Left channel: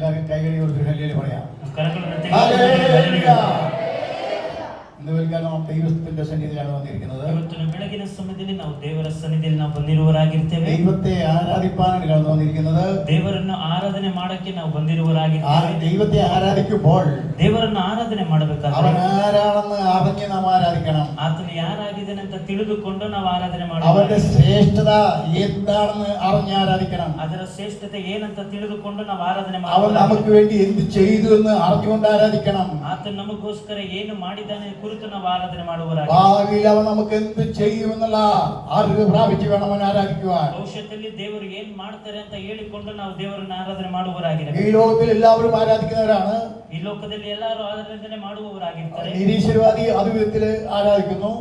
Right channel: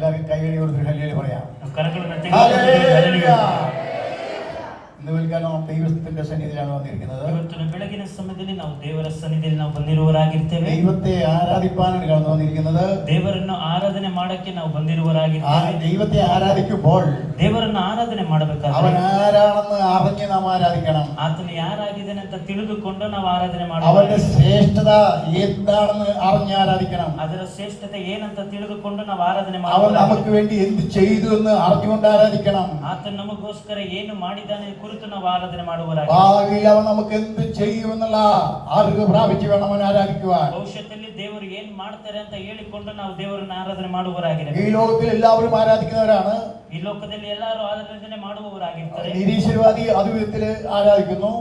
എല്ലാവരും കൈകടി കൊടുത്ത് ഹല്ലേലൂയ പറയാം. ഇന്ന് വെൽക്കാലം ദൈവത്തിന്റെ സന്നിധിയിലാണ് വന്നിരിക്കുന്നത്. ಇವತ್ತಿನ ಬೆಳಗಿನ ಸಮಯದಲ್ಲಿ ನಾವು ದೇವರ ಸನ್ನಿಧಿಯಲ್ಲಿ ನಾವು ಬಂದಿರುವವರಾಗಿರ್ತೇವೆ. ദൈവത്തെ ആരാധിപ്പാനാണ് വന്നിരിക്കുന്നത്. ದೇವರನ್ನು ಆರಾಧನೆ ಮಾಡಕ್ಕೆ ನಾವು ಬಂದಿರುವವರಾಗಿರ್ತೇವೆ. ദൈവത്തെ ആരാധിക്കുമ്പോൾ ದೇವರನ್ನು ಆರಾಧನೆ ಮಾಡಬೇಕಾದ್ರೆ അവൻ ആരാണെന്ന് അറിഞ്ഞ് നാം ആരാധിക്കണം. ಆತನು ಯಾರಾಗಿದ್ದಾನೆ ಅಂತ ತಿಳಿದುಕೊಂಡು ನಾವು ಆರಾಧನೆ ಮಾಡಬೇಕು. അവന്റെ ശ്രേഷ്ഠത എന്താണെന്ന് അറിഞ്ഞ് ആരാധിക്കണം. ಅದರ ಶ್ರೇಷ್ಠತೆ ಏನಂತ ತಿಳಿದುಕೊಂಡು ನಾವು ಆರಾಧನೆ അവൻ ಮಾಡಬೇಕು. നമുക്ക് വേണ്ടി എന്ത് ചെയ്തു എന്ന് അറിഞ്ഞുകൊണ്ട് ആരാധിക്കണം. ಆತನು ನಮಗೋಸ್ಕರ ಏನು ಮಾಡಿದ್ದಾನೆ ಕುರಿತು ನಾವು ಆರಾಧನೆ ಮಾಡುವವರಾಗಿ ഭാവിയിൽ അവൻ നമുക്ക് എന്ത് ചെയ്യുമെന്നുള്ള അറിവ് പ്രാപിച്ചു വേണം അവൻ ആരാധിക്കുവാൻ. ಭವಿಷ್ಯದಲ್ಲಿ ದೇವರು ಏನ್ ಮಾಡ್ತಾರೆ ಅಂತ ಹೇಳಿಕೊಂಡು ನಾವು ದೇವರನ್ನು ಆರಾಧನೆ ಮಾಡುವವರಾಗಿರಬೇಕು. ഈ ലോകത്തിൽ എല്ലാവരും ആരാധിക്കുന്നവരാണ്. ಈ ಲೋಕದಲ್ಲಿ ಎಲ್ಲರೂ ಆರಾಧನೆ ಮಾಡುವವರಾಗಿರ್ತಾರೆ. നിരീശ്വരവാദി ഒരു വിധത്തിൽ ആരാധിക്കുന്നു,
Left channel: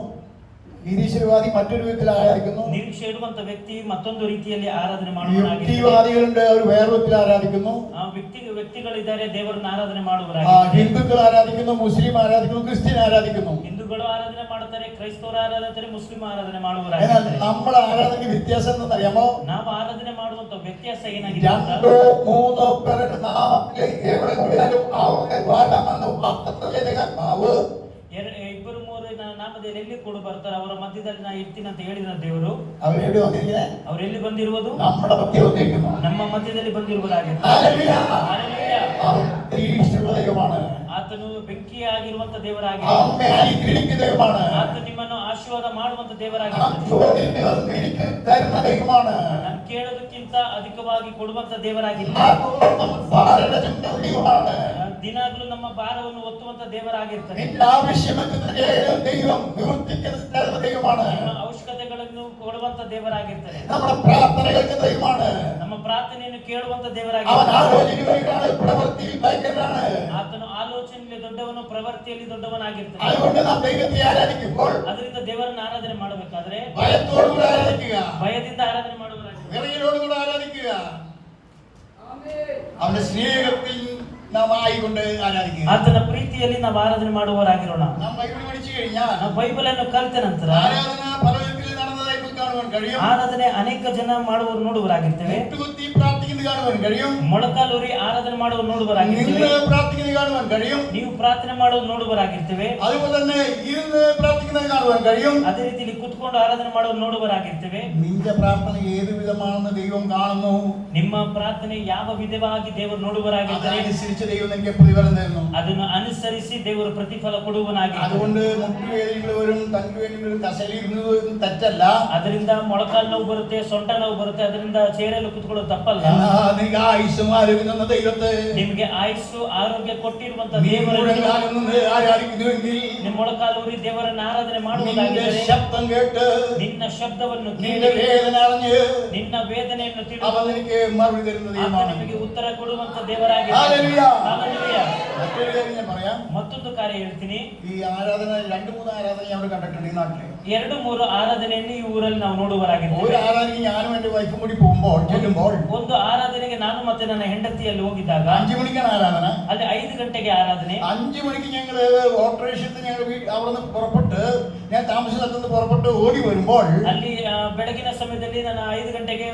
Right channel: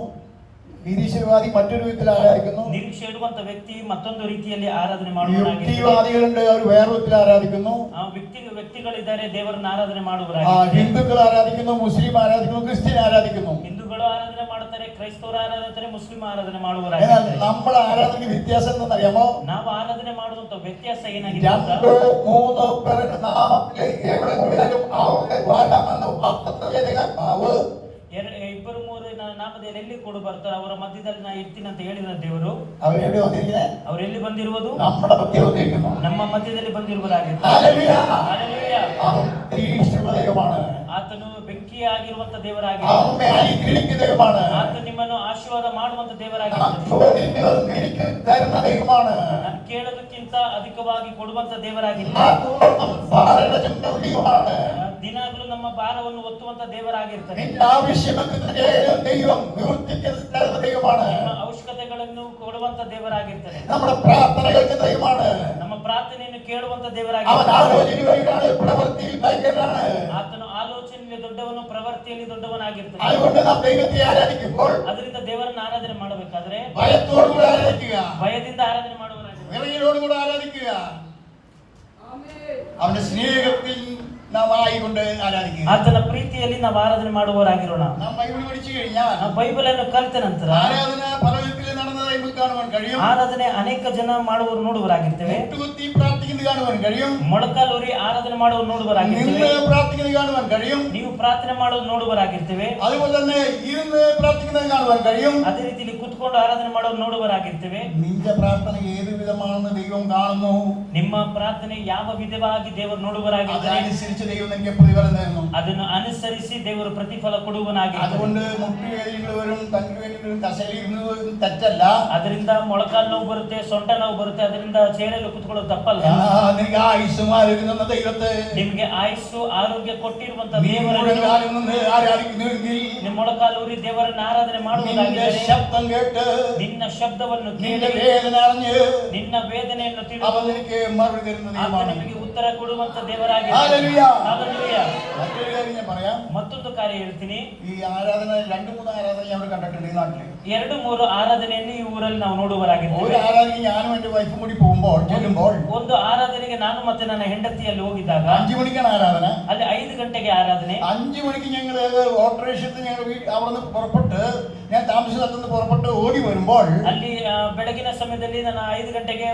നിരീശ്വരവാദി മറ്റൊരു വിധത്തിൽ ആരാധിക്കുന്നു. ನಿರೀಕ್ಷೆ ಇಡುವಂತ ವ್ಯಕ್ತಿ ಮತ್ತೊಂದು ರೀತಿಯಲ್ಲಿ ಆರಾಧನೆ യുക്തിവാദികളുണ്ട്, അവർ വേറെ വിധത്തിൽ ആരാധിക്കുന്നു. ವ್ಯಕ್ತಿಗಳಿದ್ದಾರೆ ದೇವರನ್ನು ಆರಾಧನೆ ಮಾಡುವವರಾಗಿದ್ದಾರೆ. ഹിന്ദുക്കൾ ആരാധിക്കുന്നു, മുസ്ലിം ആരാധിക്കുന്നു, ക്രിസ്ത്യൻ ആരാധിക്കുന്നു. ಹಿಂದೂಗಳು ಆರಾಧನೆ ಮಾಡುತ್ತಾರೆ, ಕ್ರೈಸ್ತವರು ಆರಾಧಿಸುತ್ತಾರೆ, ಮುಸ್ಲಿಂ ಆರಾಧನೆ എന്നാൽ ಮಾಡುವವರಾಗಿದ್ದಾರೆ. നമ്മുടെ ആരാധനയ്ക്ക് വ്യത്യാസം എന്താണെന്നറിയാമോ? ನಾವು ಆರಾಧನೆ ಮಾಡುವಂತ ವ್ಯತ್ಯಾಸ ಏನಾಗಿದೆ? രണ്ടോ മൂന്നോ പേരുടെ നാമത്തിൽ എവിടെയെങ്കിലും അവരുടെ വാഴാമെന്ന് വാഗ്ദത്തം ಇಬ್ಬರು ಮೂರು ನಾಮದಲ್ಲಿ ಎಲ್ಲಿ ಕೂಡ ಬರ್ತಾರೆ, ಅವರ ಮಧ್ಯದಲ್ಲಿ ನಾ ಇರ್ತೀನಿ ಅಂತ ಹೇಳಿದ ದೇವರು. അവരെവിടെ വന്നിരിക്കുന്നത്? ಅವರೆಲ್ಲಿ ಬಂದಿರುವುದು? നമ്മുടെ മധ്യ വന്നിരിക്കുന്നു. ನಮ್ಮ ಮಧ್ಯದಲ್ಲಿ ಬಂದಿರುವರಾಗಿದ್ದಾರೆ. ಆತನು ಬೆಂಕಿಯಾಗಿರುವಂತ ದೇವರಾಗಿದ್ದಾನೆ. ಆತ ನಿಮ್ಮನ್ನು ಆಶೀರ್ವಾದ ಮಾಡುವಂತ ದೇವರಾಗಿದ್ದಾನೆ. ನಾನು ಕೇಳೋದಕ್ಕಿಂತ ಅಧಿಕವಾಗಿ ಕೊಡುವಂತ ದೇವರಾಗಿದ್ದಾನೆ. ದಿನಾಗ್ಲೂ ನಮ್ಮ ಭಾರವನ್ನು ಒತ್ತುವಂತ ದೇವರಾಗಿರ್ತಾನೆ. ನಮ್ಮ ಅವಶ್ಯಕತೆಗಳನ್ನು ಕೊಡುವಂತ ದೇವರಾಗಿರ್ತಾನೆ. ನಮ್ಮ ಪ್ರಾರ್ಥನೆಯನ್ನು ಕೇಳುವಂತ ದೇವರಾಗಿರ್ತಾನೆ. ಆತನು ಆಲೋಚನೆಯಲ್ಲಿ ದೊಡ್ಡವನು, ಪ್ರವೃತ್ತಿಯಲ್ಲಿ ದೊಡ್ಡವನಾಗಿರ್ತಾನೆ. ಅದರಿಂದ ದೇವರನ್ನು ಆರಾಧನೆ ಮಾಡಬೇಕಾದ್ರೆ ಭಯದಿಂದ ಆರಾಧನೆ ಮಾಡುವವರಾಗಿರ್ತಾರೆ. അവന്റെ സ്നേഹത്തിൽ നാം ആയിക്കൊണ്ട് ആരാധിക്കുക. ಆತನ ಪ್ರೀತಿಯಲ್ಲಿ ನಾವು ಆರಾಧನೆ ಮಾಡುವವರಾಗಿರೋಣ. നാം ബൈബിൾ പഠിച്ചു കഴിഞ്ഞാൽ ನಾವು ಬೈಬಲ್ ಅನ್ನು ಕಲಿತ ನಂತರ ആരാധന പലവിധത്തിൽ നടന്നതായി കാണുവാൻ കഴിയും. ಆರಾಧನೆ ಅನೇಕ ಜನ ಮಾಡುವವರು ನೋಡುವರಾಗಿರ್ತೇವೆ. മുട്ടുകുത്തി പ്രാർത്ഥിക്കുന്നത് കാണുവാൻ കഴിയും. ಮೊಳಕಾಲೂರಿ ಆರಾಧನೆ ಮಾಡುವ ನೋಡುವರಾಗಿರ್ತೇವೆ. നിന്ന് പ്രാർത്ഥിക്കുന്നത് കാണുവാൻ കഴിയും. ನೀವು ಪ್ರಾರ್ಥನೆ ಮಾಡೋದು ನೋಡುವರಾಗಿರ್ತೇವೆ. അതുപോലെ തന്നെ ഇരുന്ന് പ്രാർത്ഥിക്കുന്നത് കാണുവാൻ കഴിയും. ಅದೇ ರೀತಿಯಲ್ಲಿ ಕುತ್ಕೊಂಡು ಆರಾಧನೆ ಮಾಡೋದು ನೋಡುವರಾಗಿರ್ತೇವೆ. നിന്റെ പ്രാർത്ഥന ഏത് വിധമാണെന്ന് ദൈവം കാണുന്നു. ನಿಮ್ಮ ಪ್ರಾರ್ಥನೆ ಯಾವ ವಿಧವಾಗಿ ದೇವರು ನೋಡುವರಾಗಿರ್ತಾರೆ, അതനുസരിച്ച് ദൈവം നിനക്ക് പ്രതിഫലം തരുന്നു. ಅದನ್ನು ಅನುಸರಿಸಿ ದೇವರು ಪ್ರತಿಫಲ ಕೊಡುವನಾಗಿರ್ತಾನೆ. അതുകൊണ്ട് മുട്ടുവേദനകളും തണ്ടുവേദനകളും കസേരയിരുന്നത് തെറ്റല്ല. ಅದರಿಂದ ಮೊಳಕಾಲು ನೋವು ಬರುತ್ತೆ, ಸೊಂಟ ನೋವು ಬರುತ್ತೆ, ಅದರಿಂದ ಚೇರಲ್ಲಿ ಕುತ್ಕೊಳ್ಳೋದು ತಪ್ಪಲ್ಲ. നിനക്ക് ആയുസ്സും ആരോഗ്യം തന്ന ദൈവത്തെ, ನಿಮ್ಗೆ ಆಯುಸ್ಸು ಆರೋಗ್ಯ ಕೊಟ್ಟಿರುವಂತ ആരാധിക്കുന്നുവെങ്കിൽ ನಿಮ್ಮ ಮೊಳಕಾಲೂರಿ ದೇವರನ್ನ ಆರಾಧನೆ ಮಾಡುವುದಾಗಿದ್ದರೆ ശബ്ദം കേട്ട് ನಿನ್ನ ಶಬ್ದವನ್ನು നിന്റെ ಕೇಳಿ വേദന അറിഞ്ഞ് ನಿನ್ನ ವೇದನೆಯನ್ನು ತಿಳಿದು അവൻ നിനക്ക് മറുപടി തരുന്ന ദൈവമാണ്. ನಿಮಗೆ ಉತ್ತರ ಕೊಡುವಂತ ದೇವರಾಗಿ. മറ്റൊരു കാര്യം ഞാൻ പറയാം. ಮತ್ತೊಂದು ಕಾರ್ಯ ಹೇಳ್ತೀನಿ. ഈ ആരാധന 2-3 ആരാധന ഞാൻ കണ്ടിട്ടുണ്ട് ഈ നാട്ടില്. 2-3 ಆರಾಧನೆಯನ್ನು ಈ ಊರಲ್ಲಿ ನಾವು ನೋಡುವರಾಗಿದ್ದೇವೆ. ഒരു ആരാധനയ്ക്ക് ഞാനും എന്റെ വൈഫും കൂടി പോകുമ്പോൾ ചെല്ലുമ്പോൾ ಒಂದು ಆರಾಧನೆಗೆ ನಾನು ಮತ್ತೆ ನನ್ನ ಹೆಂಡತಿಯಲ್ಲಿ ಹೋಗಿದ್ದಾಗ 5 മണിക്കാണ് ആരാധന. ಅಲ್ಲಿ 5 ಗಂಟೆಗೆ ಆರಾಧನೆ. 5 മണിക്ക് ഞങ്ങള് ഓട്ടോറിക്ഷത്തിൽ ഞങ്ങൾ അവിടെ പുറപ്പെട്ട്, ഞാൻ താമസ സ്ഥലത്ത് പുറപ്പെട്ട് ഓടി വരുമ്പോൾ ಅಲ್ಲಿ ಬೆಳಗಿನ ಸಮಯದಲ್ಲಿ ನಾನು 5 ಗಂಟೆಗೆ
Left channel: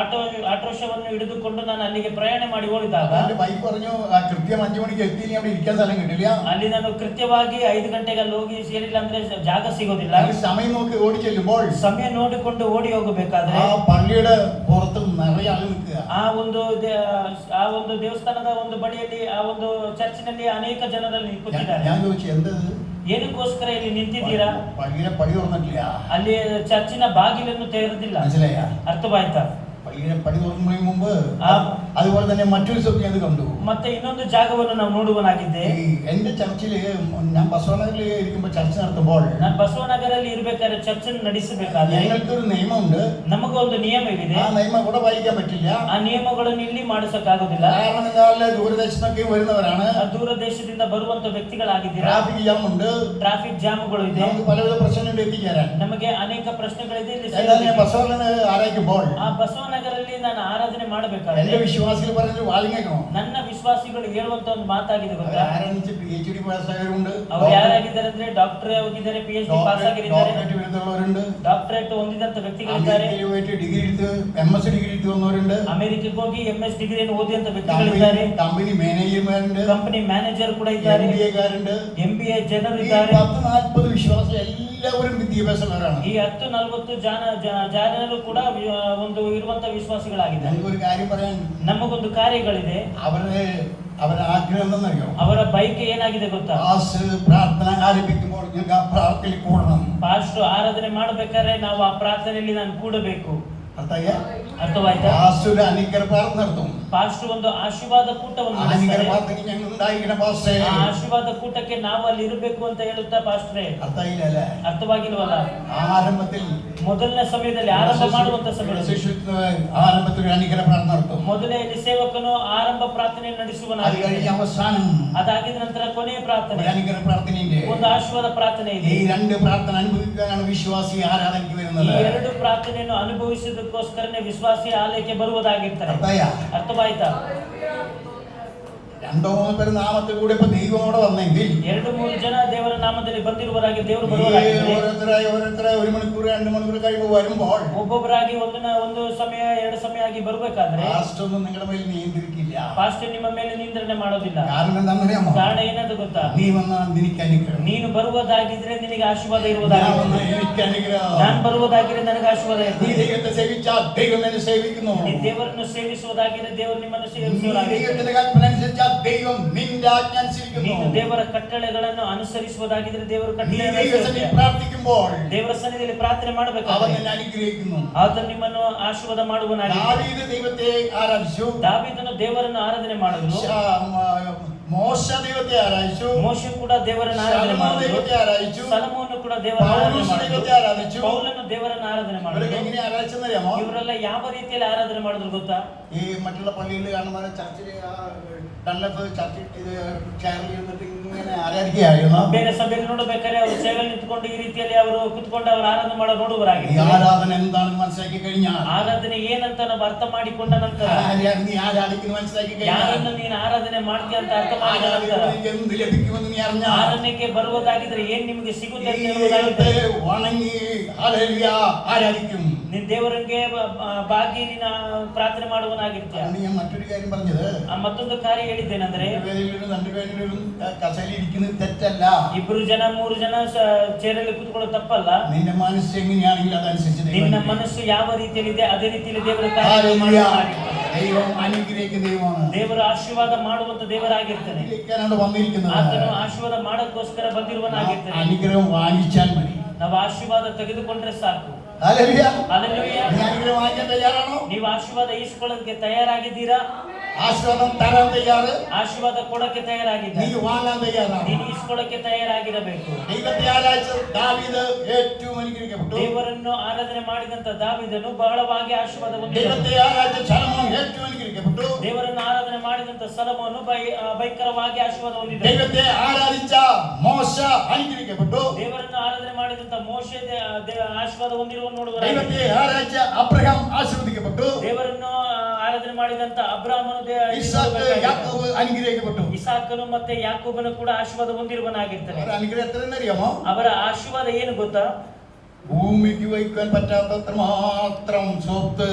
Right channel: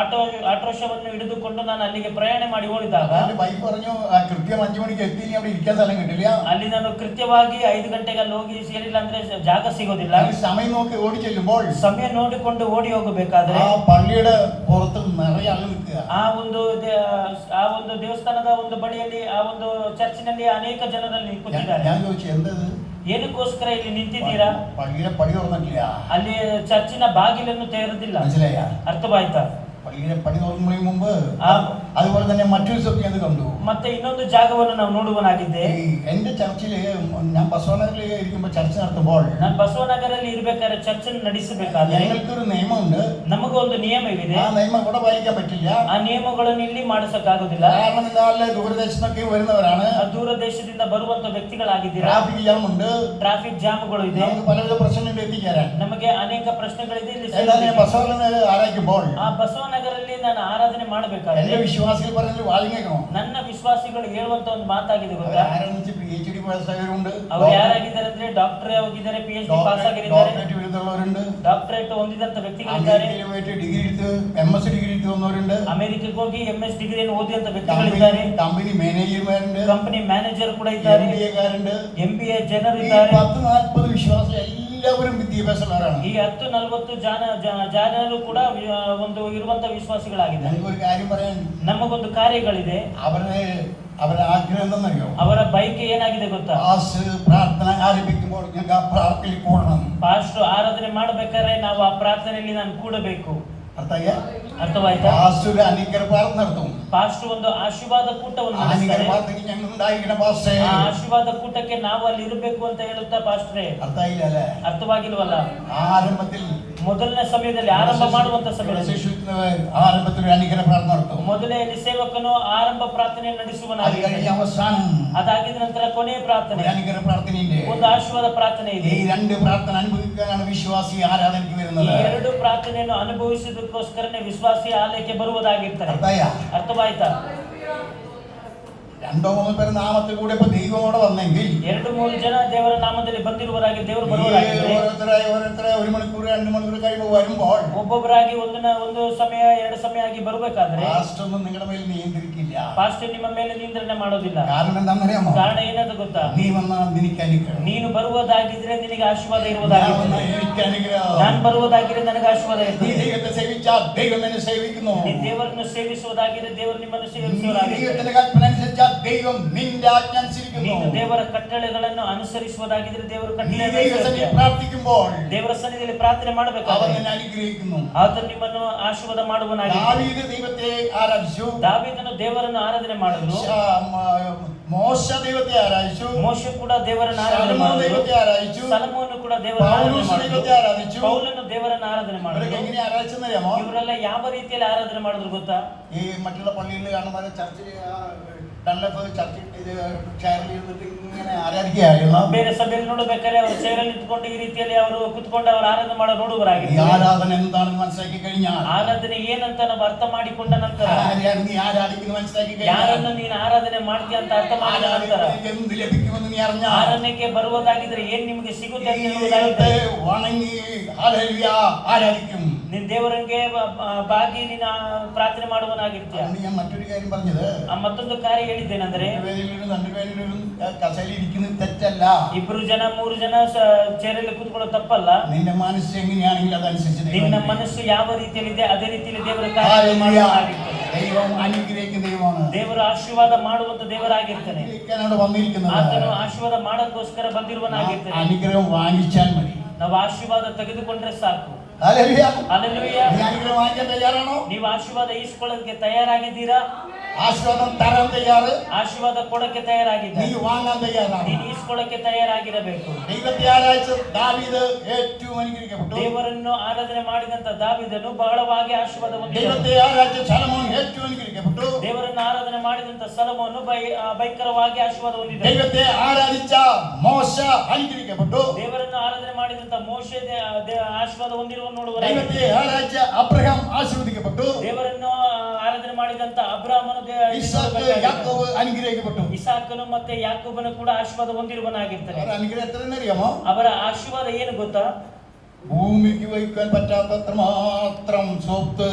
ಆಟೋರಿಕ್ಷಾವನ್ನು ಹಿಡಿದುಕೊಂಡು ನಾನು ಅಲ್ಲಿಗೆ ಪ್ರಯಾಣ ಮಾಡಿ ಹೋಗಿದಾಗ എന്റെ വൈഫ് പറഞ്ഞു കൃത്യം 5 മണിക്ക് എത്തിയില്ല, അവിടെ ഇരിക്കാൻ സ്ഥലം കിട്ടില്ല. ಅಲ್ಲಿ ನಾನು ಕೃತ್ಯವಾಗಿ 5 ಗಂಟೆಗೆ ಅಲ್ಲಿ ಹೋಗಿ ಸೇರಿಲ್ಲ ಅಂದ್ರೆ ಜಾಗ ಸಿಗೋದಿಲ್ಲ. സമയം നോക്കി ഓടി ചെല്ലുമ്പോൾ ಸಮಯ ನೋಡಿಕೊಂಡು ಓಡಿ ಹೋಗಬೇಕಾದ್ರೆ ആ പള്ളിയുടെ പുറത്ത് നിറയെ ആൾ നിൽക്കുക. ಆ ಒಂದು ದೇವಸ್ಥಾನದ ಒಂದು ಬಳಿಯಲ್ಲಿ, ಆ ಒಂದು ಚರ್ಚಿನಲ್ಲಿ ಅನೇಕ ಜನರಲ್ಲಿ ಕೂತಿದ್ದಾರೆ. ഞാൻ ചോദിച്ചു എന്തത്, ಏನಕ್ಕೋಸ್ಕರ ಇಲ್ಲಿ ನಿಂತಿದ್ದೀರಾ? പള്ളിയുടെ പടി തുറന്നിട്ടില്ല, ಅಲ್ಲಿ ಚರ್ಚಿನ ಬಾಗಿಲನ್ನು ತೆರೆದಿಲ್ಲ. മനസ്സിലായ? ಅರ್ಥವಾಯ್ತಾ? പള്ളിയുടെ പടി തുറക്കുന്നതിന് മുമ്പ് അതുപോലെ തന്നെ മറ്റൊരു സ്വപ്നം അത് കണ്ടു. ಮತ್ತೆ ಇನ್ನೊಂದು ಜಾಗವನ್ನು ನಾವು ನೋಡುವನಾಗಿದ್ದೆ. എന്റെ ചർച്ചില് ഞാൻ ബസവനഗറിൽ ഇരിക്കുമ്പോൾ ചർച്ച നടത്തുമ്പോൾ, ನಾನು ಬಸವನಗರಲ್ಲಿ ಇರಬೇಕಾದ್ರೆ ಚರ್ಚನ್ನು ನಡೆಸಬೇಕಾದ್ರೆ ഞങ്ങൾക്കൊരു നിയമമുണ്ട്. ನಮಗೊಂದು ನಿಯಮವಿದೆ. ആ നിയമം ഇവിടെ പാലിക്കാൻ പറ്റില്ല. ಆ ನಿಯಮಗಳನ್ನು ಇಲ್ಲಿ ಮಾಡಿಸಕ್ಕಾಗೋದಿಲ್ಲ. കാരണം നിങ്ങളെ ദൂരദേശത്തൊക്കെ വരുന്നവരാണ്. ದೂರ ದೇಶದಿಂದ ಬರುವಂತ ವ್ಯಕ್ತಿಗಳಾಗಿದ್ದೀರಾ. ട്രാഫിക് ജാം ഉണ്ട്, ಟ್ರಾಫಿಕ್ ಜಾಮ್ಗಳು ಇದೆ, നമുക്ക് പലവിധ പ്രശ്നങ്ങൾ എത്തിച്ചേരാൻ. ನಮಗೆ ಅನೇಕ ಪ್ರಶ್ನೆಗಳಿದೆ. ಇಲ್ಲಿ ബസവനഗർ ആരായിക്കുമ്പോൾ ಆ ಬಸವನಗರಲ್ಲಿ ನಾನು ಆರಾಧನೆ എന്റെ ಮಾಡಬೇಕಾದ್ರೆ വിശ്വാസികൾ പറഞ്ഞു വാങ്ങിക്കണം, ನನ್ನ ವಿಶ್ವಾಸಿಗಳು ಹೇಳುವಂತ ಒಂದು ಮಾತಾಗಿದೆ ಗೊತ್ತಾ? ആരംഭിച്ച് PhD പാസ്സായവരുണ്ട്, ಅವ್ರು ಯಾರಾಗಿದ್ದಾರೆ ಅಂದ್ರೆ ಡಾಕ್ಟರ್ ಆಗಿದ್ದಾರೆ, PhD ಪಾಸ್ ಆಗಿದ್ದಾರೆ, ഡോക്ടറേറ്റ് ബിരുദമുള്ളവരുണ്ട്, ಡಾಕ್ಟರೇಟ್ ಹೊಂದಿದಂತ ವ್ಯಕ್ತಿಗಳಿದ್ದಾರೆ, അമേരിക്കയിൽ പോയിട്ട് ഡിഗ്രി എടുത്ത് MS ഡിഗ്രി എടുത്ത് വന്നവരുണ്ട്, ಅಮೆರಿಕಕ್ಕೆ ಹೋಗಿ MS ಡಿಗ್ರಿಯನ್ನು ಓದಿದಂತ ವ್ಯಕ್ತಿಗಳಿದ್ದಾರೆ, കമ്പനി മാനേജർമാരുണ്ട്, ಕಂಪನಿ ಮ್ಯಾನೇಜರ್ ಕೂಡ ಇದ್ದಾರೆ, MBA കാരുണ്ട്. MBA ಜನರು ഈ ಇದ್ದಾರೆ. 10-40 വിശ്വാസം എല്ലാവരും വിദ്യാഭ്യാസമുള്ളവരാണ്. ಈ 10-40 ಜನರು ಕೂಡ ಒಂದು ಇರುವಂತ ವಿಶ್ವಾಸಿಗಳಾಗಿದೆ. ഞങ്ങൾക്കൊരു കാര്യം പറയാൻ, ನಮಗೊಂದು ಕಾರ್ಯಗಳಿದೆ. അവരുടെ ആഗ്രഹം എന്താണെന്നറിയോ? ಅವರ ಬೈಕೆ ಏನಾಗಿದೆ ಗೊತ್ತಾ? പ്രാർത്ഥന ആരംഭിക്കുമ്പോൾ ഞങ്ങൾക്ക് ആ പ്രാർത്ഥനയിൽ കൂടണം. ಪಾಸ್ಟರ್ ಆರಾಧನೆ ಮಾಡಬೇಕಾದ್ರೆ ನಾವು ಆ ಪ್ರಾರ್ಥನೆಯಲ್ಲಿ ನಾನು ಕೂಡಬೇಕು. ಅರ್ಥವಾಯ್ತಾ? പാസ്റ്റർ അനുഗ്രഹ പ്രാർത്ഥന നടത്തും. ಪಾಸ್ಟರ್ ಒಂದು ಆಶೀರ್ವಾದ ಕೂಟವನ್ನು അനുഗ്രഹ ನಡೆಸ್ತಾರೆ. പ്രാർത്ഥനയ്ക്ക് ഞങ്ങൾ ഉണ്ടായിരിക്കണം പാസ്റ്റേ. ಆ ಆಶೀರ್ವಾದ ಕೂಟಕ್ಕೆ ನಾವು ಅಲ್ಲಿ ಇರಬೇಕು ಅಂತ ಹೇಳುತ್ತಾ ಪಾಸ್ಟ್ರೇ. അർത്ഥമായില്ല അല്ലേ? ಅರ್ಥವಾಗಿಲ್ವಲ್ಲ? ആരംഭത്തിൽ ಮೊದಲನೇ ಸಮಯದಲ್ಲಿ ಆರಂಭ ಮಾಡುವಂತ ಸಮಯದಲ್ಲಿ ആരംഭത്തിൽ ഒരു അനുഗ്രഹ പ്രാർത്ഥന നടത്തും. ಮೊದಲನೇ ಸೇವಕನು ಆರಂಭ ಪ್ರಾರ್ಥನೆ അത് ನಡೆಸುವನಾಗಿದ್ದಾನೆ. കഴിഞ്ഞ് അവസാനം ಅದಾಗಿದ ನಂತರ ಕೊನೆಯ ಪ್ರಾರ್ಥನೆ, ഒരു അനുഗ്രഹ പ്രാർത്ഥനയുണ്ട്. ಒಂದು ಆಶೀರ್ವಾದ ಪ್ರಾರ್ಥನೆ ഈ ಇದೆ. രണ്ട് പ്രാർത്ഥന അനുഭവിക്കാനാണ് വിശ്വാസി ആരാധനയ്ക്ക് ಈ വരുന്നത്. ಎರಡು ಪ್ರಾರ್ಥನೆಯನ್ನು ಅನುಭವಿಸುವುದಕ್ಕೋಸ್ಕರನೇ ವಿಶ್ವಾಸಿ ಆಲಯಕ್ಕೆ ಬರುವುದಾಗಿರ್ತಾರೆ. ಅರ್ಥವಾಯ್ತಾ? 2-3 പേര് നാമത്തിൽ കൂടെ ഇപ്പൊ ദൈവമോടെ വന്നെങ്കിൽ 2-3 ಜನ ದೇವರ ನಾಮದಲ್ಲಿ ಬಂದಿರುವರಾಗಿ ದೇವರು ಬರುವರಾಗಿದ್ದಾರೆ. ഓരോരുത്തരായി 1 മണിക്കൂർ 2 മണിക്കൂർ കഴിയുമ്പോൾ വരുമ്പോൾ ಒಬ್ಬೊಬ್ಬರಾಗಿ ಒಂದು ಸಮಯ 2 ಸಮಯ ಆಗಿ ಬರಬೇಕಾದ್ರೆ പാസ്റ്റർ ഒന്നും നിങ്ങളുടെ മേൽ നിയന്ത്രിക്കില്ല. ಪಾಸ್ಟರ್ ನಿಮ್ಮ ಮೇಲೆ ನಿಯಂತ್ರಣ ಮಾಡೋದಿಲ್ಲ. കാരണം എന്താണെന്നറിയാമോ? ಕಾರಣ ಏನಂತ ಗೊತ್ತಾ? നീ വന്നാൽ നിനക്ക് അനുഗ്രഹം, ನೀನು ಬರುವುದಾಗಿದ್ರೆ ನಿನಗೆ ಆಶೀರ್ವಾದ ഞാൻ ಇರುವುದಾಗಿದೆ, വന്നാൽ എനിക്ക് അനുഗ്രഹം. ನಾನು ಬರುವುದಾಗಿದ್ರೆ ನನಗೆ ಆಶೀರ್ವಾದ നീ ಇರ್ತದೆ. ദൈവത്തെ സേവിച്ചാൽ ദൈവം നിന്നെ സേവിക്കുന്നു. ನೀ ದೇವರನ್ನು ಸೇವಿಸುವುದಾಗಿದ್ರೆ ದೇವರು ನಿಮ್ಮನ್ನು നീ ಸೇವಿಸುವುದಾಗಿದೆ. ദൈവത്തിന്റെ കൽപ്പന അനുസരിച്ചാൽ ദൈവം നിന്റെ ആജ്ഞ അനുസരിക്കുന്നു. ನೀನು ದೇವರ ಕಟ್ಟಳೆಗಳನ್ನು ಅನುಸರಿಸುವುದಾಗಿದ್ರೆ ದೇವರು നീ ಕಟ್ಟಳೆ ദൈവസന്നിധിയിൽ പ്രാർത്ഥിക്കുമ്പോൾ ದೇವರ ಸನ್ನಿಧಿಯಲ್ಲಿ ಪ್ರಾರ್ಥನೆ അവൻ ಮಾಡಬೇಕಾದ್ರೆ നിന്നെ അനുഗ്രഹിക്കുന്നു. ಆತನು ನಿಮ್ಮನ್ನು ಆಶೀರ್ವಾದ ಮಾಡುವನಾಗಿದೆ. ദാവീദ് ദൈവത്തെ ആരാധിച്ചു, ದಾವೀದನು ದೇವರನ್ನು ಆರಾಧನೆ ಮಾಡಿದ್ರು, മോശ ദൈവത്തെ ആരാധിച്ചു, ಮೋಶೆ ಕೂಡ ದೇವರನ್ನು ಆರಾಧನೆ ശലോമോൻ ಮಾಡಿದ್ರು, ദൈവത്തെ ആരാധിച്ചു, ಸಲಮೋನು ಕೂಡ ದೇವರನ್ನು ಆರಾಧನೆ പൗലോസ് ಮಾಡಿದ್ರು, ദൈവത്തെ ആരാധിച്ചു. ಪೌಲನು ದೇವರನ್ನು ಆರಾಧನೆ ഇവരൊക്കെ ಮಾಡಿದ್ರು. എങ്ങനെ ആരാധിച്ചെന്നറിയാമോ? ಇವರೆಲ್ಲ ಯಾವ ರೀತಿಯಲ್ಲಿ ಆರಾಧನೆ ಮಾಡಿದ್ರು ಗೊತ್ತಾ? ഈ മറ്റുള്ള പള്ളികളിൽ കാണുന്ന ചർച്ചിൽ ഡൺലപ്പ് ചർച്ച ഇത് ചെയറിൽ ഇരുന്നിട്ട് ഇങ്ങനെ ആരാധിക്കുകയായിരുന്നു. ಬೇರೆ ಸಭೆಯಲ್ಲಿ ನೋಡಬೇಕಾದ್ರೆ ಅವರು ಚೇರಲ್ಲಿ ನಿಂತ್ಕೊಂಡು ಈ ರೀತಿಯಲ್ಲಿ ಅವರು ಕುತ್ಕೊಂಡು ಅವರು ಆರಾಧನೆ ಮಾಡೋ ഈ ನೋಡುವರಾಗಿದೆ. ആരാധന എന്താണെന്ന് മനസ്സിലാക്കി കഴിഞ്ഞാൽ, ಆರಾಧನೆ ಏನಂತ ನಾವು ಅರ್ಥ ಮಾಡಿಕೊಂಡ ನಂತರ, ആരെയാണ് നീ ആരാധിക്കുന്നത് മനസ്സിലാക്കി കഴിഞ്ഞാൽ, ಯಾರನ್ನು ನೀನು ಆರಾಧನೆ ಮಾಡ್ತೀಯ ಅಂತ ಅರ್ಥ ಮಾಡಿದ ನಂತರ, ആരാധിക്കുന്നതിന് എന്ത് ലഭിക്കുമെന്ന് നീ അറിഞ്ഞാൽ, ಆರಾಧನೆಗೆ ಬರುವುದಾಗಿದ್ರೆ ಏನ್ ನಿಮಗೆ ಸಿಗುತ್ತೆ ಅಂತ നീ ಹೇಳುವುದಾಗಿದ್ರೆ, ദൈവത്തെ വണങ്ങി ഹല്ലേലൂയ ആരാധിക്കും. ನೀನ್ ದೇವರಿಗೆ ಬಾಗಿ ನೀನು ಪ್ರಾರ್ಥನೆ ಮಾಡುವನಾಗಿರ್ತೀಯ. അന്ന് ഞാൻ മറ്റൊരു കാര്യം പറഞ്ഞത്, ಮತ್ತೊಂದು ಕಾರ್ಯ ಹೇಳಿದ್ದೇನೆಂದ್ರೆ, 2 പേരിലും കസേരയിൽ ഇരിക്കുന്നത് തെറ്റല്ല. 2 ಜನ 3 ಜನ ಚೇರಲ್ಲಿ ಕೂತ್ಕೊಳ್ಳೋದು ತಪ್ಪಲ್ಲ. നിന്റെ മനസ്സ് എങ്ങനെയാണെങ്കിൽ അതനുസരിച്ച് ನಿನ್ನ ಮನಸ್ಸು ಯಾವ ರೀತಿಯಲ್ಲಿದೆ ಅದೇ ರೀತಿಯಲ್ಲಿ ದೇವರ ഹല്ലേലൂയ. ಕಾರ್ಯ ദൈവം അനുഗ്രഹിക്കുന്ന ദൈവമാണ്. ದೇವರು ಆಶೀರ್ವಾದ ಮಾಡುವಂತ ದೇವರಾಗಿರ್ತಾನೆ. അനുഗ്രഹിക്കാനാണ് വന്നിരിക്കുന്നത്. ಆತನು ಆಶೀರ್ವಾದ ಮಾಡಕ್ಕೋಸ್ಕರ ಬಂದಿರುವನಾಗಿರ್ತಾನೆ. അനുഗ്രഹം വാങ്ങിച്ചാൽ മതി. ನಾವು ಆಶೀರ್ವಾದ ತೆಗೆದುಕೊಂಡ್ರೆ ಸಾಕು. ഹല്ലേലൂയ. ಹಲ್ಲೆಲೂಯ. നീ അനുഗ്രഹം വാങ്ങിക്കാൻ തയ്യാറാണോ? ನೀವು ಆಶೀರ್ವಾದ ಈಸ್ಕೊಳ್ಳೋದಕ್ಕೆ ತಯಾರಾಗಿದ್ದೀರಾ? ആശീർവാദം തരാൻ തയ്യാറ്, ಆಶೀರ್ವಾದ ಕೊಡಕ್ಕೆ നീ ತಯಾರಾಗಿದ್ದೀರಾ? വാങ്ങാൻ തയ്യാറാണ്. ನೀನು ಈಸ್ಕೊಳ್ಳಕ್ಕೆ ತಯಾರಾಗಿರಬೇಕು. ദൈവത്തെ ആരാധിച്ച ദാവീദ് ഏറ്റവും അനുഗ്രഹിക്കപ്പെട്ടു. ದೇವರನ್ನು ಆರಾಧನೆ ಮಾಡಿದಂತ ದಾವೀದನು ಬಹಳವಾಗಿ ಆಶೀರ್ವಾದ ಹೊಂದಿದನು. ദൈവത്തെ ആരാധിച്ച ശലോമോൻ ഏറ്റവും അനുഗ്രഹിക്കപ്പെട്ടു. ದೇವರನ್ನು ಆರಾಧನೆ ಮಾಡಿದಂತ ಸಲಮೋನು ಭಯಂಕರವಾಗಿ ಆಶೀರ್ವಾದ ಹೊಂದಿದನು. ദൈവത്തെ ആരാധിച്ച മോശ അനുഗ്രഹിക്കപ്പെട്ടു. ದೇವರನ್ನು ಆರಾಧನೆ ಮಾಡಿದಂತ ಮೋಶೆ ಆಶೀರ್ವಾದ ಹೊಂದಿರುವ ನೋಡುವ. ദൈവത്തെ ആരാധിച്ച അബ്രഹാം ആശീർവദിക്കപ്പെട്ടു. ದೇವರನ್ನು ಆರಾಧನೆ ಮಾಡಿದಂತ ಅಬ್ರಾಮನು ഇസ്ഹാക്ക് യാക്കോബ് അനുഗ്രഹിക്കപ്പെട്ടു. ಇಸಾಕನು ಮತ್ತೆ ಯಾಕೋಬನು ಕೂಡ ಆಶೀರ್ವಾದ ಹೊಂದಿರುವನಾಗಿರ್ತಾನೆ. അവരുടെ അനുഗ്രഹം എത്രയെന്നറിയാമോ? ಅವರ ಆಶೀರ್ವಾದ ಏನು ಗೊತ್ತಾ? ഭൂമിക്ക് വഹിക്കാൻ പറ്റാത്തത്ര മാത്രം സ്വത്ത്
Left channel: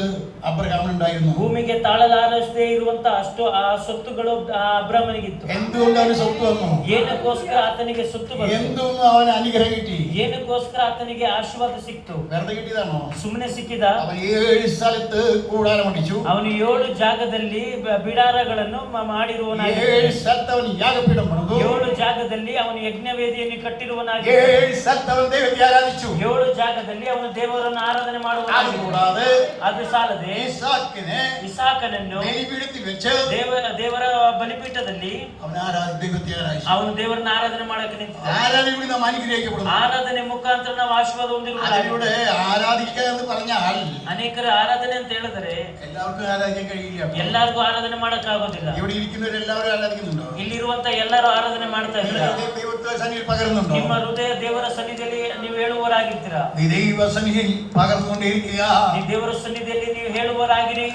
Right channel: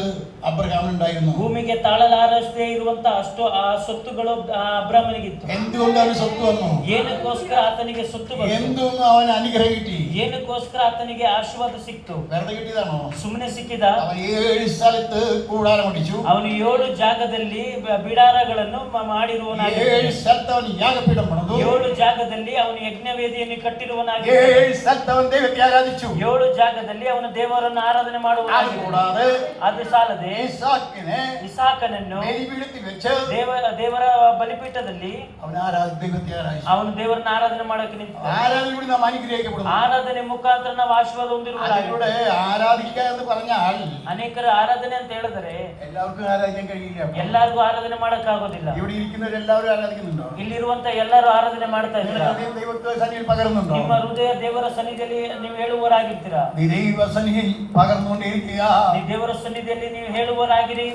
അബ്രഹാമിനുണ്ടായിരുന്നു. ಭೂಮಿಗೆ ತಾಳಲಾರಷ್ಟೇ ಇರುವಂತ ಅಷ್ಟು ಆ ಸೊತ್ತುಗಳು ಅಬ್ರಾಮನಿಗಿತ್ತು. എന്തുകൊണ്ട് അവന് സ്വത്ത് വന്നു? ಏನಕ್ಕೋಸ್ಕರ ಆತನಿಗೆ ಸೊತ್ತು ಬಂತು? എന്തൊന്നും അവന് അനുഗ്രഹം കിട്ടി? ಏನಕ್ಕೋಸ್ಕರ ಆತನಿಗೆ ಆಶೀರ್ವಾದ ಸಿಕ್ತು? വെറുതെ കിട്ടിയതാണോ? ಸುಮ್ಮನೆ ಸಿಕ್ಕಿದ? അവൻ 7 സ്ഥലത്ത് കൂടാരം അടിച്ചു. ಅವನು 7 ಜಾಗದಲ್ಲಿ ಬಿಡಾರಗಳನ್ನು ಮಾಡಿರುವನಾಗಿದ್ದಾನೆ. 7 സ്ഥലത്ത് അവൻ യാഗപീഠം പണിതു. 7 ಜಾಗದಲ್ಲಿ ಅವನು ಯಜ್ಞವೇದಿಯನ್ನು ಕಟ್ಟಿರುವನಾಗಿ. 7 സ്ഥലത്ത് അവൻ ദൈവത്തെ ആരാധിച്ചു. 7 ಜಾಗದಲ್ಲಿ ಅವನು ದೇವರನ್ನು ಆರಾಧನೆ അതുകൂടാതെ ಅದು ಸಾಲದೆ ഇസാക്കിനെ ಇಸಾಕನನ್ನು ബലിപീഠത്തിൽ വെച്ച് ದೇವರ ಬಲಿಪೀಠದಲ್ಲಿ അവൻ ദൈവത്തെ ആരാധിച്ചു. ಅವನು ದೇವರನ್ನ ಆರಾಧನೆ ಮಾಡಕ್ಕೆ ನಿಂತ. ആരാധന കൂടി നാം അനുഗ്രഹിക്കപ്പെടുന്നു. ಆರಾಧನೆ ಮುಖಾಂತರ ನಾವು ಆಶೀರ್ವಾದ ಹೊಂದಿರುವ. അതിലൂടെ ആരാധിക്കുക എന്ന് പറഞ്ഞാൽ ಅನೇಕರ ಆರಾಧನೆ ಅಂತ ಹೇಳಿದರೆ എല്ലാവർക്കും ആരാധിക്കാൻ കഴിയില്ല. ಎಲ್ಲರಿಗೂ ಆರಾಧನೆ ಮಾಡಕ್ ಆಗೋದಿಲ್ಲ. ഇവിടെ ഇരിക്കുന്നവരെല്ലാവരും ആരാധിക്കുന്നുണ്ടോ? ಇಲ್ಲಿರುವಂತ ಎಲ್ಲರೂ ಆರಾಧನೆ ಮಾಡ್ತಾ ಇದ್ದೀರಾ? ദൈവത്തെ സന്നിധിയിൽ പകരുന്നുണ്ടോ? ನಿಮ್ಮ ಹೃದಯ ದೇವರ ಸನ್ನಿಧಿಯಲ್ಲಿ ನೀವು ಹೇಳುವವರಾಗಿರ್ತೀರಾ? നീ ദൈവ സന്നിധിയിൽ പകർന്നുകൊണ്ടിരിക്കുക. ನೀವು ದೇವರ ಸನ್ನಿಧಿಯಲ್ಲಿ ನೀವು ಹೇಳುವವರಾಗಿರಿ.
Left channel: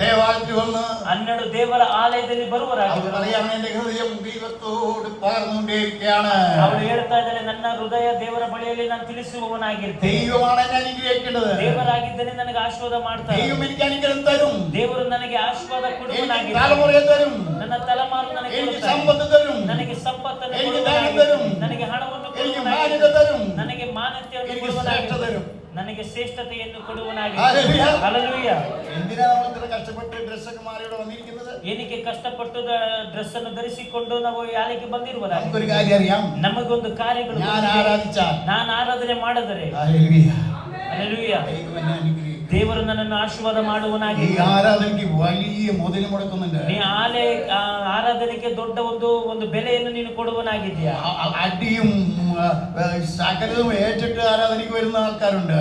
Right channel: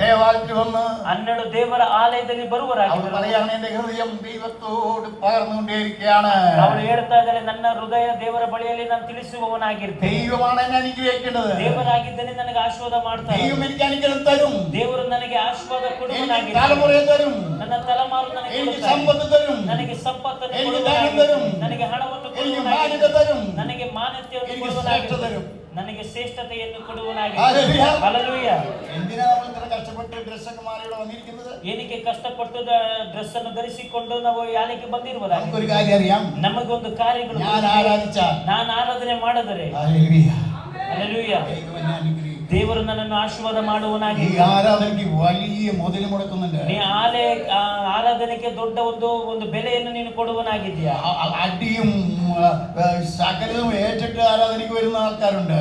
ದೇവാലയത്തിൽ വന്ന് 12 ದೇವರ ಆಲಯದಲ್ಲಿ ಸಮಯದಲ್ಲಿ ಬರುವರಾಗಿರುವರು. എന്റെ ഹൃദയം ദൈവത്തോട് പകർന്നുകൊണ്ടേയിരിക്കുകയാണ്. ಅವರು ಹೇಳ್ತಾ ಇದ್ದಾರೆ, ನನ್ನ ಹೃದಯ ದೇವರ ಬಳಿಯಲ್ಲಿ ನಾನು ತಿಳಿಸುವವನಾಗಿರ್ತೇನೆ. ദൈവമാണ് എന്നെ അനുഗ്രഹിക്കേണ്ടത്. ದೇವರಾಗಿದ್ದರೆ ನನಗೆ ಆಶೀರ್ವಾದ ಮಾಡ್ತಾರೆ. ദൈവം എനിക്ക് അനുഗ്രഹം തരും. ದೇವರು ನನಗೆ ಆಶೀರ್ವಾದ എനിക്ക് തലമുറ തരും. ನನ್ನ ತಲೆಮಾರು ನನಗೆ എനിക്ക് സമ്പത്ത് തരും. ನನಗೆ ಸಂಪತ್ತನ್ನು എനിക്ക് ധനം തരും. ನನಗೆ ಹಣವನ್ನು എനിക്ക് മാന്യത തരും. ನನಗೆ ಮಾನ್ಯತೆಯನ್ನು എനിക്ക് ശ്രേഷ്ഠത തരും. ನನಗೆ ಶ್ರೇಷ್ಠತೆಯನ್ನು ಕೊಡುವನಾಗಿ. ഹല്ലേലൂയ. ಹಲ್ಲೆಲೂಯ. എന്തിനാ നമ്മൾ ഇത്ര കഷ്ടപ്പെട്ട് ഡ്രസ്സൊക്കെ മാറിയിട്ട് വന്നിരിക്കുന്നത്? ಏನಕ್ಕೆ ಕಷ್ಟಪಟ್ಟು ಡ್ರೆಸ್ ಅನ್ನು ಧರಿಸಿಕೊಂಡು ನಾವು ಯಾರಿಗೆ ಬಂದಿರುವುದ? നമുക്കൊരു കാര്യം അറിയാം. ನಮಗೊಂದು ಕಾರ್ಯಗಳು, ഞാൻ ആരാധിച്ച, ನಾನು ಆರಾಧನೆ ಮಾಡಿದರೆ ഹല്ലേലൂയ, ಹಲ್ಲೆಲೂಯ, ദൈവം എന്നെ അനുഗ്രഹിക്കും. ದೇವರು ನನ್ನನ್ನು ಆಶೀರ್ವಾದ ಮಾಡುವನಾಗಿ. ഈ ആരാധനയ്ക്ക് വലിയ മുതൽ മുടക്കുന്നുണ്ട്. ನೀ ಆರಾಧನೆಗೆ ದೊಡ್ಡ ಒಂದು ಬೆಲೆಯನ್ನು ನೀನು ಕೊಡುವನಾಗಿದ್ದೀಯಾ. അടിയും സകലവും ഏറ്റിട്ട് ആരാധനയ്ക്ക് വരുന്ന ആൾക്കാരുണ്ട്.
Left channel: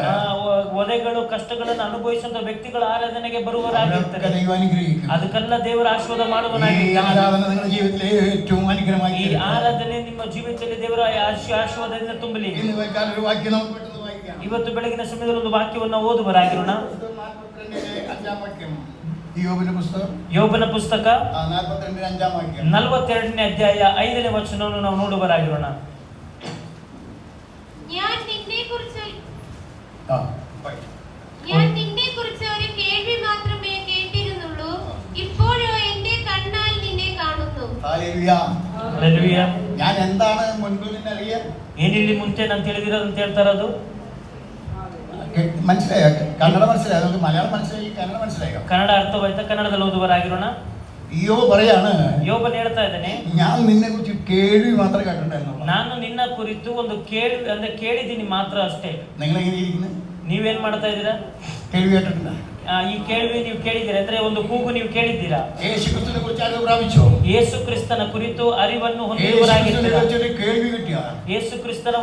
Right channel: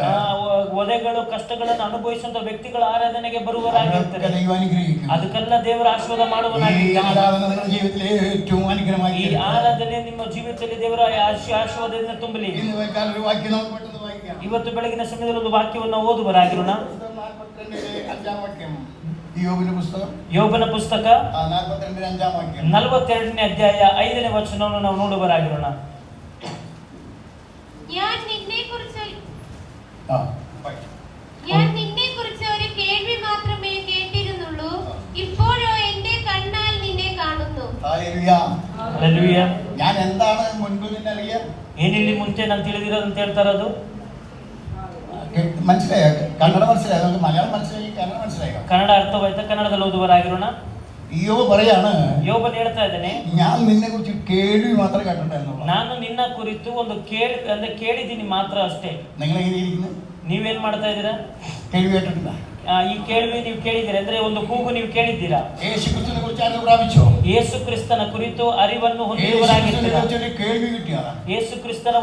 ಒದೆಗಳು ಕಷ್ಟಗಳನ್ನು ಅನುಭವಿಸುವಂತ ವ್ಯಕ್ತಿಗಳು ಆರಾಧನೆಗೆ ಬರುವರಾಗಿರ್ತಾರೆ. ദൈവം അനുഗ്രഹിക്കും. ಅದಕ್ಕೆಲ್ಲ ದೇವರ ಆಶೀರ್ವಾದ ഈ ಮಾಡುವನಾಗಿದ್ದಾನೆ. ആരാധന നിങ്ങളുടെ ജീവിതത്തിലെ ഏറ്റവും അനുഗ്രഹമായി. ಈ ಆರಾಧನೆ ನಿಮ್ಮ ಜೀವಿತದಲ್ಲಿ ದೇವರ ಆಶೀರ್ವಾದದಿಂದ ತುಂಬಲಿ. ഇന്ന് വെക്കാൻ ഒരു വാക്യം നമുക്ക് പെട്ടെന്ന് വായിക്കാം. ಇವತ್ತು ಬೆಳಗಿನ ಸಮಯದಲ್ಲಿ ಒಂದು ವಾಕ್ಯವನ್ನು ಓದುವರಾಗಿರೋಣ. 5-ാം വാക്യം. യോബിന്റെ പുസ്തകം, ಯೋಬನ ಪುಸ್ತಕ 42-ാം വാക്യം. 42ನೇ ಅಧ್ಯಾಯ 5ನೇ ವಚನವನ್ನು ನಾವು ನೋಡುವರಾಗಿರೋಣ. ഞാൻ നിന്നെക്കുറിച്ച് ആ, ഒരു കേൾവി മാത്രമേ കേട്ടിരുന്നുള്ളൂ, ഇപ്പോഴോ എന്റെ കണ്ണാൽ നിന്നെ കാണുന്നു. ഹല്ലേലൂയ. ಹಲ್ಲೆಲೂಯ. ഞാൻ എന്താണ് മുൻപ് നിന്നെ അറിയാം? ಏನಿಲ್ಲಿ ಮುಂಚೆ ನಾನು ತಿಳಿದಿರೋದು ಅಂತ ಹೇಳ್ತಾ ಇರೋದು. മനസ്സിലായോ? കന്നഡ മനസ്സിലായോ? നമുക്ക് മലയാളം മനസ്സിലായി, കന്നഡ മനസ്സിലായോ? ಕನ್ನಡ ಅರ್ಥವಾಯ್ತಾ? ಕನ್ನಡದಲ್ಲಿ ಓದುವರಾಗಿರೋಣ. യോബ് പറയാണ്, ಯೋಬನ್ ಹೇಳ್ತಾ ಇದ್ದಾನೆ, ഞാൻ നിന്നെ കുറിച്ച് കേൾവി മാത്രമേ കേട്ടിട്ടുണ്ടായിരുന്നു. ನಾನು ನಿನ್ನ ಕುರಿತು ಒಂದು ಕೇಳಿದ್ದೀನಿ ಮಾತ್ರ ಅಷ್ಟೇ. നിങ്ങൾ എങ്ങനെ ഇരിക്കുന്നു? ನೀವೇನ್ ಮಾಡ್ತಾ ಇದ್ದೀರಾ? കേൾവി കേട്ടിട്ടുണ്ടോ? ಈ ಕೇಳ್ವಿ ನೀವು ಕೇಳಿದ್ದೀರಾ ಅಂದ್ರೆ ಒಂದು ಕೂಗು ನೀವು ಕೇಳಿದ್ದೀರಾ? യേശു ക്രിസ്തുവിനെ കുറിച്ച് അറിവ് പ്രാപിച്ചോ? ಯೇಸು ಕ್ರಿಸ್ತನ ಕುರಿತು ಅರಿವನ್ನು ಹೊಂದಿರುವವರಾಗಿದ್ದೀರಾ? കേൾവി കിട്ടിയോ? ಯೇಸು ಕ್ರಿಸ್ತನ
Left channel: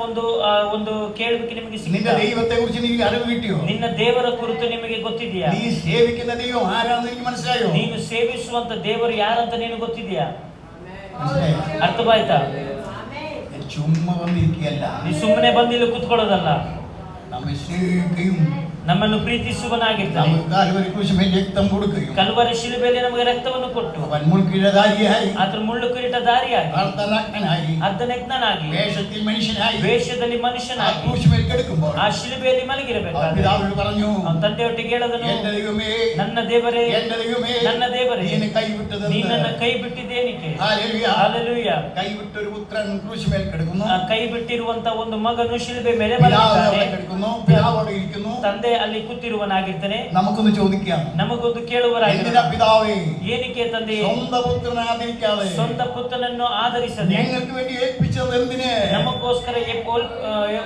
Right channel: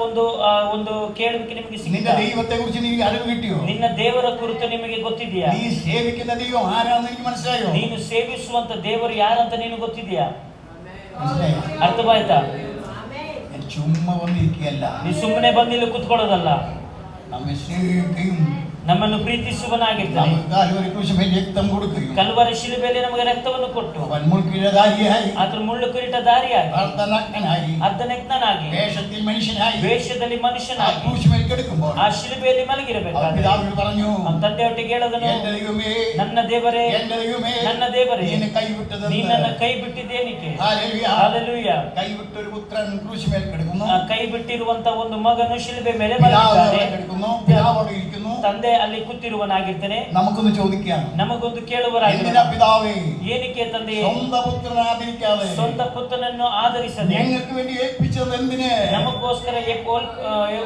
ಒಂದು ಕೇಳುವಿಕೆ ನಿಮಗೆ നിന്റെ ಸಿಕ್ಕಿತಾ? ദൈവത്തെ കുറിച്ച് നിനക്ക് അറിവ് കിട്ടിയോ? ನಿನ್ನ ದೇವರ ಕುರಿತು ನಿಮಗೆ ಗೊತ್ತಿದೆಯಾ? നീ സേവിക്കുന്ന ദൈവം ആരാണെന്ന് എനിക്ക് മനസ്സിലായോ? ನೀನು ಸೇವಿಸುವಂತ ದೇವರು ಯಾರಂತ ನೀನು ಗೊತ್ತಿದೆಯಾ? മനസ്സിലായോ? ಅರ್ಥವಾಯ್ತಾ? ഞാൻ ചുമ്മാ വന്നിരിക്കുകയല്ല. ನೀ ಸುಮ್ಮನೆ ಬಂದಿಲ್ಲಿ ಕುತ್ಕೊಳ್ಳೋದಲ್ಲ. നമ്മെ സ്നേഹിക്കുകയും ನಮ್ಮನ್ನು ಪ್ರೀತಿಸುವನಾಗಿದ್ದಾನೆ. നമുക്ക് കാൽവരി ക്രൂശിന്മേൽ രക്തം കൊടുക്കുകയും ಕಲ್ವರಿ ಶಿಲುಬೆಯಲ್ಲಿ ನಮಗೆ ರಕ್ತವನ್ನು ಕೊಟ್ಟು അവൻ മുൾക്കിരീടധാരിയായി, ಆತನ ಮುಳ್ಳು ಕಿರೀಟಧಾರಿಯಾಗಿ, അർദ്ധനഗ്നനായി, ಅರ್ಧನಗ್ನನಾಗಿ, വേഷത്തിൽ മനുഷ്യനായി, ವೇಷದಲ್ಲಿ ആ ಮನುಷ್ಯನಾಗಿ ക്രൂശിന്മേൽ കിടക്കുമ്പോൾ ಆ ಶಿಲುಬೆಯಲ್ಲಿ അവൻ ಮಲಗಿರಬೇಕಾದ್ರೆ പിതാവിനോട് പറഞ്ഞു, ಅವನ ತಂದೆಯೊಟ್ಟಿಗೆ ಹೇಳದನು, എന്റെ ദൈവമേ, ನನ್ನ ದೇವರೇ, എന്റെ ദൈവമേ, ನನ್ನ ದೇವರೇ, നീ എന്നെ കൈവിട്ടതെന്ന്. ನೀ ನನ್ನ ಕೈ ಬಿಟ್ಟಿದ್ದೇನಿಕೆ? ഹല്ലേലൂയ. ಹಲ್ಲೆಲೂಯ. കൈവിട്ടൊരു പുത്രൻ ക്രൂശിന്മേൽ കിടക്കുന്നു. ಆ ಕೈ ಬಿಟ್ಟಿರುವಂತ ಒಂದು ಮಗನು ಶಿಲುಬೆ ಮೇಲೆ പിതാവ് ಮಲಗಿದ್ದಾನೆ. അവിടെ കിടക്കുന്നു, പിതാവ് അവിടെ ഇരിക്കുന്നു. ತಂದೆ ಅಲ್ಲಿ ಕೂತಿರುವನಾಗಿರ್ತಾನೆ. നമുക്കൊന്ന് ചോദിക്കാം, ನಮಗೊಂದು എന്തിനാ ಕೇಳುವರಾಗಿದ್ದಾನೆ, പിതാവേ ಏನಕ್ಕೆ ತಂದೆ സ്വന്തം പുത്രനെ ആദരിക്കാതെ ಸ್ವಂತ ಪುತ್ರನನ್ನು ಆಧರಿಸದೆ ഞങ്ങൾക്ക് വേണ്ടി ഏൽപ്പിച്ചത് എന്തിന്? ನಮಗೋಸ್ಕರ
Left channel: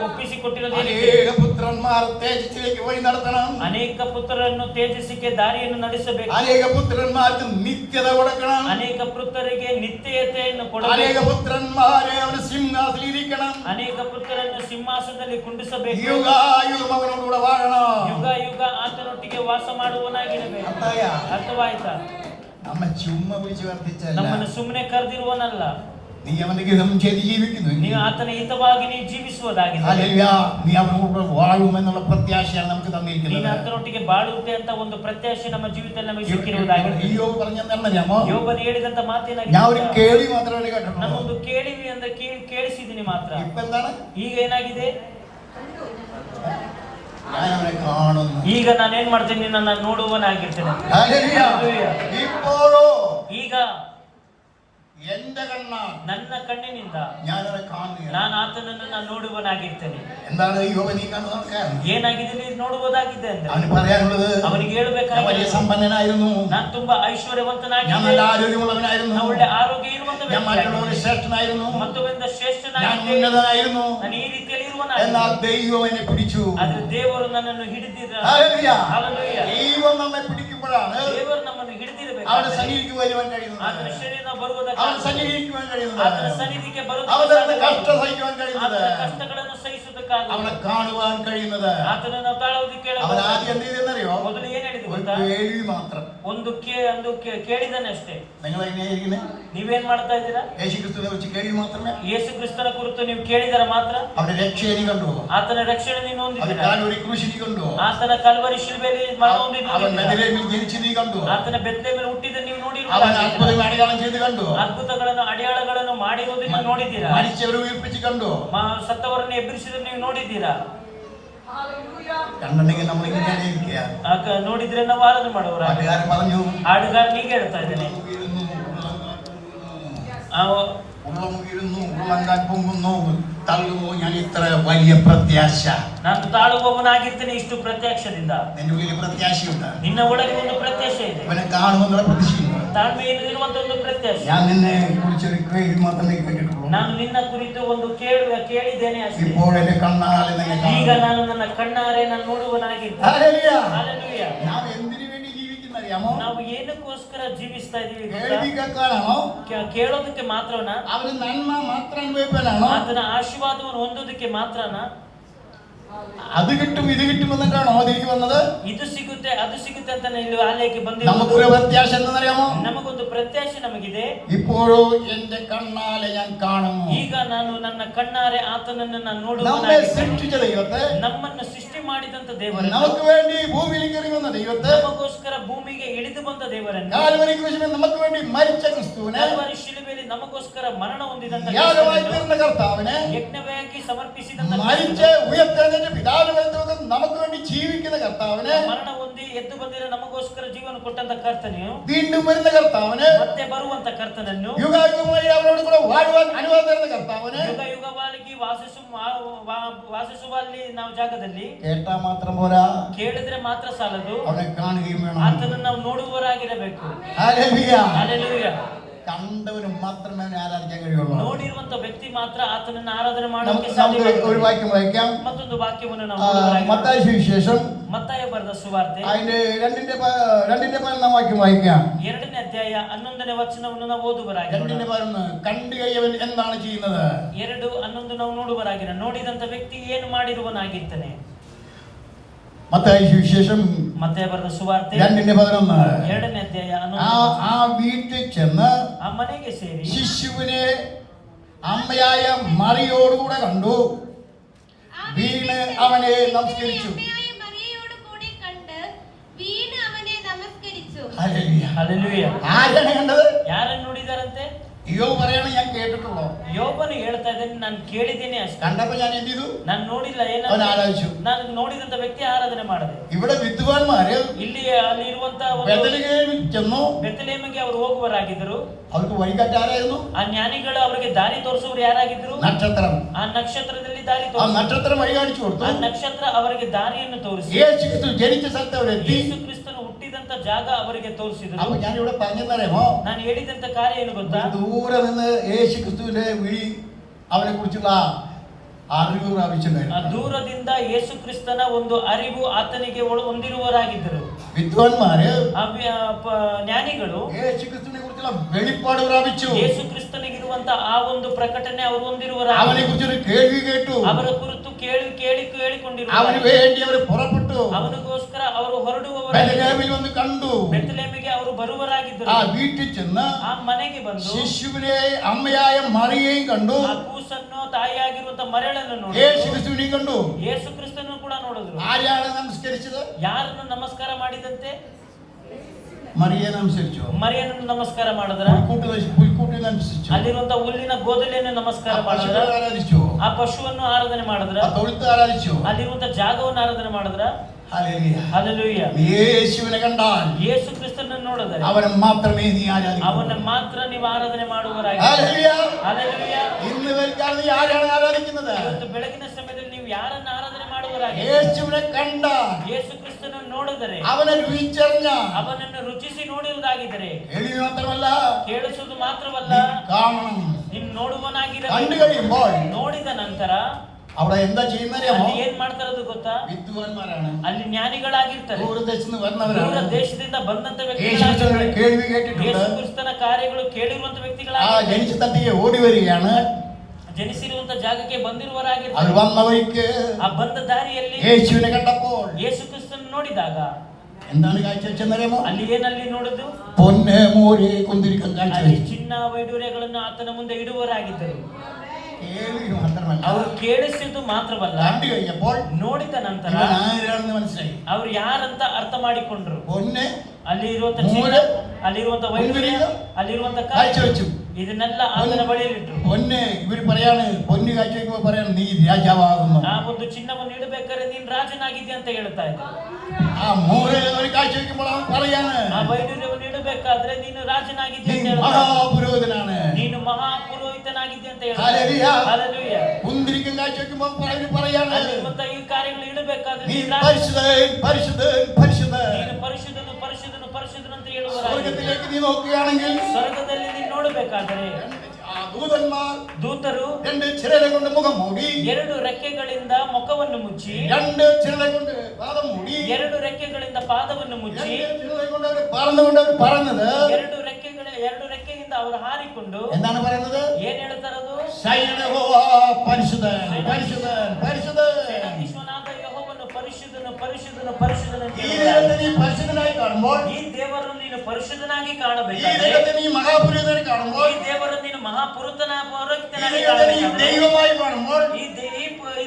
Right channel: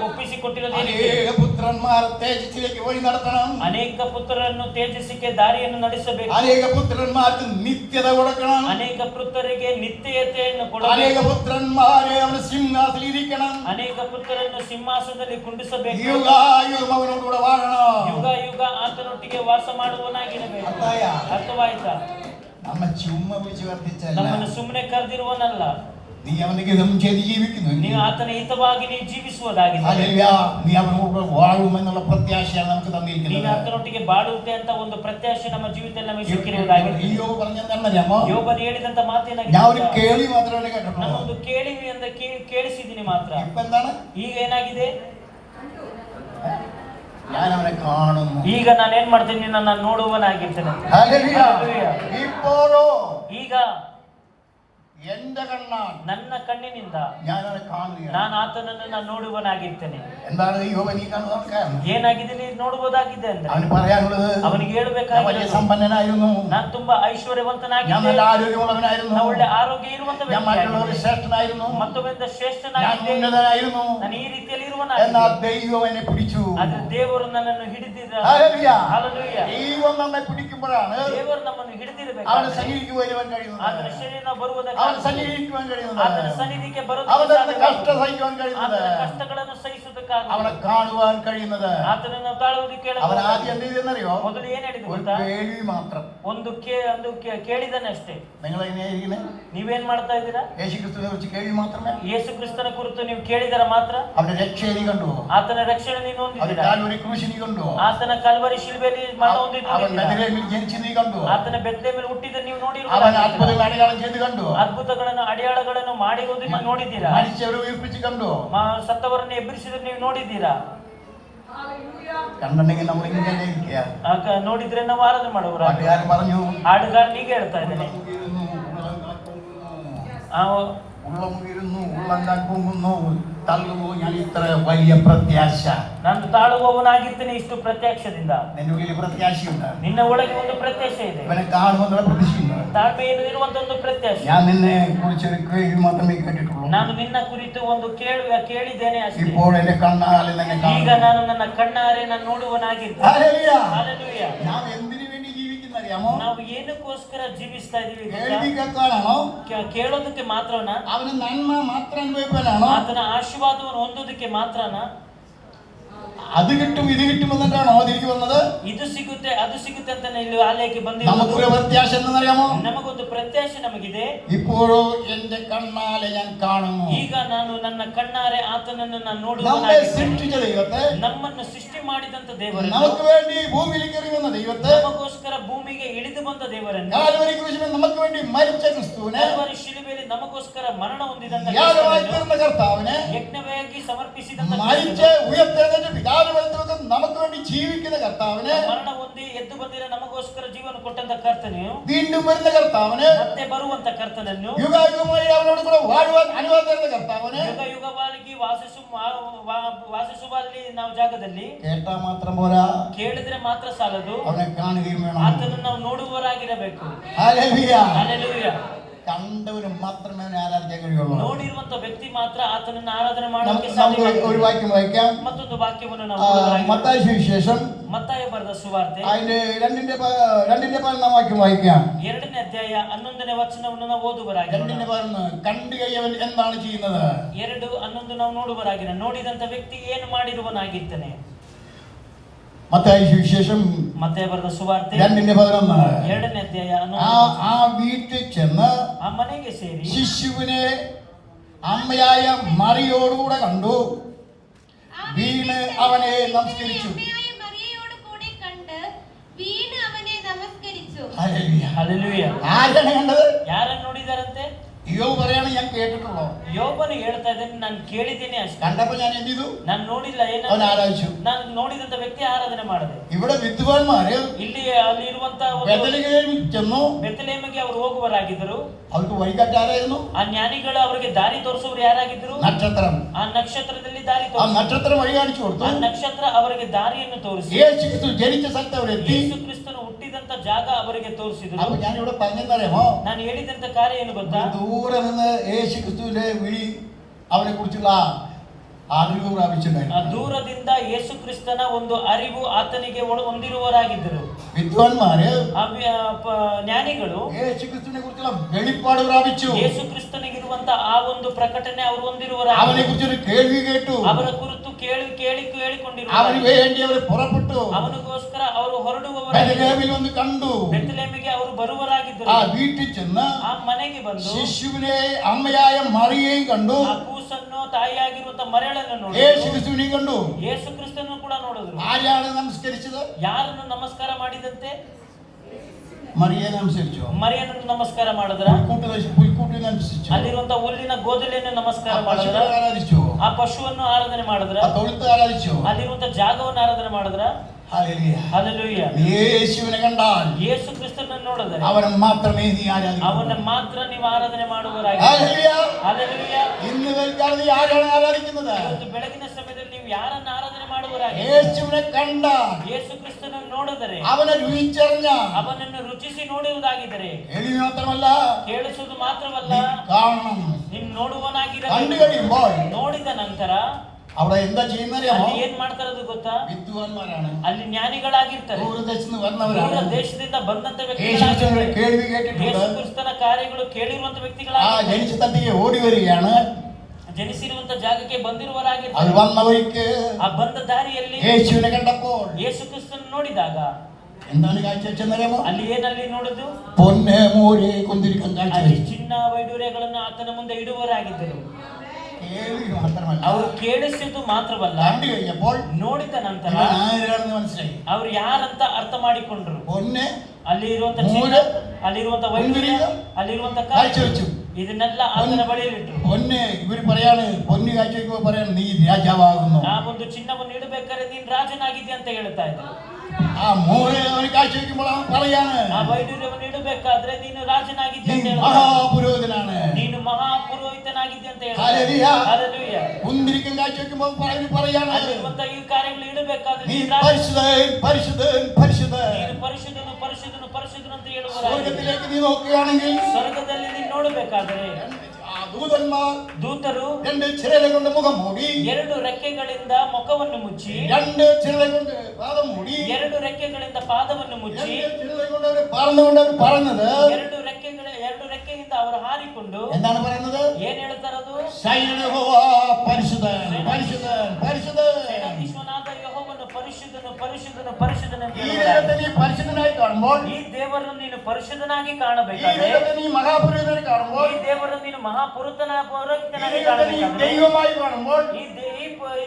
ಒಪ್ಪಿಸಿಕೊಟ್ಟಿರೋದು ಏನಕ್ಕೆ? അനേക പുത്രന്മാർ തേജസ്സിലേക്ക് വഴി നടത്തണം. ಅನೇಕ ಪುತ್ರರನ್ನು ತೇಜಸ್ಸಿಗೆ ದಾರಿಯನ್ನು ನಡೆಸಬೇಕು. അനേക പുത്രന്മാർക്ക് നിത്യത കൊടുക്കണം. ಅನೇಕ ಪುತ್ರರಿಗೆ ನಿತ್ಯತೆಯನ್ನು അനേക ಕೊಡಬೇಕು. പുത്രന്മാരെ അവന് സിംഹാസനത്തിൽ ഇരിക്കണം. ಅನೇಕ ಪುತ್ರರನ್ನು ಸಿಂಹಾಸನದಲ್ಲಿ ಕುಂಡಿಸಬೇಕು. യുഗായുഗം അവനോട് കൂടെ വാഴണം. ಯುಗ ಯುಗ ಆತನೊಟ್ಟಿಗೆ ವಾಸ ಮಾಡುವನಾಗಿರಬೇಕು. അത്തായ ಅರ್ಥವಾಯ್ತಾ? നമ്മെ ചുമ്മാ വിളിച്ച് വർദ്ധിച്ചല്ല, ನಮ್ಮನ್ನು ಸುಮ್ಮನೆ ಕರೆದಿರುವನಲ್ಲ. നീ അവന്റെ ഗൃഹം ചെയ്ത് ജീവിക്കുന്നു. ನೀವು ಆತನ ಹಿತವಾಗಿ ನೀವು ಜೀವಿಸುವುದಾಗಿದೆ. ഹല്ലേലൂയ. നീ അവനോട് വാഴുമെന്നുള്ള പ്രത്യാശയാണ് നമുക്ക് ನೀನು തന്നിരിക്കുന്നത്. ಆತನೊಟ್ಟಿಗೆ ಬಾಳುತ್ತೆ ಅಂತ ಒಂದು ಪ್ರತ್ಯಾಶೆ ನಮ್ಮ ಜೀವಿತದಲ್ಲಿ ನಮಗೆ ಸಿಕ್ಕಿರುವುದಾಗಿದೆ. യോബ് പറഞ്ഞെന്നറിയാമോ? ಯೋಬನು ಹೇಳಿದಂತ ഞാൻ ഒരു ಮಾತೇನಾಗಿದೆ? കേൾവി മാത്രമേ കേട്ടിട്ടുള്ളൂ. ನಮ್ಮೊಂದು ಕೇಳಿವಿ ಅಂದ್ರೆ ಕೇಳಿಸಿದ್ದೀನಿ ಮಾತ್ರ. ഇപ്പൊ എന്താണ്? ಈಗ ಏನಾಗಿದೆ? ഞാൻ അവനെ കാണുന്നു. ಈಗ ನಾನೇನ್ ಮಾಡ್ತೀನಿ? ನಿನ್ನ ನೋಡುವನಾಗಿರ್ತೇನೆ. ഹല്ലേലൂയ. ഹല്ലേലൂയ. ഇപ്പോഴോ ಈಗ എന്റെ കണ്ണാൽ ನನ್ನ ಕಣ್ಣಿನಿಂದ ഞാൻ അവനെ കാണുകയാണ്. ನಾನು ಆತನನ್ನು ನಾನು ನೋಡುವನಾಗಿರ್ತೇನೆ. എന്താണ് യോബ് നീ കാണുന്നതൊക്കെ? ಏನಾಗಿದೆ? ನೀನು ನೋಡುವುದಾಗಿದ್ದೆ ಅಂದ್ರೆ അവന് പറയാനുള്ളത്, ಅವನಿಗೆ ഞാൻ വലിയ ಹೇಳ್ಬೇಕಾಗಿದೆ, സമ്പന്നനായിരുന്നു, ನಾನು ತುಂಬಾ ഞാൻ ಐಶ್ವರ್ಯವಂತನಾಗಿದ್ದೆ, നല്ല ആരോഗ്യമുള്ളവനായിരുന്നു, ನಾನು ಒಳ್ಳೆ ಆರೋಗ್ಯ ಇರುವಂತ ഞാൻ മറ്റുള്ളവരുടെ ശ്രേഷ്ഠനായിരുന്നു, ಮತ್ತೊಬ್ಬರಿಂದ ഞാൻ ಶ್ರೇಷ್ಠನಾಗಿದ್ದೆ, ഉന്നതനായിരുന്നു. ನಾನು ಈ ರೀತಿಯಲ್ಲಿ എന്നാൽ ಇರುವನಾಗಿದ್ದೆ. ദൈവം എന്നെ പിടിച്ചു. ಆದ್ರೆ ದೇವರು ನನ್ನನ್ನು ಹಿಡಿದಿದ್ದ. ഹല്ലേലൂയ. ಹಲ್ಲೆಲೂಯ. ദൈവം നമ്മെ പിടിക്കുമ്പോഴാണ് ದೇವರು ನಮ್ಮನ್ನು അവന്റെ ಹಿಡಿದಿರಬೇಕು. സന്നിധിക്ക് വരുവാൻ കഴിയുന്നത്. ಆತನ ಶರೀರ അവൻ ಬರುವುದಕ್ಕೆ, സന്നിധിക്കുവാൻ കഴിയുന്നത്. ಆತನ ಸನ್ನಿಧಿಗೆ അവന്റെ കഷ്ട ಬರುವುದಕ್ಕೆ, സഹിക്കുവാൻ കഴിയുന്നത്. ಆತನ ಕಷ್ಟಗಳನ್ನು ಸಹಿಸುವುದಕ್ಕೆ ನೋಡುವುದಕ್ಕಾಗ അവനെ കാണുവാൻ കഴിയുന്നത്. ಆತನನ್ನು ತಾಳುವುದಕ್ಕೆ അവൻ ആദ്യം എന്ത് ചെയ്തെന്നറിയോ? ಮೊದಲು ಏನ್ ಹೇಳಿದ್ರು ഒരു ಗೊತ್ತಾ? കേൾവി മാത്രം. ಒಂದು ಕೇಳಿದಾನೆ ಅಷ್ಟೇ. നിങ്ങൾ എങ്ങനെയായിരിക്കുന്നത്? ನೀವೇನ್ ಮಾಡ್ತಾ ಇದ್ದೀರಾ? യേശു ക്രിസ്തുവിനെ കുറിച്ച് കേൾവി മാത്രമേ. ಯೇಸು ಕ್ರಿಸ್ತನ ಕುರಿತು ನೀವು ಕೇಳಿದರ ಮಾತ್ರ. അവന്റെ രക്ഷയെ നീ കണ്ടു. ಆತನ ರಕ್ಷಣೆ ನೀನು ಹೊಂದಿದ್ದೀರಾ? കാൽവരി ക്രൂശ് നീ കണ്ടു. ಆತನ ಕಲ್ವರಿ ಶಿಲುಬೆಯಲ್ಲಿ ಮರಣ ಹೊಂದಿದ್ದೀರಾ? അവൻ ബെത്ലെഹേമിൽ ജനിച്ചു നീ കണ്ടു. ಆತನ ಬೆತ್ಲೆಹೇಮಿನಲ್ಲಿ ಹುಟ್ಟಿದ ನೀವು ನೋಡಿದ್ದೀರಾ? അവൻ അത്ഭുതങ്ങൾ അടയാളം ചെയ്തു കണ്ടു. ಅದ್ಭುತಗಳನ್ನು ಅಡೆಯಾಳಗಳನ್ನು ಮಾಡಿರುವುದನ್ನು ನೋಡಿದ್ದೀರಾ? മരിച്ചവരെ ഉയർപ്പിച്ച് കണ്ടു. ಸತ್ತವರನ್ನು ಎಬ್ಬರಿಸಿದ ನೀವು ನೋಡಿದ್ದೀರಾ? കണ്ടെങ്കിൽ നമ്മൾ ഇങ്ങനെ ഇരിക്കുക. ನೋಡಿದ್ರೆ ನಾವು ಆರಾಧನೆ ಮಾಡುವರ. പാട്ടുകാരൻ പറഞ്ഞു, ಹಾಡುಗಾರನಿಗೆ ಹೇಳ್ತಾ ಇದ್ದೇನೆ, ഉള്ളമുകിരുന്നു ഉള്ളങ്കാൽ പൊങ്ങുന്നു തള്ളുന്നു ഞാൻ ഇത്ര വലിയ പ്രത്യാശ. ನಾನು ತಾಳುವವನಾಗಿರ್ತೇನೆ ಇಷ್ಟು ಪ್ರತ್ಯಕ್ಷದಿಂದ. നിന്റെ ഉള്ളിൽ പ്രത്യാശയുണ്ട്. ನಿನ್ನ ಒಳಗೆ ಒಂದು ಪ್ರತ್ಯಾಶೆ ಇದೆ. ഇവനെ കാണുമെന്നുള്ള പ്രതീക്ഷയുണ്ട്. ತಾಳ್ಮೆಯಲ್ಲಿರುವಂತ ಒಂದು ಪ್ರತ್ಯಾಶೆ. ഞാൻ നിന്നെ കുറിച്ച് ഒരു കേൾവി മാത്രമേ കേട്ടിട്ടുള്ളൂ. ನಾನು ನಿನ್ನ ಕುರಿತು ಒಂದು ಕೇಳಿದ್ದೇನೆ ಅಷ್ಟೇ. ഇപ്പോൾ എന്റെ കണ്ണാലെ നിന്നെ ಈಗ ನಾನು ನನ್ನ ಕಣ್ಣಾರೆ ನಾನು ನೋಡುವನಾಗಿದ್ದೇನೆ. ഹല്ലേലൂയ. ಹಲ್ಲೆಲೂಯಾ. നാം എന്തിനു വേണ്ടി ജീവിക്കുന്നറിയാമോ? ನಾವು ಏನಕ್ಕೋಸ್ಕರ ಜೀವಿಸ್ತಾ ಇದೀವಿ? കേൾവി കേൾക്കാനാണോ? ಕೇಳೋದಕ್ಕೆ ಮಾತ್ರನಾ? അവന് നന്മ മാത്രം അനുഭവിക്കാനാണോ? ಆತನ ಆಶೀರ್ವಾದವನ್ನು ಹೊಂದೋದಕ್ಕೆ ಮಾತ್ರನಾ? അത് കിട്ടും ഇത് കിട്ടും എന്നിട്ടാണോ തിരികെ വന്നത്? ಇದು ಸಿಗುತ್ತೆ ಅದು ಸಿಗುತ್ತೆ ಅಂತ ಇಲ್ಲಿ ಆಲಯಕ್ಕೆ നമുക്കൊരു പ്രത്യാശ എന്തെന്നറിയാമോ? ನಮಗೊಂದು ಪ್ರತ್ಯಾಶೆ ನಮಗಿದೆ. ഇപ്പോഴോ എന്റെ കണ്ണാലെ ഞാൻ കാണുന്നു. ಈಗ ನಾನು ನನ್ನ ಕಣ್ಣಾರೆ ಆತನನ್ನು ನಾನು നമ്മെ ನೋಡುವನಾಗಿದ್ದೇನೆ. സൃഷ്ടിച്ച ദൈവത്തെ, ನಮ್ಮನ್ನು ಸೃಷ್ಟಿ ಮಾಡಿದಂತ ದೇವರನ್ನು, നമുക്ക് വേണ്ടി ഭൂമിയിലേക്ക് ഇറങ്ങി വന്ന ദൈവത്തെ, ನಮಗೋಸ್ಕರ ಭೂಮಿಗೆ ಇಳಿದು ಬಂದ ದೇವರನ್ನು, കാൽവരി ക്രൂശിൽ നമുക്ക് വേണ്ടി മരിച്ച ക്രിസ്തുവിനെ, ಕಲ್ವರಿ ಶಿಲುಬೆಯಲ್ಲಿ ನಮಗೋಸ್ಕರ ಮರಣ ಹೊಂದಿದಂತ യാഗമായി ಕ್ರಿಸ್ತನನ್ನು, തീർന്ന കർത്താവിനെ, ಯಜ್ಞವಾಗಿ ಸಮರ್ಪಿಸಿದಂತ മരിച്ച് ಕ್ರಿಸ್ತನನ್ನು, ഉയർത്തെഴുന്നേറ്റ് പിതാവിന്റെ വലത്തുഭാഗത്ത് നമുക്ക് വേണ്ടി ജീവിക്കുന്ന കർത്താവിനെ, ಮರಣ ಹೊಂದಿ ಎದ್ದು ಬಂದಿರ ನಮಗೋಸ್ಕರ ಜೀವನ ಕೊಟ್ಟಂತ ಕರ್ತನೆಯು, വീണ്ടും വരുന്ന കർത്താവിനെ, ಮತ್ತೆ ಬರುವಂತ ಕರ್ತನನ್ನು, യുഗായുഗമായി അവനോട് കൂടെ വാഴുവാൻ അനുവാദം തരുന്ന കർത്താവിനെ, ಯುಗ ಯುಗವಾಗಿ ವಾಸಿಸುವ ಅಲ್ಲಿ ನಾವು ಜಾಗದಲ್ಲಿ കേട്ടാ മാത്രം പോരാ, ಕೇಳಿದ್ರೆ ಮಾತ್ರ ಸಾಲದು, അവനെ കാണുകയും വേണം. ಆತನನ್ನು ನಾವು ನೋಡುವವರಾಗಿರಬೇಕು. ഹല്ലേലൂയ. ಹಲ್ಲೆಲೂಯಾ. കണ്ടവന് മാത്രമേ അവനെ ആരാധിക്കാൻ കഴിയുള്ളൂ. ನೋಡಿರುವಂತ ವ್ಯಕ್ತಿ ಮಾತ್ರ ಆತನನ್ನು ಆರಾಧನೆ ಮಾಡೋಕೆ നമുക്ക് ಸಾಧ್ಯ. ഒരു വാക്യം വായിക്കാം. ಮತ್ತೊಂದು ವಾಕ್ಯವನ್ನು ನಾವು ಓದುವವರಾಗಿರೋಣ. മത്തായി സുവിശേഷം ಮತ್ತಾಯ ಬರೆದ ಸುವಾರ್ತೆ അതിന്റെ രണ്ടിന്റെ 11 വാക്യം വായിക്കാം. 2ನೇ ಅಧ್ಯಾಯ 11ನೇ ವಚನವನ್ನು ನಾವು ಓದುವರಾಗಿರೋಣ. 2:11 കണ്ടു കഴിയവൻ എന്താണ് ചെയ്യുന്നത്? 2:11 ನಾವು ನೋಡುವರಾಗಿರೋಣ. ನೋಡಿದಂತ ವ್ಯಕ್ತಿ ಏನು ಮಾಡಿರುವನಾಗಿರ್ತಾನೆ. മത്തായി സുവിശേഷം ಮತ್ತಾಯ ಬರೆದ ಸುವಾರ್ತೆ 2:11 2ನೇ ಅಧ್ಯಾಯ 11ನೇ ആ വീട്ടിൽ ചെന്ന് ಆ ಮನೆಗೆ ಸೇರಿ ശിശുവിനെ അമ്മയായ മറിയോടുകൂടെ കണ്ടു, വീണ് അവനെ നമസ്കരിച്ചു. മറിയയോട് കൂടെ കണ്ട് വീണ് അവനെ നമസ്കരിച്ചു. ഹല്ലേലൂയ. ಹಲ್ಲೆಲೂಯಾ. ആരാണ് കണ്ടത്? ಯಾರನ್ನು ನೋಡಿದಾರಂತೆ? യോബ് പറയാണ്, ഞാൻ കേട്ടിട്ടുള്ളൂ. ಯೋಬನು ಹೇಳ್ತಾ ಇದ್ದಾನೆ, ನಾನು ಕೇಳಿದ್ದೇನೆ ಅಷ್ಟೇ. കണ്ടപ്പോ ഞാൻ എന്ത് ചെയ്തു? ನಾನು ನೋಡಿಲ್ಲ. അവൻ ആരാധിച്ചു. ನಾನು ನೋಡಿದಂತ ವ್ಯಕ್ತಿ ಆರಾಧನೆ ಮಾಡಿದೆ. ഇവിടെ വിദ്വാൻമാര് ಇಲ್ಲಿ ಅಲ್ಲಿ ಇರುವಂತ ബെത്ലഹേമിൽ ചെന്നു. ಬೆತ್ತಲೇಮಿಗೆ ಅವರು ಹೋಗುವರಾಗಿದ್ದರು. അവർക്ക് വഴികാട്ടി ആരായിരുന്നു? ಆ ಜ್ಞಾನಿಗಳು ಅವರಿಗೆ ದಾರಿ ತೋರಿಸುವವರು ಯಾರಾಗಿದ್ರು? നക്ഷത്രം. ಆ ನಕ್ಷತ್ರದಲ್ಲಿ ದಾರಿ ആ ತೋರಿಸಿ, നക്ഷത്രം വഴി കാണിച്ചു കൊടുത്തു. ಆ ನಕ್ಷತ್ರ ಅವರಿಗೆ ದಾರಿಯನ್ನು ತೋರಿಸಿ, യേശു ക്രിസ്തു ജനിച്ച സ്ഥലത്ത് അവരെത്തി. ಯೇಸು ಕ್ರಿಸ್ತನು ಹುಟ್ಟಿದಂತ ಜಾಗ ಅವರಿಗೆ ತೋರಿಸಿದರು. അപ്പൊ ഞാൻ ഇവിടെ പറഞ്ഞെന്നറിയാമോ? ನಾನು ಹೇಳಿದಂತ ಕಾರ್ಯ ಏನು ಗೊತ್ತಾ? ദൂരെ നിന്ന് യേശു ക്രിസ്തുവിന്റെ വിളി അവനെ കുറിച്ചുള്ള അറിവ് പ്രാപിച്ചിട്ടുണ്ടായിരുന്നു. ದೂರದಿಂದ ಯೇಸು ಕ್ರಿಸ್ತನ ಒಂದು ಅರಿವು ಆತನಿಗೆ ಹೊಂದಿರುವವರಾಗಿದ್ದರು. വിദ്വാൻമാര് ಜ್ಞಾನಿಗಳು യേശു ക്രിസ്തുവിനെ കുറിച്ചുള്ള വെളിപ്പാട് പ്രാപിച്ചു. ಯೇಸು ಕ್ರಿಸ್ತನಿಗಿರುವಂತ ಆ ಒಂದು ಪ್ರಕಟಣೆ ಅವರು അവനെ ಹೊಂದಿರುವವರಾಗಿದ್ದರು. കുറിച്ചൊരു കേൾവി കേട്ടു. ಅವರ ಕುರಿತು ಕೇಳಿಕೊಂಡಿರುವ, അവന് വേണ്ടി അവർ പുറപ്പെട്ടു. ಅವನಿಗೋಸ್ಕರ ಅವರು ಹೊರಡುವವರು. ബെത്ലഹേമിൽ വന്ന് കണ്ടു. ಬೆತ್ತಲೇಮಿಗೆ ಅವರು ಬರುವರಾಗಿದ್ದರು. ആ വീട്ടിൽ ചെന്ന് ಆ ಮನೆಗೆ ಬಂದು ശിശുവിനെ അമ്മയായ മറിയേയും കണ്ടു. ಆ ಕೂಸನ್ನು ತಾಯಿಯಾಗಿರುವಂತ ಮರಳನ್ನು ನೋಡಿ യേശു ക്രിസ്തുവിനെയും കണ്ടു. ಯೇಸು ಕ್ರಿಸ್ತನನ್ನು ಕೂಡ ನೋಡಿದ್ರು. ആരെയാണ് നമസ്കരിച്ചത്? ಯಾರನ್ನು ನಮಸ್ಕಾರ ಮಾಡಿದಂತೆ? മറിയെ നമസ്കരിച്ചു. ಮರಿಯನ್ನು ನಮಸ್ಕಾರ ಮಾಡಿದ್ರ? പുൽക്കൂട്ടിനെ നമസ്കരിച്ചു. ಅಲ್ಲಿರುವಂತ ಹುಲ್ಲಿನ ಗೋದಲಿಯನ್ನು ನಮಸ್ಕಾರ ആ ಮಾಡಿದ್ರ? പശുക്കളെ ആരാധിച്ചു. ಆ ಪಶುವನ್ನು ಆರಾಧನೆ ಮಾಡಿದ್ರ? ആ തൊഴുത്ത് ആരാധിച്ചു. ಅಲ್ಲಿರುವಂತ ಜಾಗವನ್ನು ಆರಾಧನೆ ಮಾಡಿದ್ರ? ഹല്ലേലൂയ. ಹಲ್ಲೆಲೂಯಾ. യേശുവിനെ കണ്ടാൽ ಯೇಸು ಕ್ರಿಸ್ತನನ್ನು ನೋಡಿದರೆ അവനെ മാത്രമേ നീ ആരാധിക്കൂ. ಅವನ ಮಾತ್ರ ನೀವು ಆರಾಧನೆ ಮಾಡುವರಾಗಿ. ഹല്ലേലൂയ. ಹಲ್ಲೆಲೂಯಾ. ഇന്ന് വെൽക്കാതെ നീ ആരാണ് ആരാധിക്കുന്നത്? ಇವತ್ತು ಬೆಳಗಿನ ಸಮಯದಲ್ಲಿ ನೀವು ಯಾರನ್ನ ಆರಾಧನೆ ಮಾಡುವರಾಗಿ? യേശുവിനെ കണ്ടാൽ ಯೇಸು ಕ್ರಿಸ್ತನನ್ನು ನೋಡಿದರೆ, അവനെ രുചിച്ചറിഞ്ഞ ಅವನನ್ನು ರುಚಿಸಿ ನೋಡುವುದಾಗಿದ್ದರೆ, എളിയ മാത്രമല്ല ಕೇಳಿಸುವುದು ಮಾತ್ರವಲ್ಲ, നീ കാണണം. ನೀನು കണ്ടു ನೋಡುವನಾಗಿರಬೇಕು. കഴിയുമ്പോൾ ನೋಡಿದ ನಂತರ അവിടെ എന്താ ചെയ്യുന്നറിയാമോ? ಅಲ್ಲಿ ಏನ್ ಮಾಡ್ತಾರದು ಗೊತ್ತಾ? വിദ്വാൻമാരാണ്. ಅಲ್ಲಿ ಜ್ಞಾನಿಗಳಾಗಿರ್ತಾರೆ. ദൂരദേശത്ത് ದೂರ വന്നവരാണ്. ದೇಶದಿಂದ ಬಂದಂತ യേശു ക്രിസ്തുവിന്റെ ವ್ಯಕ್ತಿಗಳಾಗಿರ್ತಾರೆ. കേൾവി കേട്ടിട്ടുണ്ട്. ಯೇಸು ಕ್ರಿಸ್ತನ ಕಾರ್ಯಗಳು ಕೇಳಿರುವಂತ ആ ವ್ಯಕ್ತಿಗಳಾಗಿರ್ತಾರೆ. ജനിച്ച തട്ടിയെ ഓടി വരികയാണ്. ಜನಿಸಿರುವಂತ ಜಾಗಕ್ಕೆ അത് ಬಂದಿರುವರಾಗಿರ್ತಾರೆ. വന്ന വഴിക്ക് ಆ ಬಂದ ದಾರಿಯಲ್ಲಿ യേശുവിനെ കണ്ടപ്പോൾ ಯೇಸು ಕ್ರಿಸ್ತನ ನೋಡಿದಾಗ എന്താണ് കാഴ്ച വെച്ചെന്നറിയാമോ? ಅಲ್ಲಿ ಏನಲ್ಲಿ ನೋಡುದು? പൊന്ന് മൂരെ കുന്തിരിക്കം കാഴ്ച ಅಲ್ಲಿ വെച്ചു. ಚಿನ್ನ ವೈಡೂರ್ಯಗಳನ್ನು ಆತನ ಮುಂದೆ ಇಡುವರಾಗಿದ್ದರು. കേൾവി മാത്രമല്ല, ಅವರು ಕೇಳಿಸಿದ್ದು ಮಾತ್ರವಲ್ಲ, കണ്ടു കഴിഞ്ഞപ്പോൾ ನೋಡಿದ ನಂತರ ഇവൻ ആരാണെന്ന് മനസ്സിലായി. ಅವರು ಯಾರಂತ ಅರ್ಥ ಮಾಡಿಕೊಂಡ್ರು. പൊന്ന് ಅಲ್ಲಿ ಇರುವಂತ ಮೂಲ ಅಲ್ಲಿರುವಂತ ವೈಡೂರ್ಯ, ಅಲ್ಲಿರುವಂತ കാഴ്ച വെച്ചു. ಇದನ್ನೆಲ್ಲ ಆತನ ಬಳಿಯಲ್ಲಿಟ್ರು. പൊന്ന് ഇവര് പറയാണ്, പൊന്ന് കാഴ്ച വെക്കുമ്പോ പറയാണ് നീ രാജാവാകുന്നു. ಆ ಒಂದು ಚಿನ್ನವನ್ನು ಇಡಬೇಕಾದ್ರೆ ನೀನ್ ರಾಜನಾಗಿದ್ದೆ ಅಂತ ಹೇಳ್ತಾ ಇದ್ರು. ആ മൂല കാഴ്ച വെക്കുമ്പോൾ അവൻ പറയാണ് ಆ ವೈಡೂರ್ಯವನ್ನು ಇಡಬೇಕಾದ್ರೆ ನೀನು ರಾಜನಾಗಿದ್ದೆ നീ ಅಂತ ಹೇಳ್ತಾ മഹാപുരോഹിതനാണ്. ನೀನು ಮಹಾಪುರೋಹಿತನಾಗಿದ್ದೆ ಅಂತ ഹല്ലേലൂയ. ಹೇಳ್ತಾರೆ. കുന്തിരിക്കം കാഴ്ച വെക്കുമ്പോ പറയാണ് ಅಲ್ಲಿರುವಂತ ಈ ಕಾರ್ಯಗಳು ಇಡಬೇಕಾದ್ರೆ നീ ನೀನು പരിശുദ്ധൻ പരിശുദ്ധൻ പരിശുദ്ധൻ. ನೀನು ಪರಿಶುದ್ಧನು ಪರಿಶುದ್ಧನು ಪರಿಶುದ್ಧನು ಅಂತ ಹೇಳುವರಾಗಿ സ്വർഗ്ഗത്തിലേക്ക് നീ നോക്കുകയാണെങ്കിൽ ಸ್ವರ್ಗದಲ್ಲಿ ನೀನು ನೋಡಬೇಕಾದರೆ ആ ദൂതന്മാർ ದೂತರು രണ്ട് ചിറകെ കൊണ്ട് മുഖം മൂടി, ಎರಡು ರೆಕ್ಕೆಗಳಿಂದ ಮುಖವನ್ನು ಮುಚ್ಚಿ, രണ്ട് ചിറകെ കൊണ്ട് പാദം മൂടി, ಎರಡು ರೆಕ್ಕೆಗಳಿಂದ ಪಾದವನ್ನು ಮುಚ್ಚಿ, രണ്ട് ചിറകെ കൊണ്ട് അവർ പറന്നുകൊണ്ട് അവർ പറഞ്ഞത് ಎರಡು ರೆಕ್ಕೆಯಿಂದ ಅವರು ಹಾರಿಕೊಂಡು എന്താണ് പറയുന്നത്? ಏನ್ ಹೇಳ್ತಾರದು? സൈന്യയഹോവ പരിശുദ്ധൻ പരിശുദ്ധൻ പരിശുദ്ധൻ. ಸೇನಾಧೀಶ್ವರನಾದ ಯೆಹೋವನು ಪರಿಶುದ್ಧನು ಪರಿಶುದ್ಧನು ಪರಿಶುದ್ಧನು ಅಂತ ഈ ಹೇಳಿದ್ದಾರೆ. ദൈവത്തെ നീ പരിശുദ്ധനായി കാണുമ്പോൾ, ಈ ದೇವರನ್ನು ನೀನು ಪರಿಶುದ್ಧನಾಗಿ ഈ ಕಾಣಬೇಕಾದ್ರೆ, ദൈവത്തെ നീ മഹാപുരോഹിതനായി കാണുമ്പോൾ, ಈ ದೇವರನ್ನು ನೀನು ಮಹಾಪುರುತನ ഈ ಪೌರೋಹಿತನಾಗಿ ദൈവത്തെ നീ ಕಾಣಬೇಕಾದ್ರೆ, ദൈവമായി കാണുമ്പോൾ ಈ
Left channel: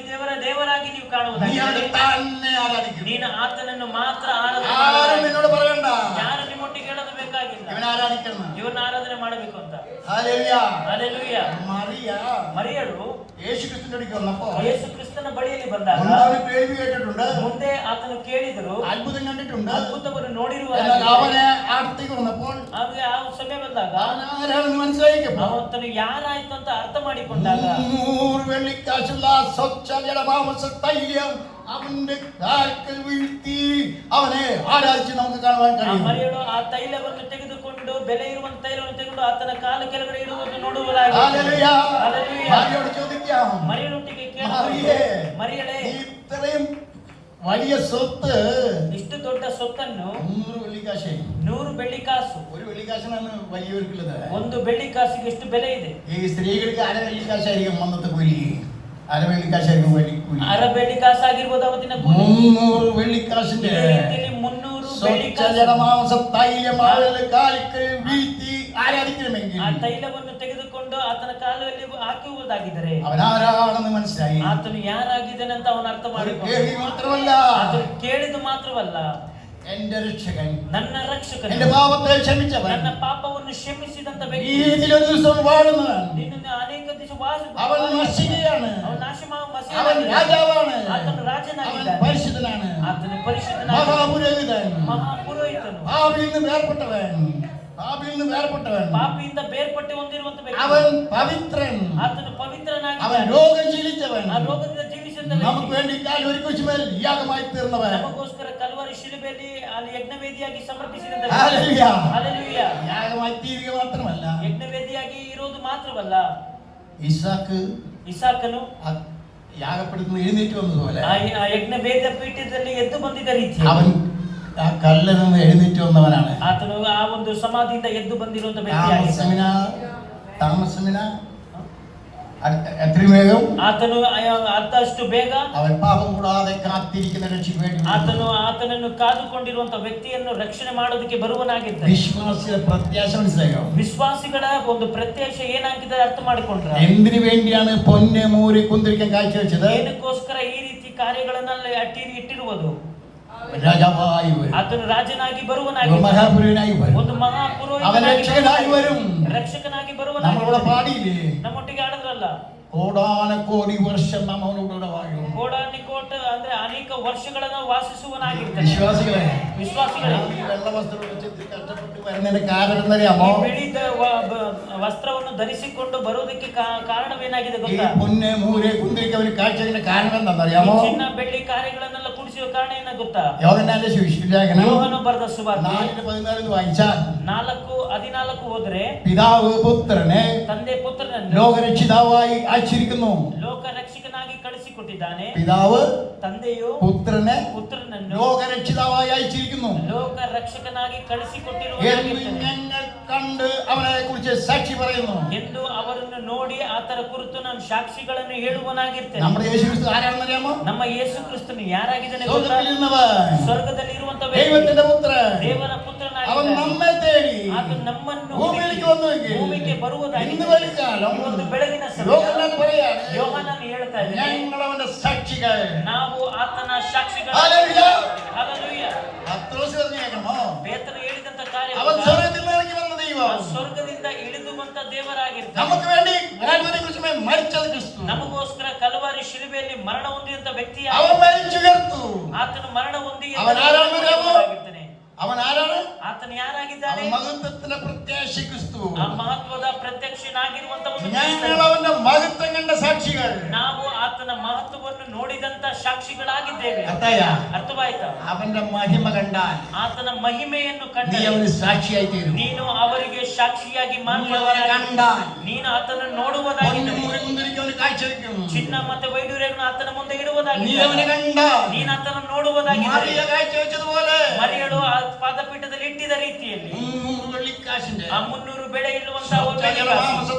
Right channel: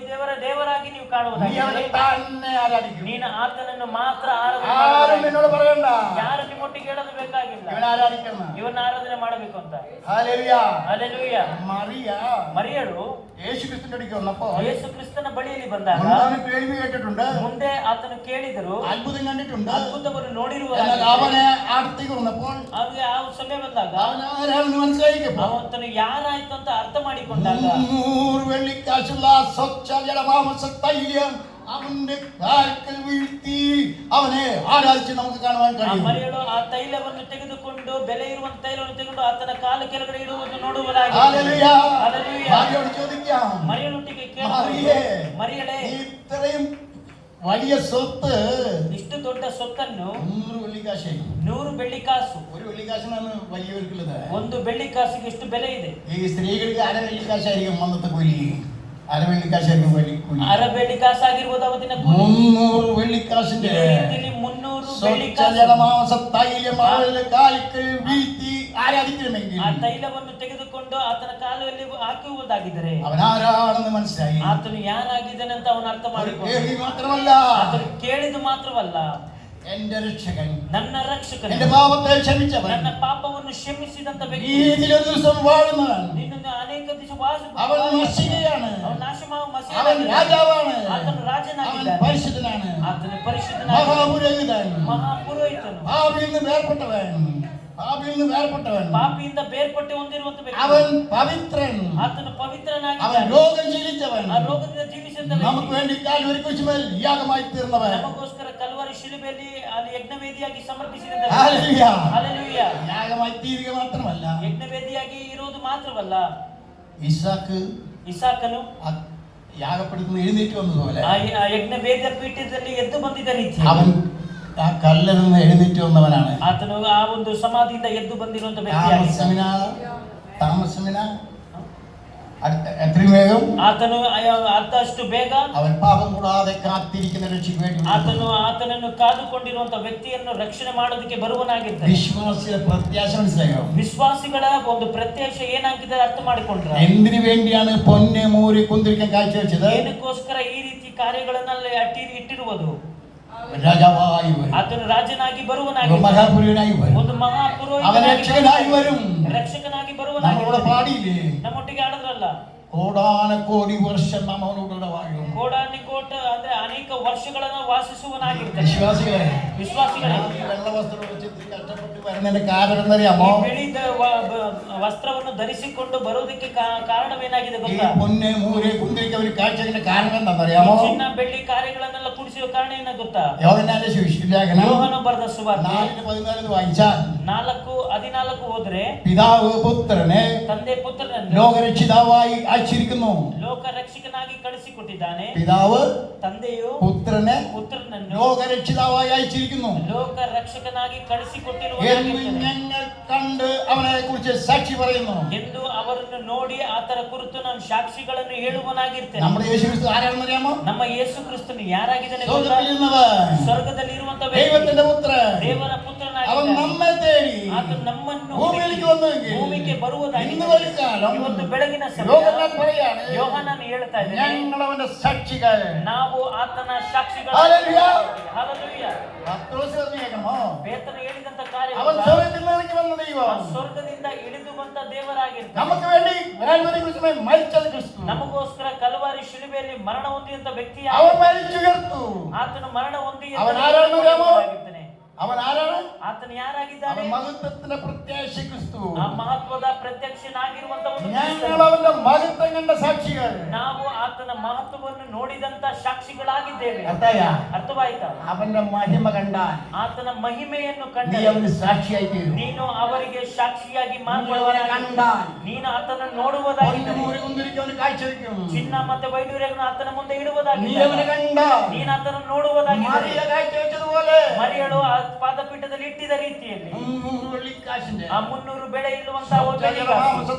ದೇವರ ದೇವರಾಗಿ ನೀವು നീ ಕಾಣುವುದಾಗಿದೆ. അവനെ തന്നെ ആരാധിക്കും. ನೀನು ಆತನನ್ನು ಮಾತ್ರ ಆರಾಧನೆ ആരും ಮಾಡಬೇಕು. എന്നോട് പറയണ്ട ಯಾರು ನಿಮ್ಮೊಟ್ಟಿಗೆ ಹೇಳೋದು ಬೇಕಾಗಿಲ್ಲ, ഇവൻ ആരാധിക്കണം. ಇವನ್ನ ಆರಾಧನೆ ಮಾಡಬೇಕು ಅಂತ. ഹല്ലേലൂയ. ಹಲ್ಲೆಲೂಯ. മറിയ ಮರಿಯಳು യേശു ക്രിസ്തുവിന്റെ അടുക്കൽ വന്നപ്പോൾ ಯೇಸು ಕ್ರಿಸ್ತನ ಬಳಿಯಲ್ಲಿ ಬಂದಾಗ മുൻപ് കേൾവി കേട്ടിട്ടുണ്ട്, ಮುಂದೆ ಆತನು ಕೇಳಿದರು, അത്ഭുതം കണ്ടിട്ടുണ്ട്. ಅದ್ಭುತವನ್ನು എന്നാൽ ನೋಡಿರುವರಾಗಿದ್ದಾರೆ. അവനെ അടുത്തേക്ക് വന്നപ്പോൾ ಹಾಗೆ ಆ ಸಮಯ ಬಂದಾಗ അവൻ ആരാണെന്ന് മനസ്സിലാക്കിയപ്പോൾ ಅವನು ಯಾರಾಯ್ತು ಅಂತ ಅರ್ಥ ಮಾಡಿಕೊಂಡಾಗ 300 വെള്ളിക്കാശുള്ള സ്വച്ഛ ജലമാംസ തൈലം അവന്റെ കാൽക്കൽ വീഴ്ത്തി അവനെ ആരാധിച്ച് നമുക്ക് കാണുവാൻ ಆ കഴിയും. ಮರಿಯಳು ಆ ತೈಲವನ್ನು ತೆಗೆದುಕೊಂಡು, ಬೆಲೆ ಇರುವಂತ ತೈಲವನ್ನು ತೆಗೆದುಕೊಂಡು ಆತನ ಕಾಲ ಕೆಳಗಡೆ ಇಡುವುದನ್ನು ನೋಡುವುದಾಗಿ. ഹല്ലേലൂയ. ഹല്ലേലൂയ. ഭാര്യയോട് ചോദിക്കാം, ಮರಿಯಳೊಟ್ಟಿಗೆ മറിയേ, ಮರಿಯಳೇ, നീ ഇത്രയും വലിയ സ്വത്ത് ಇಷ್ಟು ದೊಡ್ಡ ಸೊತ್ತನ್ನು 100 വെള്ളിക്കാശായി. 100 ಬೆಳ್ಳಿ ಕಾಸು, ഒരു വെള്ളിക്കാശിനാണ് വലിയവർക്കുള്ളത്. ಒಂದು ಬೆಳ್ಳಿ ಕಾಸಿಗೆ ಎಷ್ಟು ಬೆಲೆ ಇದೆ? ഈ സ്ത്രീകൾക്ക് അര വെള്ളിക്കാശായിരിക്കും അന്നത്തെ കൂലി. അര വെള്ളിക്കാശായിരിക്കും കൂലി. ಅರ ಬೆಳ್ಳಿ ಕಾಸು ಆಗಿರ್ಬೋದು ಅವತ್ತಿನ ಕೂಲಿ. 300 വെള്ളിക്കാശിന്റെ ಇದೇ ರೀತಿಯಲ್ಲಿ 300 ಬೆಳ್ಳಿ ಕಾಸು. സ്വച്ഛജലമാംസ തൈലം അവന്റെ കാൽക്കൽ വീഴ്ത്തി ആരാധിക്കണമെങ്കിൽ ಆ ತೈಲವನ್ನು ತೆಗೆದುಕೊಂಡು ಆತನ ಕಾಲುವಲ್ಲಿ ಹಾಕುವುದಾಗಿದ್ದರೆ അവൻ ആരാണെന്ന് മനസ്സിലായി. ಆತನು ಯಾರಾಗಿದ್ದಾನೆ ಅಂತ ಅವನು ಅರ್ಥ ഒരു ಮಾಡಿಕೊಂಡು, കേൾവി മാത്രമല്ല, ಆತನು ಕೇಳಿದ್ದು ಮಾತ್ರವಲ್ಲ, എന്റെ രക്ഷകൻ, ನನ್ನ ರಕ್ಷಕನು, എന്റെ പാപത്തെ ക്ഷമിച്ചവൻ, ನನ್ನ ಪಾಪವನ್ನು ಕ್ಷಮಿಸಿದಂತ ഈ ವ್ಯಕ್ತಿ, രീതിയിൽ ഒരു ദിവസം വാഴുന്നവൻ, ನಿನ್ನನ್ನು ಅನೇಕ ದಿವಸ അവൻ നശിക്കുകയാണ്. ಅವನು ನಾಶ അവൻ രാജാവാണ്. ಆತನು അവൻ ರಾಜನಾಗಿದ್ದಾನೆ, പരിശുദ്ധനാണ്, ಆತನು ಪರಿಶುದ್ಧನಾಗಿದ್ದಾನೆ, മഹാപുരോഹിതൻ, ಮಹಾಪುರೋಹಿತನು, പാപിയിൽ നിന്ന് വേർപെട്ടവൻ, പാപിയിൽ നിന്ന് വേർപെട്ടവൻ, ಪಾಪಿಯಿಂದ ಬೇರ್ಪಟ್ಟು ಹೊಂದಿರುವಂತ അവൻ ವ್ಯಕ್ತಿ, പവിത്രൻ, ಆತನು അവൻ ಪವಿತ್ರನಾಗಿದ್ದಾನೆ, രോഗം ശീലിച്ചവൻ, ಆ ರೋಗದಿಂದ ಜೀವಿಸಿದ നമുക്ക് ವ್ಯಕ್ತಿ, വേണ്ടി കാൽവരി കുരിശുമേൽ യാഗമായി തീർന്നവൻ. ನಮಗೋಸ್ಕರ ಕಲ್ವಾರಿ ಶಿಲುಬೆಯಲ್ಲಿ ಅಲ್ಲಿ ಯಜ್ಞವೇದಿಯಾಗಿ ಸಮರ್ಪಿಸಿದ ഹല്ലേലൂയ. ಹಲ್ಲೆಲೂಯ. യാഗമായി തീരുക മാത്രമല്ല, ಯಜ್ಞವೇದಿಯಾಗಿ ಇರುವುದು ಮಾತ್ರವಲ್ಲ, ഇസാക്ക് ಇಸಾಕನು യാഗപ്പെടുത്തുന്ന എഴുന്നേറ്റ് വന്നതുപോലെ ಆ ಯಜ್ಞವೇದ ಪೀಠದಲ್ಲಿ ಎದ್ದು ಬಂದಿದ್ದ ರೀತಿ അവൻ ആ കല്ലിൽ നിന്ന് എഴുന്നേറ്റ് വന്നവനാണ്. ಆತನು ಆ ಒಂದು ಸಮಾಧಿಯಿಂದ ಎದ್ದು ಬಂದಿರುವಂತ ವ್ಯಕ್ತಿಯಾಗಿದ್ದಾನೆ. താമസമിന എത്രയും വേഗം ಆತನು ಅಷ್ಟು ಬೇಗ അവൻ പാപം കൂടാതെ കാത്തിരിക്കുന്ന രക്ഷയ്ക്ക് വേണ്ടി ಆತನನ್ನು ಕಾದುಕೊಂಡಿರುವಂತ ವ್ಯಕ್ತಿಯನ್ನು ರಕ್ಷಣೆ ಮಾಡೋದಕ್ಕೆ ಬರುವನಾಗಿದ್ದಾನೆ. വിശ്വാസിയുടെ പ്രത്യാശ മനസ്സിലായോ? ವಿಶ್ವಾಸಿಗಳ ಒಂದು ಪ್ರತ್ಯಕ್ಷ ಏನಾಗಿದೆ ಅರ್ಥ ಮಾಡಿಕೊಂಡ್ರೆ, എന്തിനു വേണ്ടിയാണ് പൊന്നെ മൂരി കുന്തിരിക്കാൻ കാഴ്ചവെച്ചത്? ಏನಕ್ಕೋಸ್ಕರ ಈ ರೀತಿ ಕಾರ್ಯಗಳನ್ನೆಲ್ಲ ಇಟ್ಟಿರುವುದು? രാജാവായി വരും, ಆತನು ರಾಜನಾಗಿ ಬರುವನಾಗಿ, മഹാപുരുഷനായി വരും, ಒಂದು അവൻ ಮಹಾಪುರೋಹಿತನಾಗಿ രക്ഷകനായി വരും. ರಕ್ಷಕನಾಗಿ നമ്മളോട് ಬರುವನಾಗಿ. പാടിയില്ലേ? ನಮ್ಮೊಟ್ಟಿಗೆ ಆಡಿದ್ರಲ್ಲ, കോടാനക്കോടി വർഷം നാം അവനോടുകൂടെ വാഴും. ಕೋಡಾನಿ ಕೋಟ ಅಂದ್ರೆ ಅನೇಕ ವರ್ಷಗಳನ್ನ ವಾಸಿಸುವನಾಗಿರ್ತಾನೆ. വിശ്വാസികളെ, ವಿಶ್ವಾಸಿಗಳೇ, ഈ വെള്ള വസ്ത്രം വെച്ചിട്ട് കഷ്ടപ്പെട്ട് വരുന്നതിന്റെ കാരണം എന്തറിയാമോ? ಈ ಬಿಳಿದ ವಸ್ತ್ರವನ್ನು ಧರಿಸಿಕೊಂಡು ಬರುವುದಕ್ಕೆ ಕಾರಣವೇನಾಗಿದೆ ഈ ಗೊತ್ತಾ? പൊന്നെ മൂരെ കുന്തിരിക്ക ഒരു കാഴ്ചയുടെ കാരണം എന്താണെന്നറിയാമോ? ಈ ಚಿನ್ನ ಬೆಳ್ಳಿ ಕಾರ್ಯಗಳನ್ನೆಲ್ಲ ಕುಡಿಸುವ ಕಾರಣ ಏನ ಗೊತ್ತಾ? യോഹന്നാന്റെ സുവിശേഷം ಯೋಹನ ಬರೆದ ಸುವಾರ್ತೆ 4:14 വായിച്ചാൽ 4:14 ಹೋದ್ರೆ, പിതാവ് പുത്രനെ ತಂದೆ ಪುತ್ರನನ್ನು ലോകരക്ഷിതാവായി അയച്ചിരിക്കുന്നു. ಲೋಕ ರಕ್ಷಕನಾಗಿ ಕಳಿಸಿಕೊಟ್ಟಿದ್ದಾನೆ. പിതാവ് ತಂದೆಯು പുത്രനെ ಪುತ್ರನನ್ನು ലോകരക്ഷിതാവായി അയച്ചിരിക്കുന്നു ಲೋಕ ರಕ್ಷಕನಾಗಿ എന്ന് ಕಳಿಸಿಕೊಟ್ಟಿರುವುದಾಗಿದ್ದಾನೆ ഞങ്ങൾ കണ്ട് അവനെ കുറിച്ച് സാക്ഷി പറയുന്നു. ಎಂದು ಅವರನ್ನು ನೋಡಿ ಆತರ ಕುರಿತು ನಾನು ಸಾಕ್ಷಿಗಳನ್ನು ಹೇಳುವನಾಗಿರ್ತೇನೆ. നമ്മുടെ യേശുക്രിസ്തു ആരാണെന്ന് അറിയാമോ? ನಮ್ಮ ಯೇಸು ಕ್ರಿಸ್ತನು ಯಾರಾಗಿದ್ದಾನೆ ಗೊತ್ತಾ? സ്വർഗ്ഗത്തിലിരുന്നവൻ, ಸ್ವರ್ಗದಲ್ಲಿ ಇರುವಂತ ദൈവത്തിന്റെ പുത്രൻ. ದೇವರ അവൻ ಪುತ್ರನಾಗಿದ್ದಾನೆ. നമ്മെ തേടി ಆತ ನಮ್ಮನ್ನು ഭൂമിയിലേക്ക് വന്നുവെങ്കിൽ ಭೂಮಿಗೆ ഇന്ന് ಬರುವುದಾಗಿದೆ. വൈകാലം ಇವತ್ತು ಬೆಳಗಿನ ಸಮಯ യോഹന്നാൻ പറയാണ്, ಯೋಹಾನನು ಹೇಳ್ತಾ ಇದ್ದಾನೆ, ഞങ്ങൾ അവന്റെ സാക്ഷികൾ. ನಾವು ಆತನ ಸಾಕ್ಷಿಗಳು. ഹല്ലേലൂയ. ಹಲ್ಲೆಲೂಯಾ. പത്രോസ് പറഞ്ഞേക്കണോ? ಪೇತ್ರನು ಹೇಳಿದಂತ ಕಾರ್ಯ അവൻ സ്വർഗ്ഗത്തിൽ നിന്ന് ഇറങ്ങി വന്ന ദൈവം. ಸ್ವರ್ಗದಿಂದ ಇಳಿದು ಬಂದ ದೇವರಾಗಿರ್ತಾನೆ. നമുക്ക് വേണ്ടി കൽവരിയിൽ മരിച്ചത് ക്രിസ്തു. ನಮಗೋಸ್ಕರ ಕಲ್ವಾರಿ ಶಿಲುಬೆಯಲ್ಲಿ ಮರಣ ಹೊಂದಿದಂತ ವ್ಯಕ್ತಿ അവൻ മരിച്ചുയർത്തു. ಆತನು ಮರಣ ಹೊಂದಿ ಅವನ ಆರಾಧನೆ ದೇವರಾಗಿದ್ದಾನೆ. അവൻ ആരാണ്? ಆತನು ಯಾರಾಗಿದ್ದಾನೆ? അവൻ മഹത്വത്തിന്റെ പ്രത്യാശ ക്രിസ്തു. ಆ ಮಹತ್ವದ ಪ್ರತ್ಯಕ್ಷನಾಗಿರುವಂತ ಒಂದು ഞങ്ങൾ ಕ್ರಿಸ್ತನು. അവന്റെ മഹത്വം കണ്ട സാക്ഷികൾ. ನಾವು ಆತನ ಮಹತ್ವವನ್ನು ನೋಡಿದಂತ ಸಾಕ್ಷಿಗಳಾಗಿದ್ದೇವೆ. ಅರ್ಥವಾಯ್ತಾ? അവന്റെ മഹിമ കണ്ടാൽ ಆತನ ಮಹಿಮೆಯನ್ನು നീ ಕಂಡ അവന് സാക്ഷിയായി തീരും. ನೀನು ಅವರಿಗೆ ಸಾಕ್ಷಿಯಾಗಿ നീ അവനെ ಮಾರ್ಪಡುವನಾಗಿ. കണ്ടാൽ ನೀನು ಆತನನ್ನು ನೋಡುವುದಾಗಿದೆ. പൊന്നുമുറികുന്തിരിക്കവന് കാഴ്ചവെക്കും. ಚಿನ್ನ ಮತ್ತೆ ವೈಡೂರ್ಯಗಳನ್ನು ಆತನ ಮುಂದೆ നീ ಇಡುವುದಾಗಿದೆ. അവനെ കണ്ടാൽ ನೀನು ಆತನನ್ನು ನೋಡುವುದಾಗಿದೆ. മറിയ കാഴ്ചവെച്ചതുപോലെ ಮರಿಯಳು ಆ ಪಾದಪೀಠದಲ್ಲಿ ಇಟ್ಟಿದ ರೀತಿಯಲ್ಲಿ 300 വെള്ളിക്കാശിന്റെ ಆ 300 ಬೆಳೆ ಇಳುವಂತಹ ಒಂದು ಬೆಳ್ಳಿಕಾಸು,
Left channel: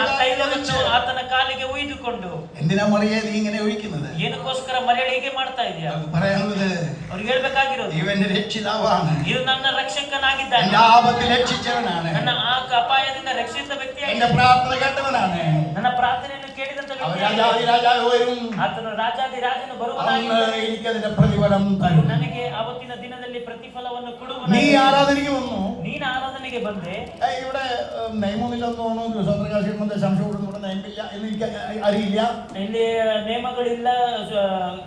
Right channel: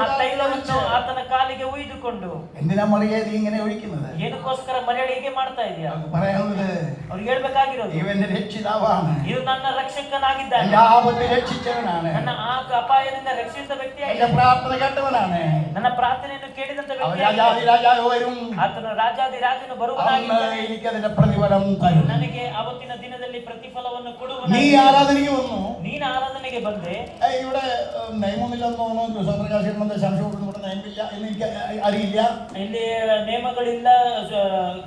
ಆ ತೈಲವನ್ನು ಆತನ ಕಾಲಿಗೆ ಉಯ್ದುಕೊಂಡು. എന്തിനാ മറിയ നീ ഇങ്ങനെ ഒഴിക്കുന്നത്? ಏನಕ್ಕೋಸ್ಕರ ಮರಿಯಳು ಹೀಗೆ ಮಾಡ್ತಾ ಇದೆಯಾ? അവർക്ക് പറയാനുള്ളത്, ಅವ್ರಿಗೆ ಹೇಳ್ಬೇಕಾಗಿರೋದು, ഇവന്റെ രക്ഷിതാവാണ്. ಇದು ನನ್ನ ರಕ್ಷಕನಾಗಿದ್ದಾನೆ. എന്റെ ആപത്തിൽ രക്ഷിച്ചവനാണ്. ನನ್ನ ಆ ಅಪಾಯದಿಂದ ರಕ್ಷಿಸಿದ എന്റെ ವ್ಯಕ್ತಿಯಾಗಿದ್ದಾನೆ. പ്രാർത്ഥന കേട്ടവനാണ്. ನನ್ನ ಪ್ರಾರ್ಥನೆಯನ್ನು ಕೇಳಿದಂತ അവൻ ವ್ಯಕ್ತಿಯಾಗಿದ್ದಾನೆ. രാജാതി വരും. ಆತನು ರಾಜಾದಿ ರಾಜನು അന്ന് ಬರುವುದಾಗಿದ್ದಾನೆ. എനിക്കതിന്റെ പ്രതിഫലം തരും. ನನಗೆ ಅವತ್ತಿನ ದಿನದಲ್ಲಿ ಪ್ರತಿಫಲವನ್ನು നീ ಕೊಡುವನು. ആരാധനയ്ക്ക് വന്നു. ನೀನು ಆರಾಧನೆಗೆ ಬಂದೆ. ഇവിടെ നിയമമില്ലെന്ന് തോന്നുന്നു. സ്വതന്ത്രകാശികളുടെ സംശയം കൊടുക്കുന്ന നിയമമില്ല എന്ന് എനിക്ക് അറിയില്ല. ಇಲ್ಲಿ ನೇಮಗಳಿಲ್ಲ,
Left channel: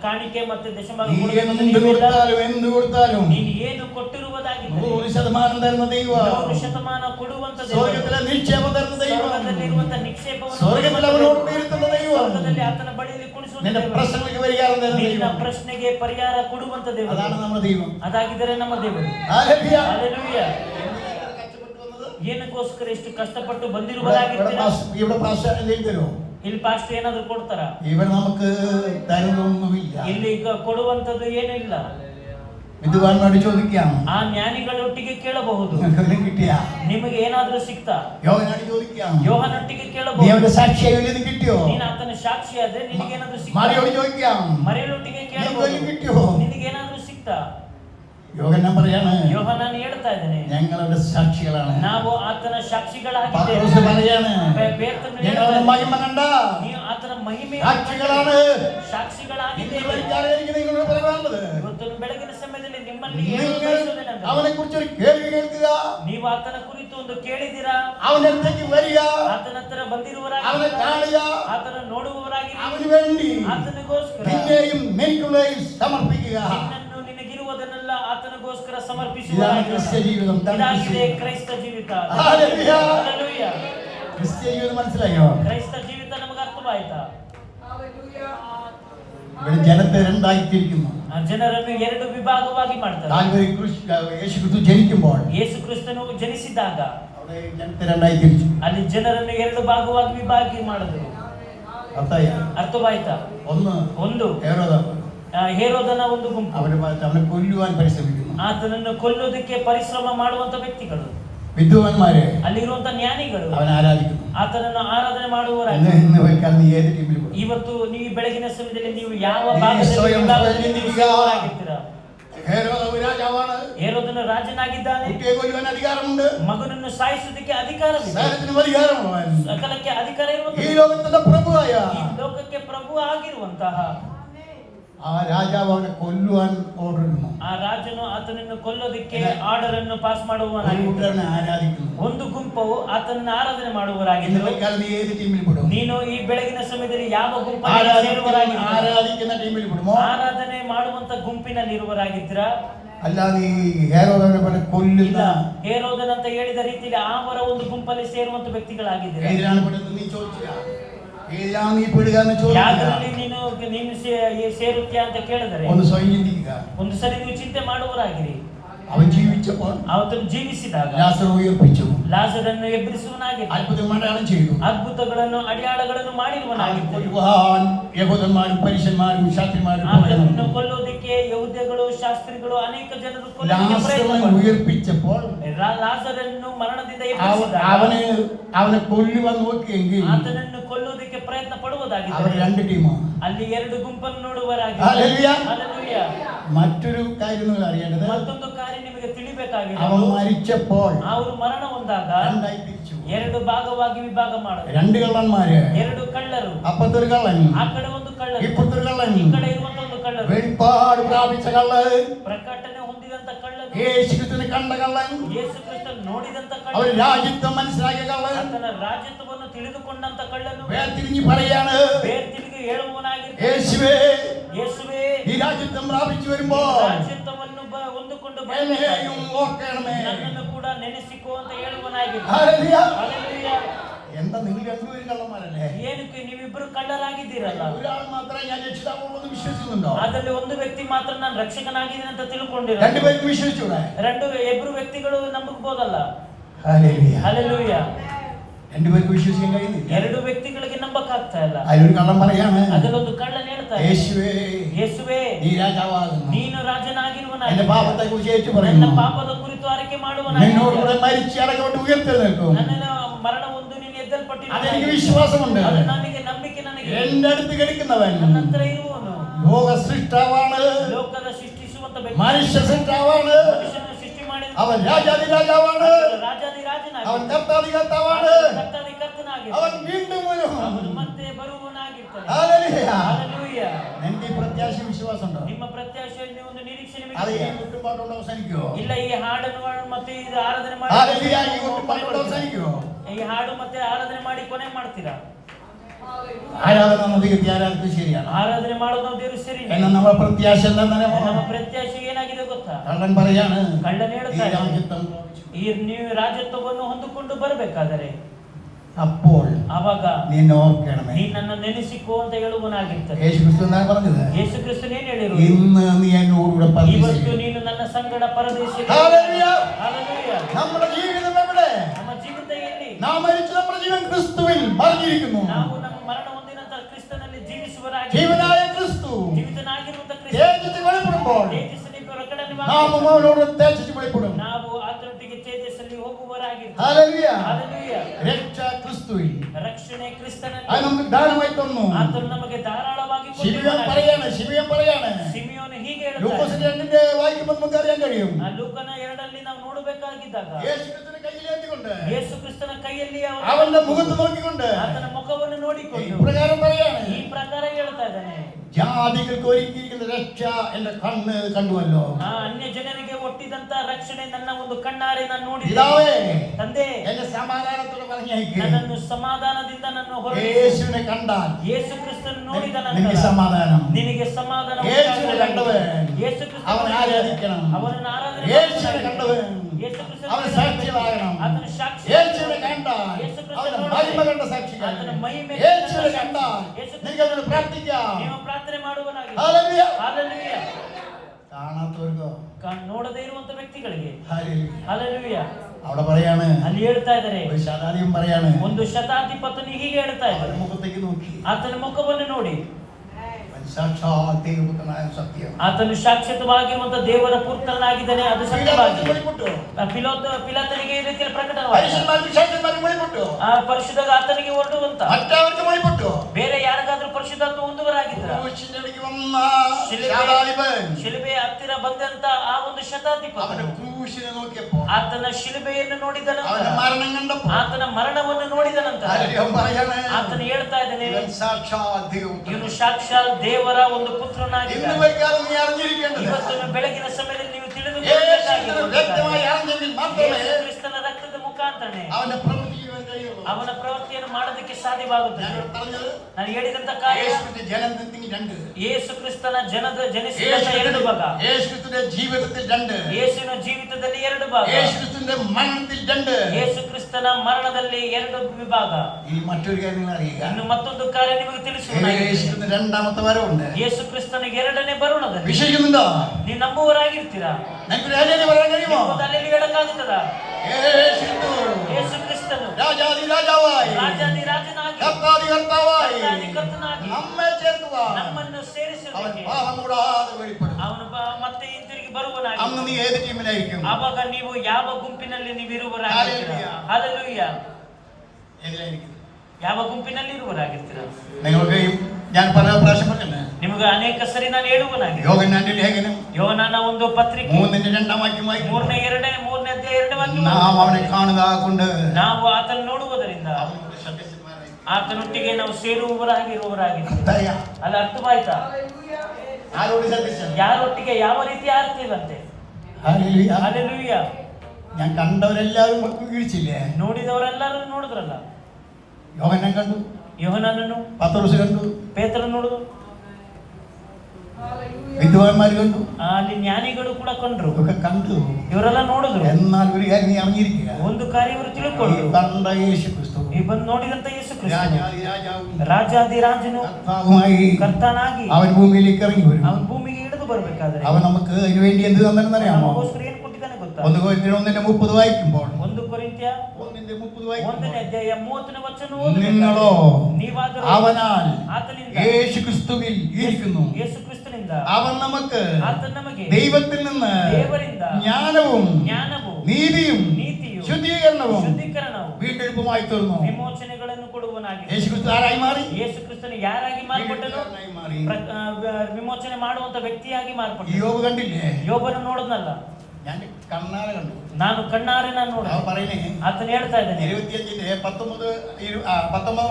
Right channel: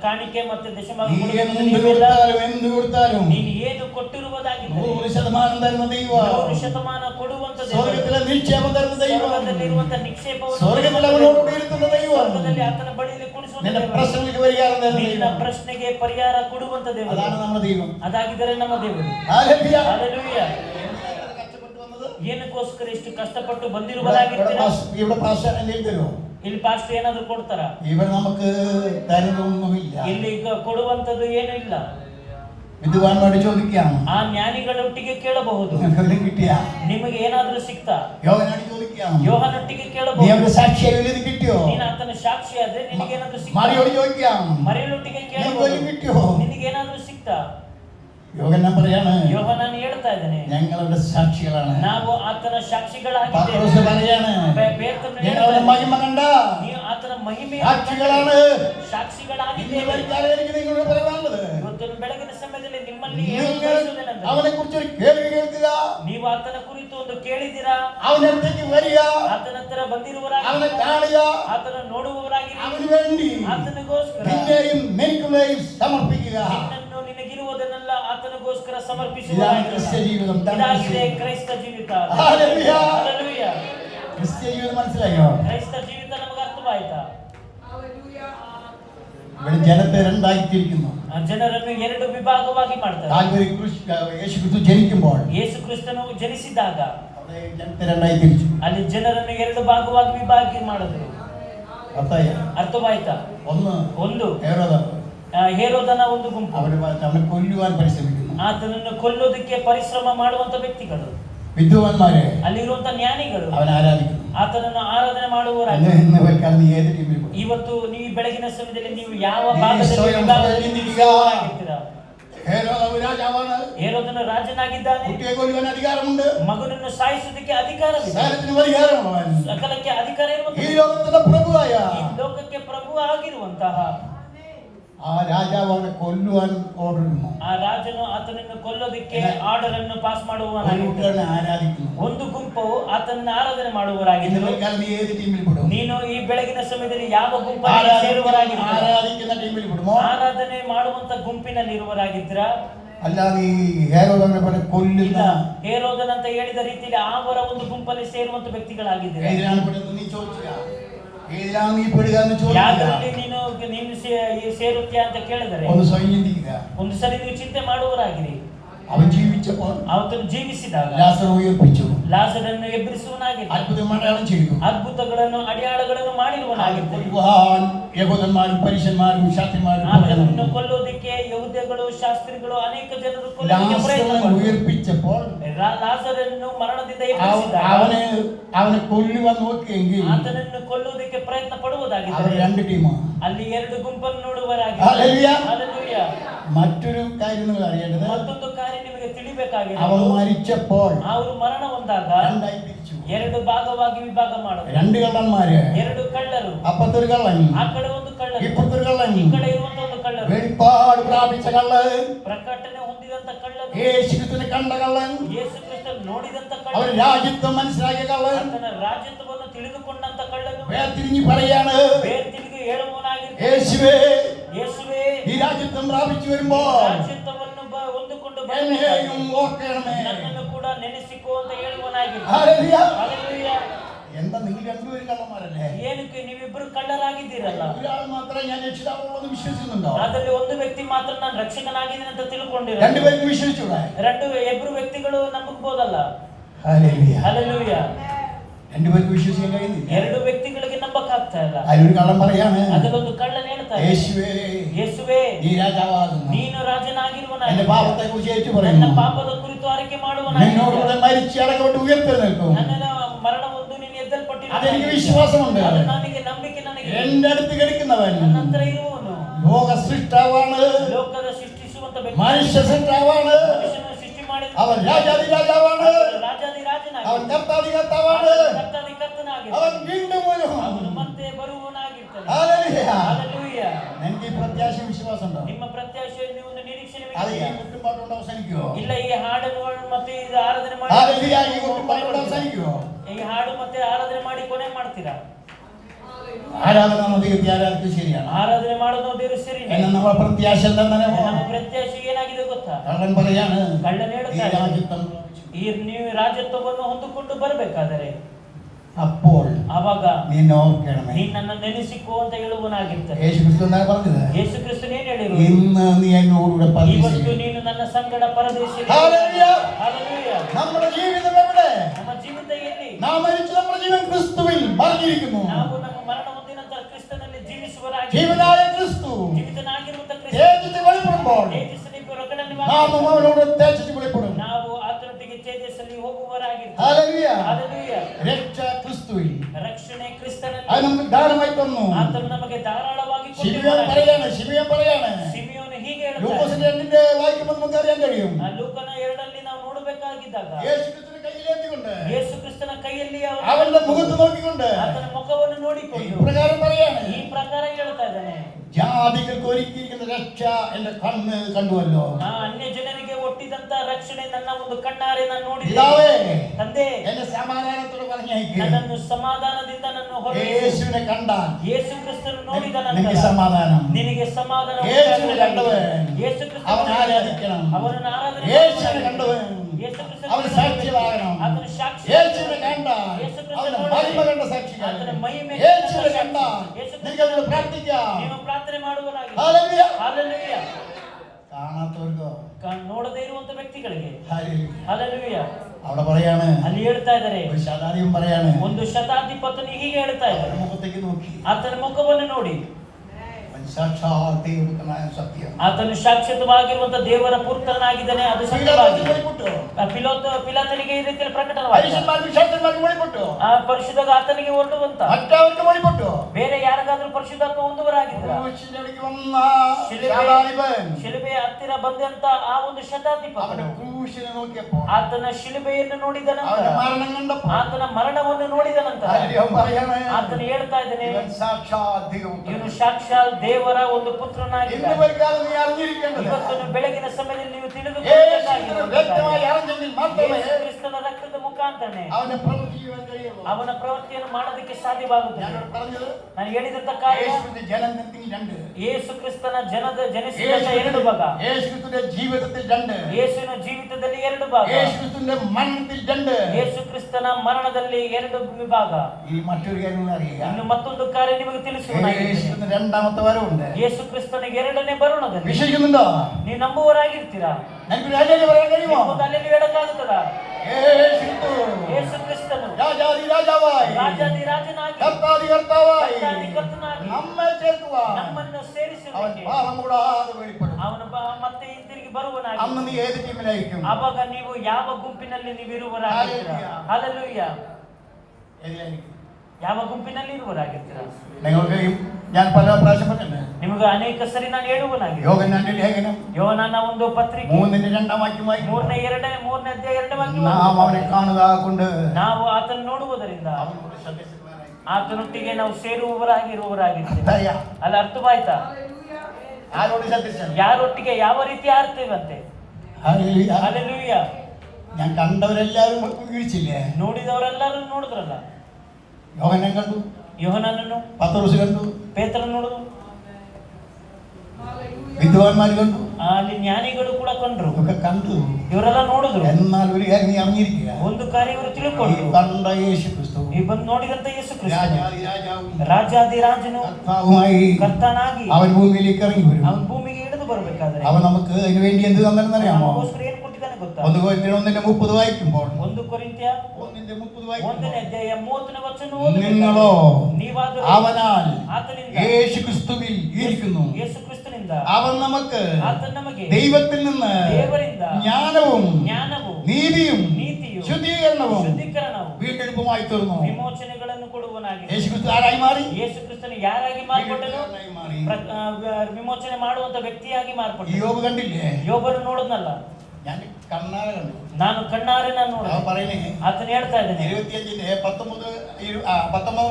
ಕಾಣಿಕೆ ಮತ್ತೆ ದಶಮಾಂಶ നീ എന്ത് കൊടുത്താലും എന്ത് കൊടുത്താലും ನೀನು ಏನು ಕೊಟ್ಟಿರುವುದಾಗಿದೆ 100% തരുന്ന ദൈവം. 100% ಕೊಡುವಂತ ದೇವರು. സ്വർഗത്തിലെ നിക്ഷേപം തരുന്ന ദൈവം. ಸ್ವರ್ಗದಲ್ಲಿರುವಂತ ನಿಕ್ಷೇಪವನ್ನು സ്വർഗത്തിൽ അവനോട് കൂടിയിരുത്തുന്ന ദൈവം. ಸ್ವರ್ಗದಲ್ಲಿ ಆತನ ಬಳಿಯಲ್ಲಿ ಕುಣಿಸುವಂತ നിന്റെ ದೇವರು. പ്രശ്നങ്ങൾക്ക് പരിഹാരം തരുന്ന ನಿನ್ನ ദൈവം. ಪ್ರಶ್ನೆಗೆ ಪರಿಹಾರ ಕೊಡುವಂತ ದೇವರು. അതാണ് നമ്മുടെ ദൈവം. ಅದಾಗಿದ್ದರೆ ನಮ್ಮ ದೇವರು. ഹല്ലേലൂയ. ಹಲ್ಲೆಲೂಯಾ. കഷ്ടപ്പെട്ട് വന്നത് ಏನಕ್ಕೋಸ್ಕರ ಇಷ್ಟು ಕಷ್ಟಪಟ್ಟು ഇവിടെ ಬಂದಿರುವುದಾಗಿದ್ದೀರಾ? പാസ്റ്റർ എന്തെങ്കിലും തരുമോ? ಇಲ್ಲಿ ಪಾಸ್ಟ್ ಏನಾದ್ರು ಕೊಡ್ತಾರ? ഇവിടെ നമുക്ക് തരുന്നൊന്നുമില്ല. ಇಲ್ಲಿ ಕೊಡುವಂತದ್ದು ಏನು ಇಲ್ಲ. വിദ്വാൻമാരോട് ചോദിക്കാം, ಆ ಜ್ಞಾನಿಗಳೊಟ್ಟಿಗೆ ಕೇಳಬಹುದು, നിങ്ങൾക്ക് കിട്ടിയ? ನಿಮಗೆ ಏನಾದ್ರೂ ಸಿಕ್ತಾ? യോഹനോട് ചോദിക്കാം, ಯೋಹನೊಟ್ಟಿಗೆ നീ ಕೇಳಬಹುದು, അവന്റെ സാക്ഷിയായി ഇത് കിട്ടിയോ? ನೀನು ಆತನ ಸಾಕ್ಷಿ ಆದ್ರೆ ನಿನಗೇನಾದ್ರೂ ಸಿಕ್ತಾ? മാറിയോട് ചോദിക്കാം, ಮರಿಯಳೊಟ್ಟಿಗೆ നിനക്ക് ಕೇಳಬಹುದು, കിട്ടിയോ? ನಿನಗೇನಾದ್ರೂ ಸಿಕ್ತಾ? യോഹന്നാൻ പറയാണ്, ಯೋಹನನು ಹೇಳ್ತಾ ಇದ್ದಾನೆ, ഞങ്ങളുടെ സാക്ഷികളാണ്. ನಾವು ಆತನ ಸಾಕ್ಷಿಗಳಾಗಿದ್ದೇವೆ. പത്രോസ് പറയാണ്, ಪೇತ್ರನು ഞങ്ങൾ ಹೇಳ್ತಾ അവന്റെ ಇದ್ದಾನೆ, മഹിമ കണ്ട ನೀವು ಆತನ ಮಹಿಮೆ സാക്ഷികളാണ്. ഇന്ന് ಸಾಕ್ಷಿಗಳಾಗಿದ್ದೇವೆ. വൈകാതെ എനിക്ക് നിങ്ങളോട് പറയാനുള്ളത്, ಇವತ್ತು ಬೆಳಗಿನ ಸಮಯದಲ್ಲಿ ನಿಮ್ಮಲ್ಲಿ നിങ്ങൾ അവനെ കുറിച്ച് ഒരു കേൾവി കേൾക്കുക. ನೀವು ಆತನ ಕುರಿತು ಒಂದು ಕೇಳಿದಿರಾ? അവന്റെ അടുത്തേക്ക് വരിക, ಆತನ ಹತ್ರ ಬಂದಿರುವವರಾಗಿ, അവനെ കാണുക, ಆತನ ನೋಡುವವರಾಗಿ, അവന് വേണ്ടി ಆತನಿಗೋಸ್ಕರ നിന്നെയും എനിക്കുള്ളയും സമർപ്പിക്കുക. ನಿನ್ನನ್ನು ನಿನಗಿರುವುದನ್ನೆಲ್ಲ ಆತನಿಗೋಸ್ಕರ ഇതാണ് ಸಮರ್ಪಿಸುವ ക്രിസ്ത്യ ജീവിതം. ಇದಾಗಿದೆ ಕ್ರೈಸ್ತ ಜೀವಿತ. ഹല്ലേലൂയ. ಹಲ್ಲೆಲೂಯಾ. ക്രിസ്ത്യ ജീവിതം മനസ്സിലായോ? ಕ್ರೈಸ್ತ ಜೀವಿತ ನಮಗೆ ಅರ್ಥವಾಯ್ತಾ? ഇവിടെ ജനത്തെ രണ്ടായി തിരിക്കുന്നു. ಆ ಜನರನ್ನು ಎರಡು ವಿಭಾಗವಾಗಿ ಮಾಡ್ತಾರೆ. കാൽവരി യേശു ക്രിസ്തു ജനിക്കുമ്പോൾ ಯೇಸು ಕ್ರಿಸ್ತನು ಜನಿಸಿದಾಗ അവിടെ ജനത്തെ രണ്ടായി തിരിച്ചു. ಅಲ್ಲಿ ಜನರನ್ನು ಎರಡು ಭಾಗವಾಗಿ ವಿಭಾಗ ಮಾಡಿದ್ರು. ಅರ್ಥವಾಯ್ತಾ? ಒಂದು ಹೇರೋದನ ಒಂದು ಗುಂಪು, അവനെ കൊല്ലുവാൻ പരിശ്രമിക്കുന്നു. ಆತನನ್ನು ಕೊಲ್ಲೋದಕ್ಕೆ ಪರಿಶ್ರಮ ಮಾಡುವಂತ ವ್ಯಕ್ತಿಗಳು. വിദ്വാൻമാരെ ಅಲ್ಲಿರುವಂತ ಜ್ಞಾನಿಗಳು അവനെ ആരാധിക്കുന്നു. ಆತನನ್ನು ಆರಾಧನೆ ಮಾಡುವವರಾಗಿ. ഇന്ന് വെക്കാൻ നീ ഏത് ടീമിൽ പോകും? ಇವತ್ತು ನೀವು ಬೆಳಗಿನ ಸಮಯದಲ್ಲಿ ನೀವು ಯಾವ ನೀ ಭಾಗದಲ್ಲಿ ಸ್ವಯಂ ವಿಭಾಗದಲ್ಲಿ ಸ್ವಯಂ ಆಗಿರ್ತೀರಾ? ഹേരോദ് രാജാവാണ്. ಹೇರೋದನು ರಾಜನಾಗಿದ್ದಾನೆ. കുട്ടിയെ കൊല്ലുവാൻ അധികാരമുണ്ട്. ಮಗನನ್ನು ಸಾಯಿಸುವುದಕ್ಕೆ ಅಧಿಕಾರವಿದೆ. സകലത്തിനും അധികാരമുള്ളവൻ. ಸಕಲಕ್ಕೆ ಅಧಿಕಾರ ഈ ಇರುವಂತಹ, ലോകത്തിന്റെ പ്രഭുവായ ಈ ಲೋಕಕ್ಕೆ ಪ್ರಭು ಆಗಿರುವಂತಹ ആ രാജാവ് അവനെ കൊല്ലുവാൻ ഓർഡർ ഇടുന്നു. ಆ ರಾಜನು ಆತನನ್ನು ಕೊಲ್ಲೋದಕ್ಕೆ ಆರ್ಡರ್ ಅನ್ನು ಪಾಸ್ ഒരു ಮಾಡುವವನಾಗಿ. കൂട്ടരനെ ആരാധിക്കുന്നു. ಒಂದು ಗುಂಪು ಆತನನ್ನು ಆರಾಧನೆ ഇന്ന് ಮಾಡುವವರಾಗಿದ್ದರು. വെക്കാൻ നീ ഏത് ടീമിൽ പെടും? ನೀನು ಈ ಬೆಳಗಿನ ಸಮಯದಲ್ಲಿ ಯಾವ ಗುಂಪಲ್ಲಿ ಸೇರುವವರಾಗಿದ್ದೀರಾ? ആരാധിക്കുന്ന ടീമിൽ പെടുമോ? ಆರಾಧನೆ ಮಾಡುವಂತ ಗುಂಪಿನಲ್ಲಿ ಇರುವವರಾಗಿದ್ದೀರಾ? അല്ല നീ ഹേരോദനെ പോലെ കൊല്ലുന്ന ಇಲ್ಲ, ಹೇರೋದನಂತ ಹೇಳಿದ ರೀತಿಯಲ್ಲಿ ಅವರ ಒಂದು ಗುಂಪಲ್ಲಿ ಸೇರುವಂತ ವ್ಯಕ್ತಿಗಳಾಗಿದ್ದೀರಾ? ഏതിനാണ് പെടുന്നത് നീ ചോദിക്കുക. ഏതിനാണ് നീ പെടുക എന്ന് ചോദിക്കുക. ಯಾವ್ದ್ರಲ್ಲಿ ನೀನು ಸೇರುತ್ತೀಯ ಅಂತ ಕೇಳಿದರೆ ഒന്ന് സ്വയം ചിന്തിക്കുക. ಒಂದು ಸರಿ ನೀವು ಚಿಂತೆ ಮಾಡುವವರಾಗಿರಿ. അവൻ ജീവിച്ചപ്പോൾ ಆತನು ಜೀವಿಸಿದಾಗ ലാസർ ഉയർപ്പിച്ചു, ಲಾಜರನ್ನು ಎಬ್ಬಿಸುವನಾಗಿದ್ದ, അത്ഭുതം അടയാളം ചെയ്തു. ಅದ್ಭುತಗಳನ್ನು ಅಡಿಯಾಳಗಳನ್ನು ಮಾಡಿರುವನಾಗಿದ್ದ. കൊല്ലുവാൻ യഹൂദന്മാരും പരീശന്മാരും ശാസ്ത്രിമാരും ಆತನನ್ನು ಕೊಲ್ಲುವುದಕ್ಕೆ ಯಹೂದ್ಯಗಳು ಶಾಸ್ತ್ರಿಗಳು ಅನೇಕ ಜನರು ಕೊಲ್ಲುವುದಕ್ಕೆ ಪ್ರಯತ್ನ ലാസറിനെ ಮಾಡಿದರು. ഉയർപ്പിച്ചപ്പോൾ ಲಾಜರನ್ನು ಮರಣದಿಂದ ಎಬ್ಬಿಸಿದಾಗ അവനെ കൊല്ലുവാൻ നോക്കിയെങ്കിൽ ಆತನನ್ನು ಕೊಲ್ಲುವುದಕ್ಕೆ ಪ್ರಯತ್ನ അവർ ಪಡುವುದಾಗಿದ್ದರೆ രണ്ട് ടീമാണ്. ಅಲ್ಲಿ ಎರಡು ಗುಂಪನ್ನು ನೋಡುವರಾಗಿ. ഹല്ലേലൂയ. ಹಲ್ಲೆಲೂಯ. മറ്റൊരു കാര്യം നിങ്ങൾ അറിയേണ്ടത്, ಮತ್ತೊಂದು ಕಾರ್ಯ ನಿಮಗೆ ತಿಳಿಬೇಕಾಗಿದೆ. അവൻ മരിച്ചപ്പോൾ ಅವರು ಮರಣ ಹೊಂದಾಗ രണ്ടായി തിരിച്ചു. ಎರಡು ಭಾಗವಾಗಿ ವಿಭಾಗ ಮಾಡಿದ್ರು. രണ്ട് കള്ളന്മാര്, ಎರಡು ಕಳ್ಳರು, അപ്പത്തൊരു കള്ളൻ, ಆ ಕಡೆ ಒಂದು ಕಳ್ಳರು, ഇപ്പത്തൊരു കള്ളൻ. ಈ ಕಡೆ ಇರುವಂತ ಒಂದು ಕಳ್ಳರು. വെളിപ്പാട് പ്രാപിച്ച കള്ളൻ, ಪ್ರಕಟಣೆ ಹೊಂದಿದಂತ ಕಳ್ಳರು, യേശുക്രിസ്തുവിനെ കണ്ട കള്ളൻ, ಯೇಸು ಕ್ರಿಸ್ತನ ನೋಡಿದಂತ അവൻ ಕಳ್ಳರು, രാജ്യത്വം മനസ്സിലാക്കിയ കള്ളൻ, ಆತನ ರಾಜ್ಯತ್ವವನ್ನು ತಿಳಿದುಕೊಂಡಂತ ಕಳ್ಳನು, വേർതിരിഞ്ഞ് പറയാണ്, ಬೇರ್ತಿರುಗಿ ಹೇಳುವವನಾಗಿರ್ತಾನೆ. യേശുവേ, ಯೇಸುವೇ, ഈ രാജ്യത്വം പ്രാപിച്ചു വരുമ്പോ ರಾಜ್ಯತ್ವವನ್ನು ಹೊಂದಿಕೊಂಡು എന്നെയും ഓർക്കണമേ. ನನ್ನನ್ನು ಕೂಡ ನೆನೆಸಿಕೋ ಅಂತ ಹೇಳುವನಾಗಿರ್ತಾನೆ. ഹല്ലേലൂയ. ಹಲ್ಲೆಲೂಯ. എന്താ നിങ്ങൾ രണ്ടുപേരും കള്ളന്മാരല്ലേ? ಏನಕ್ಕೆ ನೀವಿಬ್ಬರು ಕಳ್ಳರಾಗಿದ್ದೀರಲ್ಲ? ഒരാൾ മാത്രമേ ഞാൻ രക്ഷിതാവുള്ളൂ വിശ്വസിക്കുന്നുണ്ടോ? ಅದರಲ್ಲಿ ಒಂದು ವ್ಯಕ್ತಿ ಮಾತ್ರ ನಾನು ರಕ್ಷಕನಾಗಿದ್ದೀನಿ ಅಂತ ತಿಳ್ಕೊಂಡಿರೋ, രണ്ടുപേരും വിശ്വസിച്ചൂടെ? ಇಬ್ರು ವ್ಯಕ್ತಿಗಳು ನಂಬಬಹುದಲ್ಲ. ഹല്ലേലൂയ. ಹಲ್ಲೆಲೂಯ. രണ്ടുപേർക്ക് വിശ്വസിക്കാൻ കഴിയുന്നില്ല. ಎರಡು ವ್ಯಕ್ತಿಗಳಿಗೆ ನಂಬಕ್ಕಾಗ್ತಾ ಇಲ್ಲ. അതിലൊരു കള്ളം പറയാണ്, ಅದರಲ್ಲೊಂದು ಕಳ್ಳನ್ ಹೇಳ್ತಾನೆ, യേശുവേ, ಯೇಸುವೇ, നീ രാജാവാകുന്നു. ನೀನು ರಾಜನಾಗಿರುವನಾಗಿ എന്റെ പാപത്തെ കുറിച്ച് ഏറ്റു ನನ್ನ പറയുന്നു. ಪಾಪದ ಕುರಿತು ಆರೈಕೆ നിന്നോട് കൂടെ ಮಾಡುವನಾಗಿ മരിച്ച് അടക്കോട്ട് ഉയർത്തെഴുന്നേൽക്കും. ನನ್ನ മರಣ ಒಂದು ನೀನು ಎದ್ದಲ್ಪಟ್ಟಿರುವೆ. അതെനിക്ക് വിശ്വാസമുണ്ട്. ಅದು ನನಗೆ ನಂಬಿಕೆ, ನನಗೆ എന്റെ അടുത്ത് കിടക്കുന്നവൻ ನನ್ನ ಹತ್ರ ಇರುವವನು ലോക സൃഷ്ടാവാണ്, ಲೋಕದ ಸೃಷ್ಟಿಸುವಂತ മനുഷ്യ സൃഷ്ടാവാണ്, ಮನುಷ್ಯನ ಸೃಷ್ಟಿ ಮಾಡಿದ അവൻ രാജാതി രാജാവാണ്, ರಾಜಾದಿ ರಾಜನಾಗಿ, അവൻ കർത്താതി കർത്താവാണ്, ಕರ್ತನಿ ಕರ್ತನಾಗಿ, അവൻ വീണ്ടും വരും. ಅವನು ಮತ್ತೆ ಬರುವವನಾಗಿರ್ತಾನೆ. ഹല്ലേലൂയ. ಹಲ್ಲೆಲೂಯ. നിനക്ക് ഈ പ്രത്യാശ വിശ്വാസം ഉണ്ടോ? ನಿಮ್ಮ ಪ್ರತ್ಯಾಶೆಯಲ್ಲಿ ಒಂದು ನಿರೀಕ್ಷೆ അത് ഈ ನಿಮಗೆ കുട്ടുംപാട്ടോണ്ട് അവസാനിക്കുവോ? ಇಲ್ಲ. ಈ ಹಾಡನ್ನು ಮತ್ತೆ ಇದು ಆರಾಧನೆ ഹല്ലേലൂയ. ഈ ಮಾಡಿ കുട്ടുംപാട്ടോണ്ട് അവസാനിക്കുവോ? ಈ ಹಾಡು ಮತ್ತೆ ಆರಾಧನೆ ಮಾಡಿ ಕೊನೆ ಮಾಡ್ತೀರಾ? ആരാധന നമ്മൾ ദൈവത്തെ ആരാധിക്കുന്നത് ശരിയാണ്. ಆರಾಧನೆ ಮಾಡೋದು ನಾವು ದೇವರು ಸರಿ. എന്നാൽ നമ്മുടെ പ്രത്യാശ എന്താണെന്നറിയാമോ? ನಮ್ಮ ಪ್ರತ್ಯಾಶೆ ಏನಾಗಿದೆ ಗೊತ್ತಾ? കള്ളൻ പറയാണ്, ಕಳ್ಳನ ഈ ಹೇಳ್ತಾನೆ, രാജ്യത്വം ಈ ನೀವು ರಾಜ್ಯತ್ವವನ್ನು ಹೊಂದಿಕೊಂಡು ಬರಬೇಕಾದರೆ അപ്പോൾ ಆವಾಗ നിന്നെ ഓർക്കണമേ. ನೀ ನನ್ನ ನೆನೆಸಿಕೋ ಅಂತ ಹೇಳುವನಾಗಿರ್ತಾನೆ. യേശു ക്രിസ്തു എന്താണ് പറഞ്ഞത്? ಯೇಸು ಕ್ರಿಸ್ತನು ಏನ್ ಹೇಳಿರು? ഇന്ന് നീ എന്നോടുകൂടെ ಇವತ್ತು പരദേശിക്കും. ನೀನು ನನ್ನ ಸಂಗಡ ಪರದೇಶಿ. ഹല്ലേലൂയ. ಹಲ್ಲೆಲೂಯ. നമ്മുടെ ജീവിതം എവിടെ? ನಮ್ಮ ಜೀವಿತ ಎಲ್ಲಿ? നാം മരിച്ച നമ്മുടെ ജീവൻ ക്രിസ്തുവിൽ മറിഞ്ഞിരിക്കുന്നു. ನಾವು ನಮ್ಮ ಮರಣ ಹೊಂದಿನಂತ ಕ್ರಿಸ್ತನಲ್ಲಿ ಜೀವಿಸುವರಾಗಿ, ജീവനായ ക്രിസ്തു ಜೀವಿತನಾಗಿರುವಂತ ಕ್ರಿಸ್ತ തേജസ്സിൽ വെളിപ്പെടുമ്പോൾ ತೇಜಸ್ಸಲ್ಲಿ ಹೊರಗಡೆ നാം അവനോട് തേജസ്സിൽ വെളിപ്പെടും. ನಾವು ಆತನೊಟ್ಟಿಗೆ ತೇಜಸ್ಸಲ್ಲಿ ಹೋಗುವರಾಗಿರ್ತೀವಿ. ഹല്ലേലൂയ. ಹಲ್ಲೆಲೂಯ. രക്ഷ ക്രിസ്തുവിൽ. ರಕ್ಷಣೆ ಕ್ರಿಸ್ತನಲ್ಲಿ അത് നമുക്ക് ധാരാളമായി തന്നു. ಆತನು ನಮಗೆ ಧಾರಾಳವಾಗಿ ശിബിയോൻ പറയാണ്. ಸಿಮಿಯೋನು ಹೀಗೆ ಹೇಳ್ತಾನೆ. ലൂക്കോസിന്റെ 2 വായിക്കുമ്പോൾ നമുക്ക് അറിയാൻ കഴിയും. ಆ ಲೂಕನ 2 ನಾವು ನೋಡಬೇಕಾಗಿದ್ದಾಗ യേശു ക്രിസ്തുവിനെ കയ്യിലേന്തിക്കൊണ്ട് ಯೇಸು ಕ್ರಿಸ್ತನ ಕೈಯಲ್ಲಿ അവന്റെ മുഖത്ത് നോക്കിക്കൊണ്ട് ಆತನ ಮುಖವನ್ನು ನೋಡಿಕೊಂಡು ഇപ്രകാരം പറയാണ്, ಈ ಪ್ರಕಾರ ಹೇಳ್ತಾ ಇದ್ದಾನೆ, ജാതികൾക്ക് ഒരുക്കിയിരിക്കുന്ന രക്ഷ എന്റെ കണ്ണ് കണ്ടുവല്ലോ. ಅನ್ಯ ಜನರಿಗೆ ಒಟ್ಟಿದಂತ ರಕ್ಷಣೆ ನನ್ನ ಒಂದು ಕಣ್ಣಾರೆ ನಾನು ನೋಡಿದ್ದೇನೆ. പിതാവേ, ತಂದೆ, എന്നെ സമാധാനത്തോടെ പറഞ്ഞയക്ക്. ನನ್ನನ್ನು ಸಮಾಧಾನದಿಂದ ನನ್ನ ಹೊರಗೆ യേശുവിനെ കണ്ടാൽ ಯೇಸು ಕ್ರಿಸ್ತನು ನೋಡಿದ നിനക്ക് ನಂತರ സമാധാനം. ನಿನಗೆ ಸಮಾಧಾನ യേശുവിനെ ಉಂಟಾಗುವುದಾಗಿದೆ. കണ്ടവൻ ಯೇಸು ಕ್ರಿಸ್ತನು അവനെ ആരാധിക്കണം. ಅವನನ್ನು ಆರಾಧನೆ യേശുവിനെ ಮಾಡಬೇಕು. കണ്ടവൻ ಯೇಸು ಕ್ರಿಸ್ತನು അവന് സാക്ഷികളാകണം. ಆತನ ಸಾಕ್ಷಿ. യേശുവിനെ കണ്ടാൽ യേശു ക്രിಸ್ತನು അവന്റെ ನೋಡಿ. മഹിമ കണ്ട സാക്ഷികൾ. ಆತನ ಮಹಿಮೆ യേശുവിനെ കണ്ടാൽ യേശು നിനക്ക് അവനോട് പ്രാർത്ഥിക്കാം. ನೀವು ಪ್ರಾರ್ಥನೆ ಮಾಡುವನಾಗಿ. ഹല്ലേലൂയ. ಹಲ್ಲೆಲೂಯ. കാണാത്തവർക്കോ? ನೋಡದೇ ಇರುವಂತ ವ್ಯಕ್ತಿಗಳಿಗೆ ഹല്ലേലൂയ. ಹಲ್ಲೆಲೂಯ. അവിടെ പറയാണ്, ಅಲ್ಲಿ ಹೇಳ್ತಾ ಇದ್ದಾರೆ, ഒരു ശതാധിപൻ പറയാണ്, ಒಂದು ಶತಾಧಿಪತನು ಹೀಗೆ ಹೇಳ್ತಾ അവന്റെ ಇದ್ದಾರೆ, മുഖത്തേക്ക് നോക്കി, ಆತನ ಮುಖವನ್ನು ನೋಡಿ, അവൻ സാക്ഷാൽ ദൈവപുത്രനായ സത്യം. ಆತನು ಶಾಶ್ವತವಾಗಿರುವಂತ ದೇವರ ಪುತ್ರನಾಗಿದ್ದಾನೆ, ಅದು പിലാത്തോസിന് ಸತ್ಯವಾಗಿದೆ. വെളിപ്പെട്ടു. ಪಿಲಾತನಿಗೆ ಈ ರೀತಿಯಲ್ಲಿ ಪ್ರಕಟವಾಗಿದೆ. പരിശുദ്ധന്മാർക്കും ശക്തന്മാർക്കും വെളിപ്പെട്ടു. ಆ ಪರಿಶುದ್ಧ ಆತನಿಗೆ ಹೊರಡುವಂತ മറ്റവർക്ക് വെളിപ്പെട്ടു. ಬೇರೆ ಯಾರಿಗಾದ್ರೂ ಪರಿಶುದ್ಧಾತ್ಮ ಹೊಂದುವರಾಗಿದ್ರ, ക്രൂശിന്റെ അടുക്കൽ വന്ന ശതാധിപൻ ಶಿಲುಬೆ ಹತ್ತಿರ ಬಂದಂತ ಆ ಒಂದು ಶತಾಧಿಪತಿ അവന്റെ ക്രൂശിനെ നോക്കിയപ്പോൾ, ಆತನ ಶಿಲುಬೆಯನ್ನು ನೋಡಿದ അവന്റെ ನಂತರ, മരണം കണ്ടപ്പോൾ, ಆತನ ಮರಣವನ್ನು ನೋಡಿದ ನಂತರ അവൻ പറയാണ്, ಆತನು ಹೇಳ್ತಾ ಇದ್ದಾನೆ, ഇവൻ സാക്ഷാൽ ദൈവപുത്രൻ. ಇವನು ಸಾಕ್ಷಾತ್ ದೇವರ ಒಂದು ഇന്ന് ಪುತ್ರನಾಗಿದ್ದಾನೆ. വൈകാതെ നീ അറിഞ്ഞിരിക്കേണ്ടത്, ಇವತ್ತು ಬೆಳಗಿನ ಸಮಯದಲ್ಲಿ ನೀವು യേശുവിനെ വ്യക്തമായി അറിഞ്ഞെങ്കിൽ മാത്രമേ ಕ್ರಿಸ್ತನ ರಕ್ತದ ಮುಖಾಂತರನೇ അവന്റെ പ്രവൃത്തി ചെയ്യാൻ കഴിയുള്ളൂ. ಅವನ ಪ್ರವೃತ್ತಿಯನ್ನು ಮಾಡೋದಕ್ಕೆ ಸಾಧ್ಯವಾಗುತ್ತದೆ. ഞാനിവിടെ പറഞ്ഞത് ನಾನು ಹೇಳಿದಂತ ಕಾರ್ಯ, യേശുവിന്റെ ജനനത്തിൽ 2, ಯೇಸು ಕ್ರಿಸ್ತನ ಜನಿಸಿದ 2 ಭಾಗ, യേശുവിന്റെ ജീവിതത്തിൽ 2, ಯೇಸುವಿನ ಜೀವಿತದಲ್ಲಿ 2 ಭಾಗ, യേശുവിന്റെ മരണത്തിൽ 2, ಯೇಸು ಕ್ರಿಸ್ತನ ಮರಣದಲ್ಲಿ 2 ವಿಭಾಗ. ಬರುವಾಗ ഈ മറ്റൊരു കാര്യം നിങ്ങൾ അറിയുക, ಇನ್ನು ಮತ್ತೊಂದು ಕಾರ್ಯ ನಿಮಗೆ ತಿಳಿಸುವುದಾಗಿದೆ. യേശുവിന് രണ്ടാമത്തെ വരവുണ്ട്. ಯೇಸು ಕ್ರಿಸ್ತನಿಗೆ ಎರಡನೇ ಬರುಣದಲ್ಲಿ വിശ്വസിക്കുന്നുണ്ടോ? ನೀವು ನಂಬುವರಾಗಿರ್ತೀರಾ? നിനക്ക് രാജാവിനെ പറയാൻ കഴിയുമോ? ನೀವು ತಲೆಯಲ್ಲಿ ಹೇಳಕ್ಕಾಗುತ್ತದಾ? ಯೇಸು ಕ್ರಿಸ್ತನು രാജാതി രാജാവായി, ರಾಜಾದಿ ರಾಜನಾಗಿ, കർത്താതി കർത്താവായി ಕರ್ತಾದಿ ಕರ್ತನಾಗಿ നമ്മെ ചേർക്കുവാൻ ನಮ್ಮನ್ನು അവൻ ಸೇರಿಸುವುದಕ್ಕೆ പാപം കൂടാതെ വെളിപ്പെടും. ಅವನು ಮತ್ತೆ ಹಿಂತಿರುಗಿ ಬರುವನಾಗಿ. അന്ന് നീ ഏത് ടീമിലായിരിക്കും? ಆವಾಗ ನೀವು ಯಾವ ಗುಂಪಿನಲ್ಲಿ ನೀವು ಇರುವರಾಗಿರ್ತೀರಾ? ಹಲ್ಲೆಲೂಯ. ഏതിലായിരിക്കും? ಯಾವ ಗುಂಪಿನಲ್ಲಿ ಇರುವರಾಗಿರ್ತೀರಾ? നിങ്ങൾക്ക് ഞാൻ പല പ്രാവശ്യം പറഞ്ഞില്ലേ, ನಿಮಗೆ ಅನೇಕ ಸರಿ ನಾನು ಹೇಳುವನಾಗಿ. യോഹന്നാന്റെ ലേഖനം ಯೋಹನನ ಒಂದು ಪತ್ರಿಕೆ 3:2 ವಾಕ್യം വായിക്കുമ്പോൾ ಮೂರನೇ ಅಧ್ಯಾಯ 2ನೇ ವಾಕ್ಯ നാം അവനെ കാണുക കൊണ്ട് ನಾವು ಆತನ ನೋಡುವುದರಿಂದ അവനോട് സദൃശന്മാരായി. ಆತನೊಟ್ಟಿಗೆ ನಾವು ಸೇರುವವರಾಗಿರುವವರಾಗಿದ್ದೀವಿ. അതായ, ಅಲ್ಲ, ಅರ್ಥವಾಯ್ತಾ? ആരോട് സദൃശം? ಯಾರೊಟ್ಟಿಗೆ ಯಾವ ರೀತಿ ಆಡ್ತೀವಂತೆ. ഹല്ലേലൂയ. ಹಲ್ಲೆಲೂಯ. ഞാൻ കണ്ടവരെല്ലാവരും വീഴ്ചയില്ലേ? ನೋಡಿದವರೆಲ್ಲರೂ ನೋಡಿದ್ರಲ್ಲ. യോഹന്നാൻ കണ്ടു, ಯೋಹನನನ್ನು, പത്രോസ് കണ്ടു, ಪೇತ್ರನ ನೋಡು, വിദ്വാൻമാർ കണ്ടു, ಅಲ್ಲಿ ಜ್ಞಾನಿಗಳು ಕೂಡ ಕಂಡ್ರು. ഒക്കെ കണ്ടു. ಇವರೆಲ್ಲ ನೋಡಿದ್ರು. എന്നാൽ ഒരു കാര്യം നീ അറിഞ്ഞിരിക്കുക, ಒಂದು ಕಾರ್ಯ ಇವರು ഈ ತಿಳ್ಕೊಂಡ್ರು. കണ്ട യേശു ക്രിസ്തു ಈ ಬಂದು ನೋಡಿದಂತ ಯೇಸು ಕ್ರಿಸ್ತ രാജാതി രാജാവും ರಾಜಾದಿ ರಾಜನು കർത്താവുമായി ಕರ್ತನಾಗಿ അവൻ ഭൂമിയിലേക്ക് ഇറങ്ങി വരും. ಅವನು ಭೂಮಿಗೆ ಇಳಿದು ಬರ್ಬೇಕಾದ್ರೆ അവൻ നമുക്ക് അതിനു വേണ്ടി എന്ത് തന്നെന്നറിയാമോ? ನಮಗೋಸ್ಕರ ಏನ್ ಕೊಟ್ಟಿದ್ದಾನೆ ಗೊತ್ತಾ? 1 കൊരിന്ത്യർ 1:30 വായിക്കുമ്പോൾ, 1 ಕೊರಿಂಥ್ಯ 1:30 1ನೇ വായിക്കുമ്പോൾ, ಅಧ್ಯಾಯ 30ನೇ ವಚನ നിങ്ങളോ ನೀವಾದರೂ അവനാൽ ಆತನಿಂದ യേശു ಕ್ರಿಸ್ತುവിൽ ഇരിക്കുന്നു. ಯೇಸು ಕ್ರಿಸ್ತನಿಂದ അവൻ നമുക്ക് ಆತ ನಮಗೆ ദൈവത്തിൽ നിന്ന് ದೇವರಿಂದ ജ്ഞാനവും ಜ್ಞಾನವು നീതിയും ನೀತಿಯು ശുദ്ധീകരണവും ಶುದ್ಧೀಕರಣವು വീണ്ടെടുപ്പുമായി തീർന്നു. ವಿಮೋಚನೆಗಳನ್ನು ಕೊಡುವನಾಗಿದೆ. യേശു ക്രിസ്തു ആരായി മാറി? ಯೇಸು ಕ್ರಿಸ್ತನು ಯಾರಾಗಿ ಮಾರ್ಪಟ್ಟನು? വീണ്ടെടുപ്പുകാരനായി മാറി. ವಿಮೋಚನೆ ಮಾಡುವಂತ ವ್ಯಕ್ತಿಯಾಗಿ ಮಾರ್ಪಟ್ಟನು. യോബ് കണ്ടില്ലേ? ಯೋಬನು ನೋಡಿದ್ನಲ್ಲ, ഞാൻ കണ്ണാല കണ്ടു. ನಾನು ಕಣ್ಣಾರೆ ನಾನು ನೋಡ. അവൻ പറയുന്നേ, ಆತನ ಹೇಳ್ತಾ ಇದ್ದಾನೆ 25:19 അധ്യായത്തിന്റെ 25,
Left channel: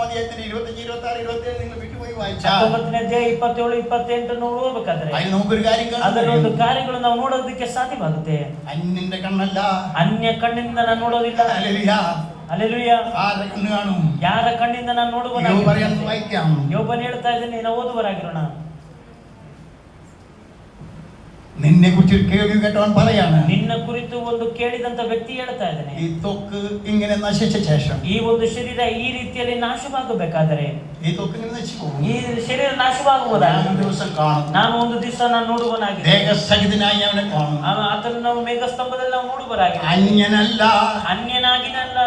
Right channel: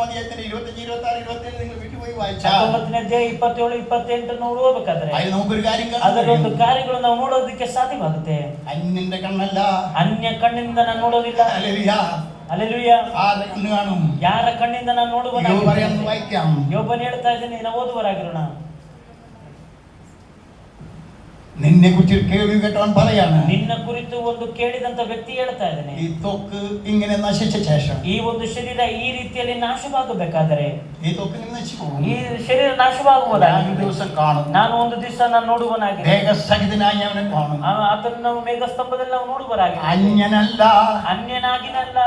26, 27 നിങ്ങൾ വിട്ടുപോയി വായിച്ചാൽ 19ನೇ ಅಧ್ಯಾಯ 27, 28 ನಾವು ಓದಬೇಕಾದ್ರೆ അതിൽ നമുക്കൊരു കാര്യം ಅದರಲ್ಲಿ ಒಂದು കാണാം. ಕಾರ್ಯಗಳು ನಾವು ನೋಡೋದಕ್ಕೆ ಸಾಧ್ಯವಾಗುತ್ತೆ. അന്യന്റെ കണ്ണല്ല, ಅನ್ಯ ಕಣ್ಣಿಂದ ನಾನು ನೋಡೋದಿಲ್ಲ. ഹല്ലേലൂയ. ಹಲ್ಲೆಲೂಯ. ആരുടെ കണ്ണ് കാണും? ಯಾರ ಕಣ್ಣಿಂದ ನಾನು യോബ് ನೋಡುವನಾಗಿ. പറയുന്നത് വായിക്കാം. ಯೋಬನು ಹೇಳ್ತಾ ಇದ್ದಾನೆ, ನಾವು ಓದುವರಾಗಿರೋಣ. നിന്നെ കുറിച്ച് കേൾവി കേട്ടവൻ പറയാണ്, ನಿನ್ನ ಕುರಿತು ಒಂದು ಕೇಳಿದಂತ ವ್ಯಕ್ತಿ ಹೇಳ್ತಾ ಇದ್ದಾನೆ, ഈ ത്വക്ക് ഇങ്ങനെ നശിച്ച ശേഷം, ಈ ಒಂದು ಶರೀರ ಈ ರೀತಿಯಲ್ಲಿ ನಾಶವಾಗಬೇಕಾದರೆ, ഈ ത്വക്ക് ഇങ്ങനെ നശിച്ചു പോകും. ಈ ಶರೀರ ನಾಶವಾಗುವುದಲ್ಲ. ഞാൻ ഒരു ദിവസം കാണും, ನಾನು ಒಂದು ದಿವಸ ನಾನು ನೋಡುವನಾಗಿ ദേഹസഹിതനായി അവനെ കാണും. ಆತನು ನಾವು ಮೇಘಸ್ತಂಭದಲ್ಲಿ ನಾವು ನೋಡುವರಾಗಿ. അന്യനല്ല, ಅನ್ಯನಾಗಿನಲ್ಲ,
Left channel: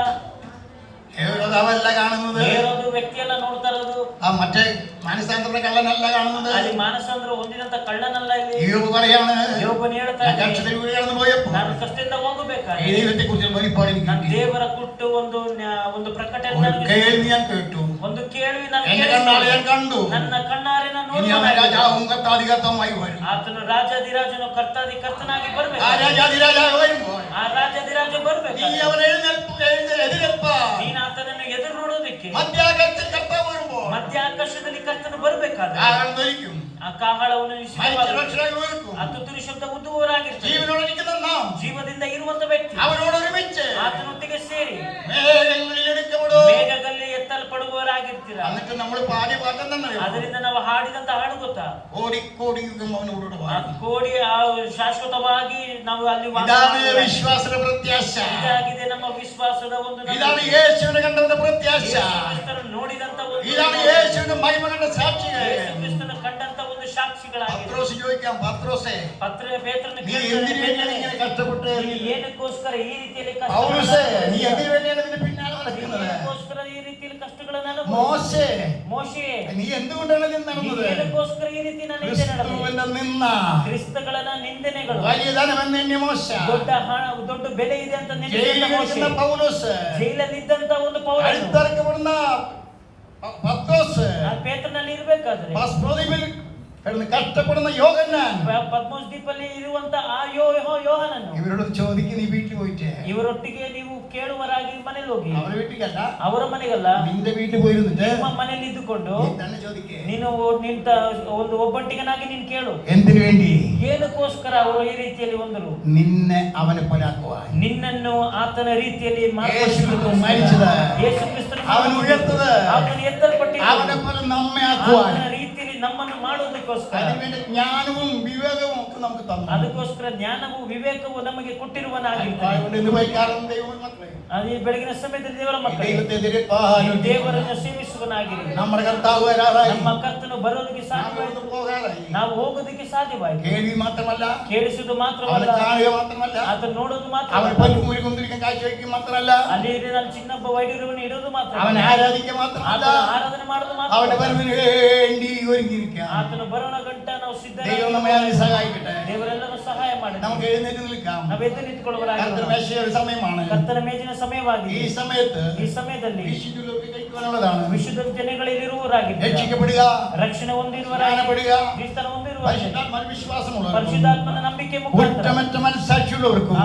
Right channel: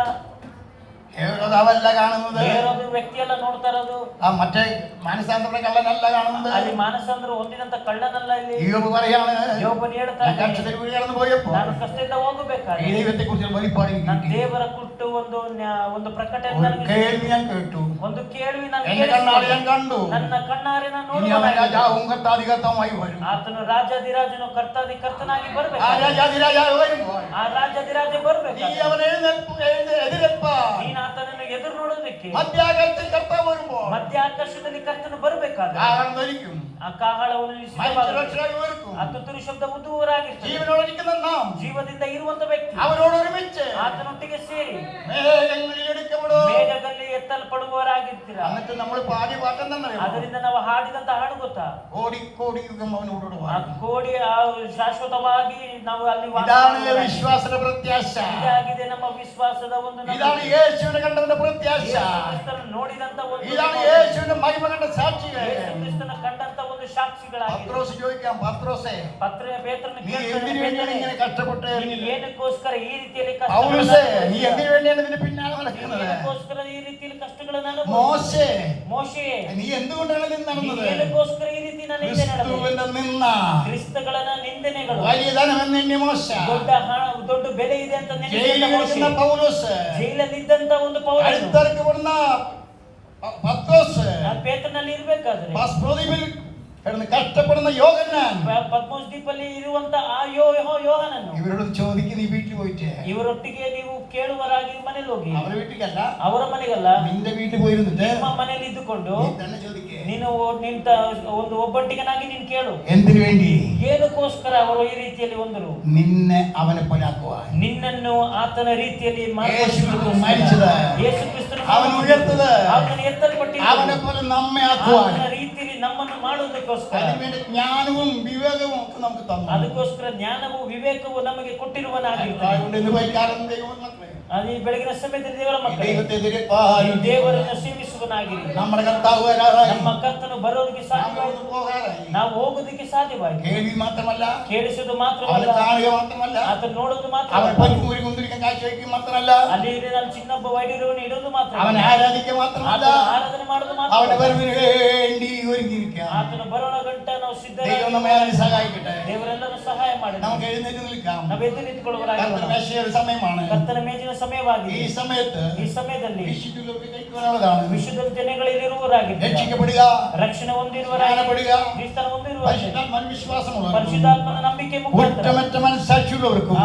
കേവലതവല്ല കാണുന്നത്. ಬೇರೊಂದು ವ್ಯಕ್ತಿಯೆಲ್ಲ ನೋಡ್ತಾ ಇರೋದು. ആ മറ്റേ മാനസാന്തര കള്ളനല്ല കാണുന്നത്. ಅಲ್ಲಿ ಮಾನಸಾಂತರ ಹೊಂದಿದಂತ ಕಳ್ಳನಲ್ಲ ಇಲ್ಲಿ. യോബ് പറയാണ്, ಯೋಬನು ಹೇಳ್ತಾ ഞാൻ ಇದ್ದಾನೆ, കഷ്ടത്തിൽ വീട് കടന്നു പോയപ്പോ ನಾನು ಕಷ್ಟದಿಂದ ಹೋಗಬೇಕಾದ್ರೆ ഈ ദൈവത്തെ കുറിച്ച് വെളിപ്പാട് എനിക്ക് ನಾನು കിട്ടി. ದೇವರ ಕುಟ್ಟು ಒಂದು ಪ್ರಕಟಣೆ ഒരു ನನಗೆ കേൾവി ഞാൻ കേട്ടു, ಒಂದು ಕೇಳ್ವಿ ನಾನು എന്റെ കണ്ണാൽ ഞാൻ കണ്ടു. ನನ್ನ കണ്ണಾರೆ ನಾನು ഇനി അവൻ ನೋಡುವನಾಗಿ. രാജാവും കർത്താധികർത്താവുമായി വരും. ಆತನು ರಾಜಾಧಿರಾಜನು ಕರ್ತಾದಿ ಕರ್ತನಾಗಿ ആ ಬರ್ಬೇಕು. രാജാധിരാജാവ് വരുമ്പോൾ ಆ ರಾಜಾಧಿರಾಜ നീ ಬರ್ಬೇಕು. അവനെ എതിരപ്പാ. ನೀನು ಆತನನ್ನು ಎದುರು ನೋಡೋದಕ್ಕೆ മധ്യാകാശത്തിൽ കർത്താവ് വരുമ്പോൾ ಮಧ್ಯ ಆಕಾಶದಲ್ಲಿ കರ್ತನು ಬರ್ಬೇಕಾದ್ರೆ കാഹളം ധരിക്കും, ಆ ಕಾಹಳವನ್ನು മനുഷ്യരക്ഷകൻ ഒരുക്കും. ತುತ್ತೂರಿ ಶಬ್ದ ಉದ್ದುವರಾಗಿರ್ತದೆ. ജീവനോടിരിക്കുന്ന നാം ಜೀವದಿಂದ ಇರುವಂತ ವ್ಯಕ್ತಿ അവരോട് ഒരുമിച്ച് ಆತನೊಟ್ಟಿಗೆ ಸೇರಿ മേഘങ്ങളിൽ എടുക്കപ്പെടും. ಮೇಘದಲ್ಲಿ ಎತ್ತಲ್ಪಡುವವರಾಗಿರ್ತೀರ. എന്നിട്ട് നമ്മൾ പാടി പാട്ടം തന്നെ ಅದರಿಂದ ನಾವು ಹಾಡಿದಂತ ಹಾಡು ಗೊತ್ತಾ? കോടിക്കോടി യുഗം അവനോട് ಆ ಕೋಡಿ ಶಾಶ್ವತವಾಗಿ ನಾವು ಅಲ್ಲಿ ವಾಸ ഇതാണ് ಮಾಡುವುದಾಗಿದೆ. വിശ്വാസത്തിന്റെ പ്രത്യാശ. ಇದಾಗಿದೆ ನಮ್ಮ ವಿಶ್ವಾಸದ ಒಂದು ನಂಬಿಕೆ. ഇതാണ് യേശുവിനെ കണ്ടവരുടെ പ്രത്യാശ. ಯೇಸು ಕ್ರಿಸ್ತನ ನೋಡಿದಂತ ಒಂದು ഇതാണ് യേശുവിന്റെ മഹിമ കണ്ട സാക്ഷികൾ. ಯೇಸು ಕ್ರಿಸ್ತನ ಕಂಡಂತ ಒಂದು ಸಾಕ್ಷಿಗಳಾಗಿದೆ. പത്രോസ് ചോദിക്കാം, പത്രോസേ, ಪೇತ್ರನ നീ എന്തിനു വേണ്ടിയാണ് ഇങ്ങനെ കഷ്ടപ്പെട്ട്? ನೀನು ಏನಕ್ಕೋಸ್ಕರ ಈ ರೀತಿಯಲ್ಲಿ ಕಷ್ಟ പൗലോസേ, നീ എന്തിനു വേണ്ടിയാണ് ഇതിന് പിന്നാലെ നടക്കുന്നത്? ಏನಕ್ಕೋಸ್ಕರ ಈ ರೀತಿಯಲ್ಲಿ ಕಷ್ಟಗಳನ್ನು ಅನುಭವಿಸಿದೆ? മോശേ, ಮೋಶೆ, നീ എന്തുകൊണ്ടാണ് ഇതിന് ನೀನು നടന്നത്? ಏನಕ್ಕೋಸ್ಕರ ಈ ರೀತಿ ನಾನು ಹಿಂದೆ ನಡೆದೆ? ക്രിസ്തുവിന്റെ നിന്ന ಕ್ರಿಸ್ತಗಳನ್ನ ನಿಂದನೆಗಳು വലിയ ധനമെന്നെ മോശ, ದೊಡ್ಡ ಹಣ ದೊಡ್ಡ ಬೆಲೆ ಇದೆ ಅಂತ ജയിലിലിരിക്കുന്ന പൗലോസ്, ಜೈಲಲ್ಲಿದ್ದಂತ ಒಂದು ಪೌರನು അടുത്തിറക്കപ്പെടുന്ന പത്രോസ്, ಪೇತ್ರನಲ್ಲಿ ಇರ್ಬೇಕಾದ್ರೆ പ്രതിഫിൽ കിടന്ന് കഷ്ടപ്പെടുന്ന യോഹന്നാൻ, ಪದ್ಮೋಸ್ ದ್ವೀಪಲ್ಲಿ ಇರುವಂತ ಆ ಯೋಹನನ್ನು ഇവരോട് ചോദിക്കും, നീ വീട്ടിൽ പോയിട്ട്. ಇವರೊಟ್ಟಿಗೆ ನೀವು ಕೇಳುವರಾಗಿ ಮನೆಗೆ ಹೋಗಿ. അവരുടെ വീട്ടിലല്ല, ಅವರ ಮನೆಗಲ್ಲ, നിന്റെ വീട്ടിൽ പോയിരുന്നിട്ട് ನಿಮ್ಮ ಮನೆಯಲ್ಲಿ ಇದ್ದುಕೊಂಡು നീ തന്നെ ചോദിക്കേ, ನೀನು ನಿಂತ ಒಂದು ಒಬ್ಬಟ್ಟಿಗನಾಗಿ ನೀನು ಕೇಳು, എന്തിനു വേണ്ടി? ಏನಕ್ಕೋಸ್ಕರ ಅವರು ಈ ರೀತಿಯಲ್ಲಿ ಒಂದರು? നിന്നെ അവനെ പോലാക്കുവാൻ. ನಿನ್ನನ್ನು ಆತನ ರೀತಿಯಲ್ಲಿ യേശു ക്രിസ്തു മരിച്ചത്, ಯೇಸು ಕ್ರಿಸ್ತನು അവൻ ഉയർത്തത്, ಆತನು ಎತ್ತಲ್ಪಟ್ಟಿದ್ದು അവനെ പോലെ നമ്മെ ആക്കുവാൻ. ಆತನ ರೀತಿಯಲ್ಲಿ ನಮ್ಮನ್ನು ಮಾಡೋದಕ್ಕೋಸ್ಕರ അതിനുവേണ്ടി ജ്ഞാനവും വിവേകവും ഒക്കെ നമുക്ക് തന്നു. ಅದಕ್ಕೋಸ್ಕರ ಜ್ಞಾನವು ವಿವೇಕವು ನಮಗೆ ಕೊಟ್ಟಿರುವನಾಗಿರ್ತಾನೆ. അതുകൊണ്ട് ഇന്ന് വൈകാരം ദൈവം മാത്രമേ. ಈ ಬೆಳಗಿನ ಸಮಯದಲ್ಲಿ ದೇವರ ಮಕ್ಕಳೇ, ദൈവത്തെ എതിരേൽപ്പാനും ದೇವರನ್ನು ಸೇವಿಸುವನಾಗಿರಿ. നമ്മുടെ കർത്താവ് വരാറായി. ನಮ್ಮ ಕರ್ತನು ಬರೋದಕ್ಕೆ ಸಾಧ್ಯವಾಯಿತು, നമുക്ക് പോകാറായി. ನಾವು ಹೋಗೋದಕ್ಕೆ ಸಾಧ್ಯವಾಯಿತು. കേൾവി മാത്രമല്ല, ಕೇಳಿಸುವುದು അവനെ ಮಾತ್ರವಲ್ಲ, കാണുക മാത്രമല്ല, ಆತನು ನೋಡೋದು ಮಾತ್ರ, അവൻ പൊന്നുകൂരി കുന്തിരിക്കാൻ കാഴ്ചവെക്കുക മാത്രമല്ല, ಅಲ್ಲಿ ನಾನು ചിನ್ನಬ್ಬ ವೈದ್ಯರನ್ನು ಇಡೋದು ಮಾತ್ರ, അവനെ ആരാധിക്കുക മാത്രമല്ല, ಆತನ ಆರಾಧನೆ ಮಾಡೋದು ಮಾತ್ರ, അവന്റെ വരവിന് വേണ്ടി ഒരുങ്ങിയിരിക്കുക. ಆತನು ಬರೋಣ ಗಂಟ ನಾವು ദൈവം നമ്മെ ಸಿದ್ಧ. അതിന് സഹായിക്കട്ടെ. ದೇವರೆಲ್ಲರೂ ಸಹಾಯ ಮಾಡಿ നമുക്ക് എഴുന്നേറ്റ് നിൽക്കാം. ನಾವು ಎದ್ದು ನಿಂತುಕೊಳ್ಳುವರಾಗಿರೋಣ. കർത്തൃ മേശയുടെ ഒരു സമയമാണ്. ಕರ್ತನ ಮೇಜಿನ ഈ ಸಮಯವಾಗಿದೆ. സമയത്ത് ಈ ಸಮಯದಲ್ಲಿ വിശുദ്ധുള്ളവർക്ക് കഴിക്കുവാനുള്ളതാണ്. ವಿಶುದ್ಧ ಜನಗಳಿರುವವರಾಗಿದ್ದಾರೆ, രക്ഷിക്കപ്പെടുക, ರಕ್ಷಣೆ ಹೊಂದಿರುವವರಾಗಿ, സ്നാനപ്പെടുക, ಕ್ರಿಸ್ತನ ಹೊಂದಿರುವವರಾಗಿ, പരിശുദ്ധാത്മാവിൽ വിശ്വാസമുള്ളവർക്ക്, ಪರಿಶುದ್ಧಾತ್ಮನ ನಂಬಿಕೆ ಮುಖಾಂತರ കുറ്റമറ്റ മനസ്സാക്ഷിയുള്ളവർക്കും,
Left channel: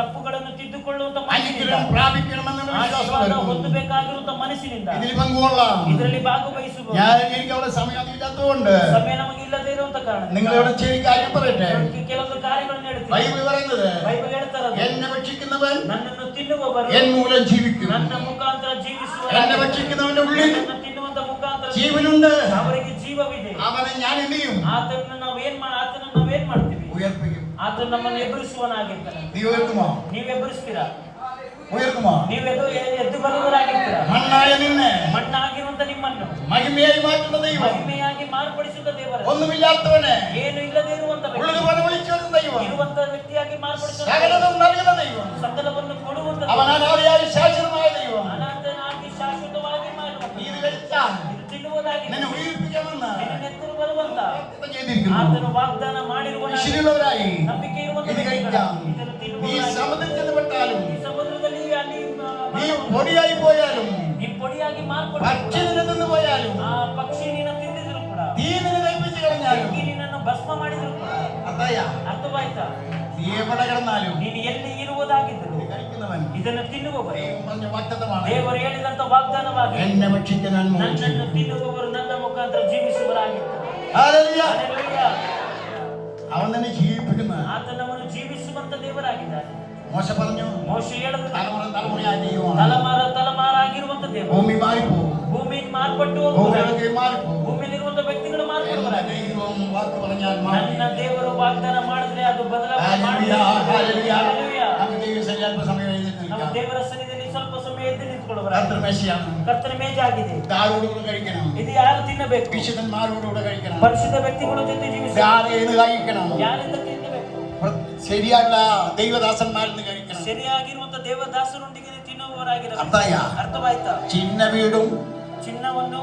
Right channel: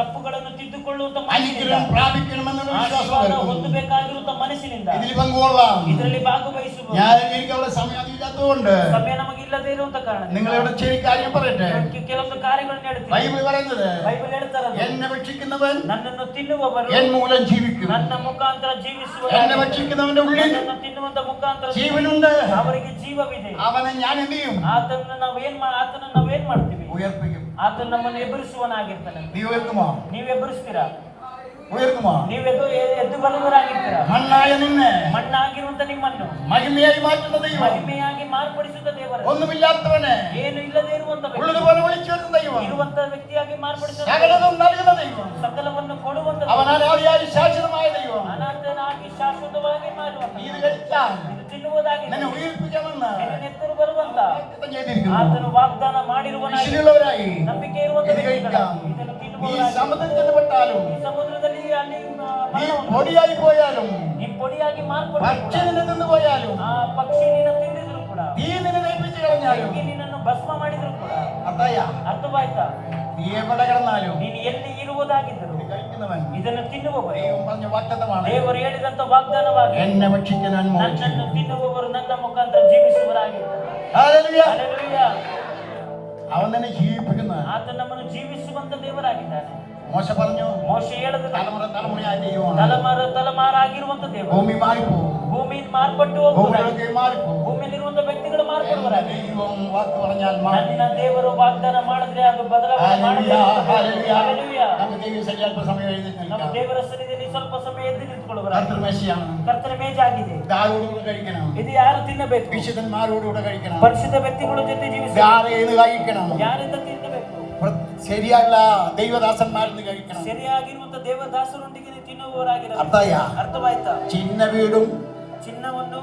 ತಪ್ಪುಗಳನ್ನು ತಿದ್ದುಕೊಳ್ಳುವಂತ അനുഗ്രഹം പ്രാപിക്കണമെന്നുള്ള ಆಶೀರ್ವಾದ വിശ്വാസമുള്ളവർക്കും ಹೊಂದಬೇಕಾಗಿರುವಂತ ಮನಸ್ಸಿನಿಂದ ഇതിൽ പങ്കുകൊള്ളാം. ಇದರಲ್ಲಿ ಭಾಗವಹಿಸುವ എനിക്ക് അവിടെ സമയം ഇല്ലാത്തതുകൊണ്ട് ಸಮಯ ನಮಗೆ ಇಲ್ಲದೇ ಇರುವಂತ ಕಾರಣ നിങ്ങളോട് ചെറിയ കാര്യം പറയട്ടെ. ಕೆಲವೊಂದು ಕಾರ್ಯಗಳನ್ನು ಹೇಳ್ತೀವಿ. ബൈബിൾ പറയുന്നത്, ಬೈಬಲ್ ಹೇಳ್ತಾರದು, എന്നെ ഭക്ഷിക്കുന്നവൻ ನನ್ನನ್ನು ತಿನ್ನುವವರು എൻ മൂലം ജീവിക്കും. ನನ್ನ ಮುಖಾಂತರ ಜೀವಿಸುವ, എന്നെ ഭക്ഷിക്കുന്നവന്റെ ഉള്ളിൽ ನನ್ನನ್ನು ತಿನ್ನುವಂತ ಮುಖಾಂತರ ജീവനുണ്ട്. ಅವರಿಗೆ ಜೀವವಿದೆ. അവനെ ഞാൻ എന്ത് ചെയ്യും? ಆತನನ್ನು ನಾವೇನ್ ಮಾಡ್ತೀವಿ? ഉയർപ്പിക്കും. ಆತನು ನಮ್ಮನ್ನು ಎದುರಿಸುವನಾಗಿರ್ತಾನೆ. നീ ഉയർത്തുമോ? ನೀವು ಎದುರಿಸ್ತೀರಾ? ഉയർത്തുമോ? ನೀವು ಎದ್ದು ಬರುವವರಾಗಿರ್ತೀರಾ? മണ്ണായ നിന്നെ ಮಣ್ಣಾಗಿರುವಂತ ನಿಮ್ಮನ್ನು മഹിമയായി മാറ്റുന്ന ദൈവം, ಮಹಿಮೆಯಾಗಿ ಮಾರ್ಪಡಿಸುತ್ತ ದೇವರು, ഒന്നുമില്ലാത്തവനെ ಏನು ಇಲ್ಲದೆ ಇರುವಂತ ವ್ಯಕ್ತಿ, ഉള്ളതുപോലെ വിളിച്ചിരുന്ന ദൈവം, ಇರುವಂತ ವ್ಯಕ್ತಿಯಾಗಿ ಮಾರ್ಪಡಿಸುತ್ತ സകലതും നൽകുന്ന ദൈവം, ಸಕಲವನ್ನು ಕೊಡುವಂತ അവൻ അനാദിയായി ശാശ്വതമായ ദൈവം. ಅನಂತನಾಗಿ ಶಾಶ್ವತವಾಗಿ ಮಾಡುವ, നീ ഇത് കഴിച്ചാൽ ಇದು ತಿನ್ನುವುದಾಗಿ നിന്നെ ഉയർപ്പിക്കാമെന്ന് ನಿನ್ನ ಎತ್ತರು ಬರುವಂತ വാഗ്ദത്തം ചെയ്തിരിക്കുന്നു. ಆತನು ವಾಗ್ದಾನ ಮಾಡಿರುವ വിശുദ്ധിയുള്ളവരായി ನಂಬಿಕೆ ಇರುವಂತ ഇത് കഴിക്കാം. ಇದನ್ನು നീ ತಿನ್ನುವುದಾಗಿ, സമുദ്രത്തിൽ ചെന്നപ്പെട്ടാലും, ಈ ಸಮುದ್ರದಲ್ಲಿ ಅಲ್ಲಿ നീ പൊടിയായി പോയാലും, ನೀ പൊടിಯಾಗಿ ಮಾರ್ಪಡ, പക്ഷി നിന്നെ തിന്നു പോയാലും, ಆ ಪಕ್ಷಿ ನಿನ್ನ ತಿಂದಿದ್ರು ಕೂಡ, തീ നിന്നെ നയിപ്പിച്ച് കളഞ്ഞാലും, ಬೆಂಕಿ ನಿನ್ನನ್ನು ಭಸ್ಮ ಮಾಡಿದ್ರು ಕೂಡ, അത്തായ ಅರ್ಥವಾಯ್ತಾ? നീ എവിടെ കിടന്നാലും ನೀನು ಎಲ್ಲಿ ಇರುವುದಾಗಿದ್ದರು ഇത് കഴിക്കുന്നവൻ ಇದನ್ನು ತಿನ್ನುವವರು, ദൈവം പറഞ്ഞ വാഗ്ദത്തമാണ്. ದೇವರು ಹೇಳಿದಂತ ವಾಗ್ದಾನವಾಗಿ, എന്നെ ഭക്ഷിക്കാൻ ನನ್ನನ್ನು ತಿನ್ನುವವರು ನನ್ನ ಮುಖಾಂತರ ಜೀವಿಸುವರಾಗಿರ್ತಾರೆ. ഹല്ലേലൂയ. ಹಲ್ಲೆಲೂಯಾ. അവൻ തന്നെ ജീവിപ്പിക്കുന്ന ಆತ ನಮ್ಮನ್ನು ಜೀವಿಸುವಂತ ದೇವರಾಗಿದ್ದಾರೆ. മോശ പറഞ്ഞു, ಮೋಶೆ ಹೇಳಿದ തലമുറ തലമുറയായ ദൈവമാണ്. ತಲೆಮಾರಾಗಿರುವಂತ ದೇವರು, ഭൂമി മാറിപ്പോകും, ಭೂಮಿಯಿಂದ ಮಾರ್ಪಟ್ಟು ಹೋಗುವವರು, ഭൂമിയിലൊക്കെ മാറിപ്പോകും. ಭೂಮಿಯಲ್ಲಿರುವಂತ ವ್ಯಕ್ತಿಗಳು എന്റെ ಮಾರ್ಪಡುವರಾಗಿ, ദൈവം വാക്ക് പറഞ്ഞാൽ ನನ್ನ മാറും. ದೇವರು ವಾಗ್ದಾನ ಮಾಡಿದ್ರೆ ಅದು ಬದಲಾವಣೆ ഹല്ലേലൂയ, ഹല്ലേലൂയ. ಹಲ್ಲೆಲೂಯಾ. നമുക്ക് ദൈവം അല്പ സമയം എഴുന്നേറ്റ് ನಾವು നിൽക്കാം. ದೇವರ ಸನ್ನಿಧಿಯಲ್ಲಿ ಸ್ವಲ್ಪ ಸಮಯ ಎದ್ದು ನಿಂತುಕೊಳ್ಳುವರಾಗಿ, കർത്തൃമേശയാണ്. ಕರ್ತನ ಮೇಜಾಗಿದೆ. ആരോടുകൂടെ കഴിക്കണം? ಇದು ಯಾರು ತಿನ್ನಬೇಕು? വിശുദ്ധന്മാരോടുകൂടെ കഴിക്കണം. ಪರಿಶುದ್ಧ ವ್ಯಕ್ತಿಗಳು ತಿಂದು ಜೀವಿಸಿ, ഇതാര് ഏത് കഴിക്കണം? ಯಾರಿಂದ ತಿನ್ನಬೇಕು? ശരിയായുള്ള ദൈവദാസന്മാരിന്ന് കഴിക്കണം. ಸರಿಯಾಗಿರುವಂತ ದೇವದಾಸರೊಂದಿಗೆ ತಿನ್ನುವವರಾಗಿರಬೇಕು. അർത്ഥയ ಅರ್ಥವಾಯ್ತಾ? ചിന്ന വീടും ಚಿನ್ನವನ್ನು,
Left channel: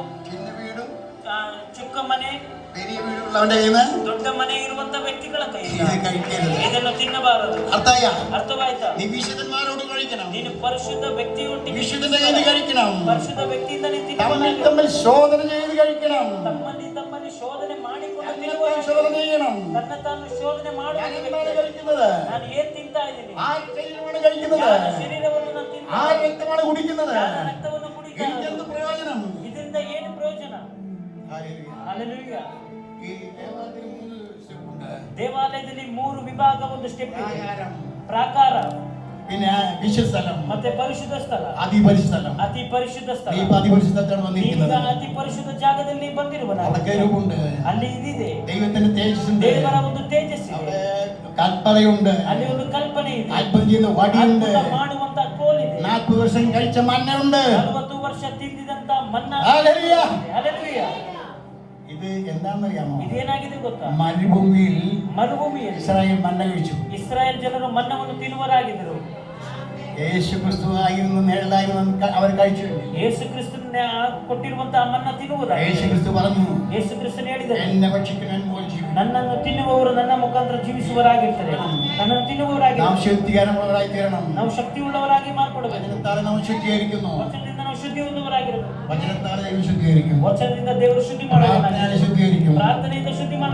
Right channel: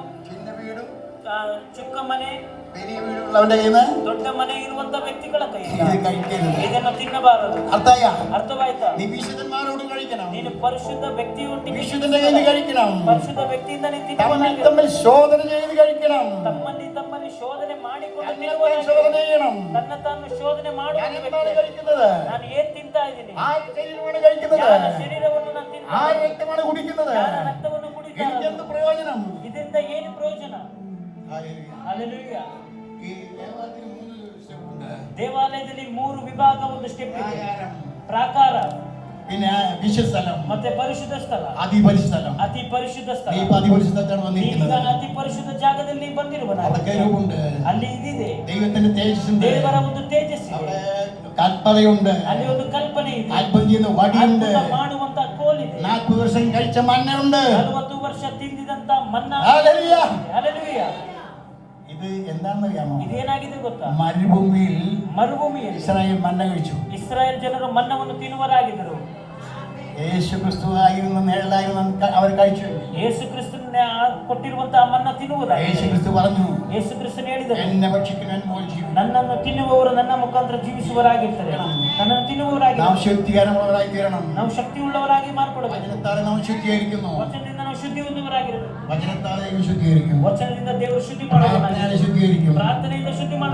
ಚಿಕ್ಕ ಮನೆ, പെരിയ വീടുള്ളവന്റെ കയ്യിൽ നിന്ന് ದೊಡ್ಡ ಮನೆ ಇರುವಂತ ವ್ಯಕ್ತಿಗಳ ಕೈ ഇത് കഴിക്കരുത്. ಇದನ್ನು ತಿನ್ನಬಾರದು. അർത്ഥയ ಅರ್ಥವಾಯ್ತಾ? നീ വിശുദ്ധന്മാരോട് കഴിക്കണം. ನೀನು ಪರಿಶುದ್ಧ ವ್ಯಕ್ತಿಯೊಂದಿಗೆ, വിശുദ്ധന്റെ കയ്യിൽ കഴിക്കണം. ಪರಿಶುದ್ಧ ವ್ಯಕ್ತಿಯಿಂದ ನೀನು തമ്മിൽ ತಿನ್ನಬೇಕು. തമ്മിൽ ശോധന ചെയ്ത് കഴിക്കണം. ತಮ್ಮಲ್ಲಿ ശೋಧನೆ ಮಾಡಿಕೊಂಡು തമ്മിൽ ശോധന ചെയ്യണം. ತನ್ನ ತಾನು ಶೋಧನೆ ಮಾಡುವ ഞാൻ ವ್ಯಕ್ತಿ. എന്താണ് കഴിക്കുന്നത്? ನಾನು ಏನ್ ತಿಂತಾ ಇದ್ದೀನಿ? ആരുടെ ശരീരമാണ് കഴിക്കുന്നത്? ಯಾರ ಶರೀರವನ್ನು ನಾನು ತಿಂತಾ ആരുടെ ಇದ್ದೀನಿ? രക്തമാണ് കുടിക്കുന്നത്? ಯಾರ ರಕ್ತವನ್ನು ಕುಡಿತಾ എനിക്ക് ಇದ್ದೀನಿ? എന്ത് പ്രയോജനം? ಇದರಿಂದ ಏನು ಪ್ರಯೋಜನ? ಹಲ್ಲೆಲೂಯಾ. ഈ ദേവാലയത്തിൽ 3 step ഉണ്ട്. ದೇವಾಲಯದಲ್ಲಿ 3 ವಿಭಾಗ, ಒಂದು ಸ್ಟೆಪ್ ಇದೆ. ആഹാരം, ಪ್ರಾಕಾರ, പിന്നെ വിശുദ്ധസ്ഥലം, ಮತ್ತೆ ಪರಿಶುದ್ಧ ಸ್ಥಳ, അതിപരിശുദ്ധലം. ಅತಿ ಪರಿಶುದ್ಧ ಸ್ಥಳ. നീ ഇപ്പൊ അതിപരിശുദ്ധത്താണ് ನೀವೀಗ വന്നിരിക്കുന്നത്. ಅತಿ ಪರಿಶುದ್ಧ ಜಾಗದಲ್ಲಿ ಬಂದಿರುವನ. അതൊക്കെ രൂപമുണ്ട്. ಅಲ್ಲಿ ಇದಿದೆ, ദൈവത്തിന്റെ തേജസ്സുണ്ട്. ದೇವರ ಒಂದು ತೇಜಸ್ಸಿದೆ. അവിടെ കൽപ്പനയുണ്ട്. ಅಲ್ಲಿ ಒಂದು ಕಲ್ಪನೆ ಇದೆ. അത്ഭുതം ചെയ്യുന്ന വടിയുണ്ട്. ಅದ್ಭುತ ಮಾಡುವಂತ ಕೋಲಿದೆ. 40 വർഷം കഴിച്ച മണ്ണയുണ്ട്. 40 ವರ್ಷ ತಿಂದಿದಂತ ಮನ್ನಾ. ഹല്ലേലൂയ. ಹಲ್ಲೆಲೂಯಾ. ഇത് എന്താണെന്നറിയാമോ? ಇದೇನಾಗಿದೆ ಗೊತ್ತಾ? മരുഭൂമിയിൽ ಮರುಭೂಮಿಯಲ್ಲಿ ഇസ്രായേൽ മന്ന കഴിച്ചു. ಇಸ್ರಾಯೇಲ್ ಜನರು ಮನ್ನವನ್ನು ತಿನ್ನುವರಾಗಿದ್ದರು. യേശു ക്രിസ്തു ആയിരുന്നു നേരലായിരുന്നു അവർ കഴിച്ചു. ಯೇಸು ಕ್ರಿಸ್ತನ ಕೊಟ್ಟಿರುವಂತಹ ಮನ್ನ ತಿನ್ನುವುದಾಗಿ യേശു ಕ್ರಿസ്തു പറഞ്ഞു, ಯೇಸು ಕ್ರಿಸ್ತನು ಹೇಳಿದರು, എന്നെ ഭക്ഷിക്കാൻ മോചിക്കും. ನನ್ನನ್ನು ತಿನ್ನುವವರು ನನ್ನ ಮುಖಾಂತರ ಜೀವಿಸುವವರಾಗಿರ್ತಾರೆ. ನನ್ನನ್ನು ತಿನ್ನುವವರಾಗಿ നാം ശുദ്ധീകരണമുള്ളവരായി തീരണം. ನಾವು ശಕ್ತಿಯುಳ್ಳವರಾಗಿ ಮಾರ್ಪಡಬೇಕು. വചനത്താൽ നാം ശുദ്ധീകരിക്കുന്നു. ವಚನದಿಂದ ನಾವು ಶುದ್ಧಿ ಹೊಂದುವವರಾಗಿರಬೇಕು. വചനത്താൽ ദൈവം ശുദ്ധീകരിക്കും. ವಚನದಿಂದ ದೇವರು ಶುದ್ಧಿ ಮಾಡುವವರಾಗಿ, പ്രാർത്ഥനയാൽ ശുദ്ധീകരിക്കും. ಪ್ರಾರ್ಥನೆಯಿಂದ ಶುದ್ಧಿ ಮಾಡುವ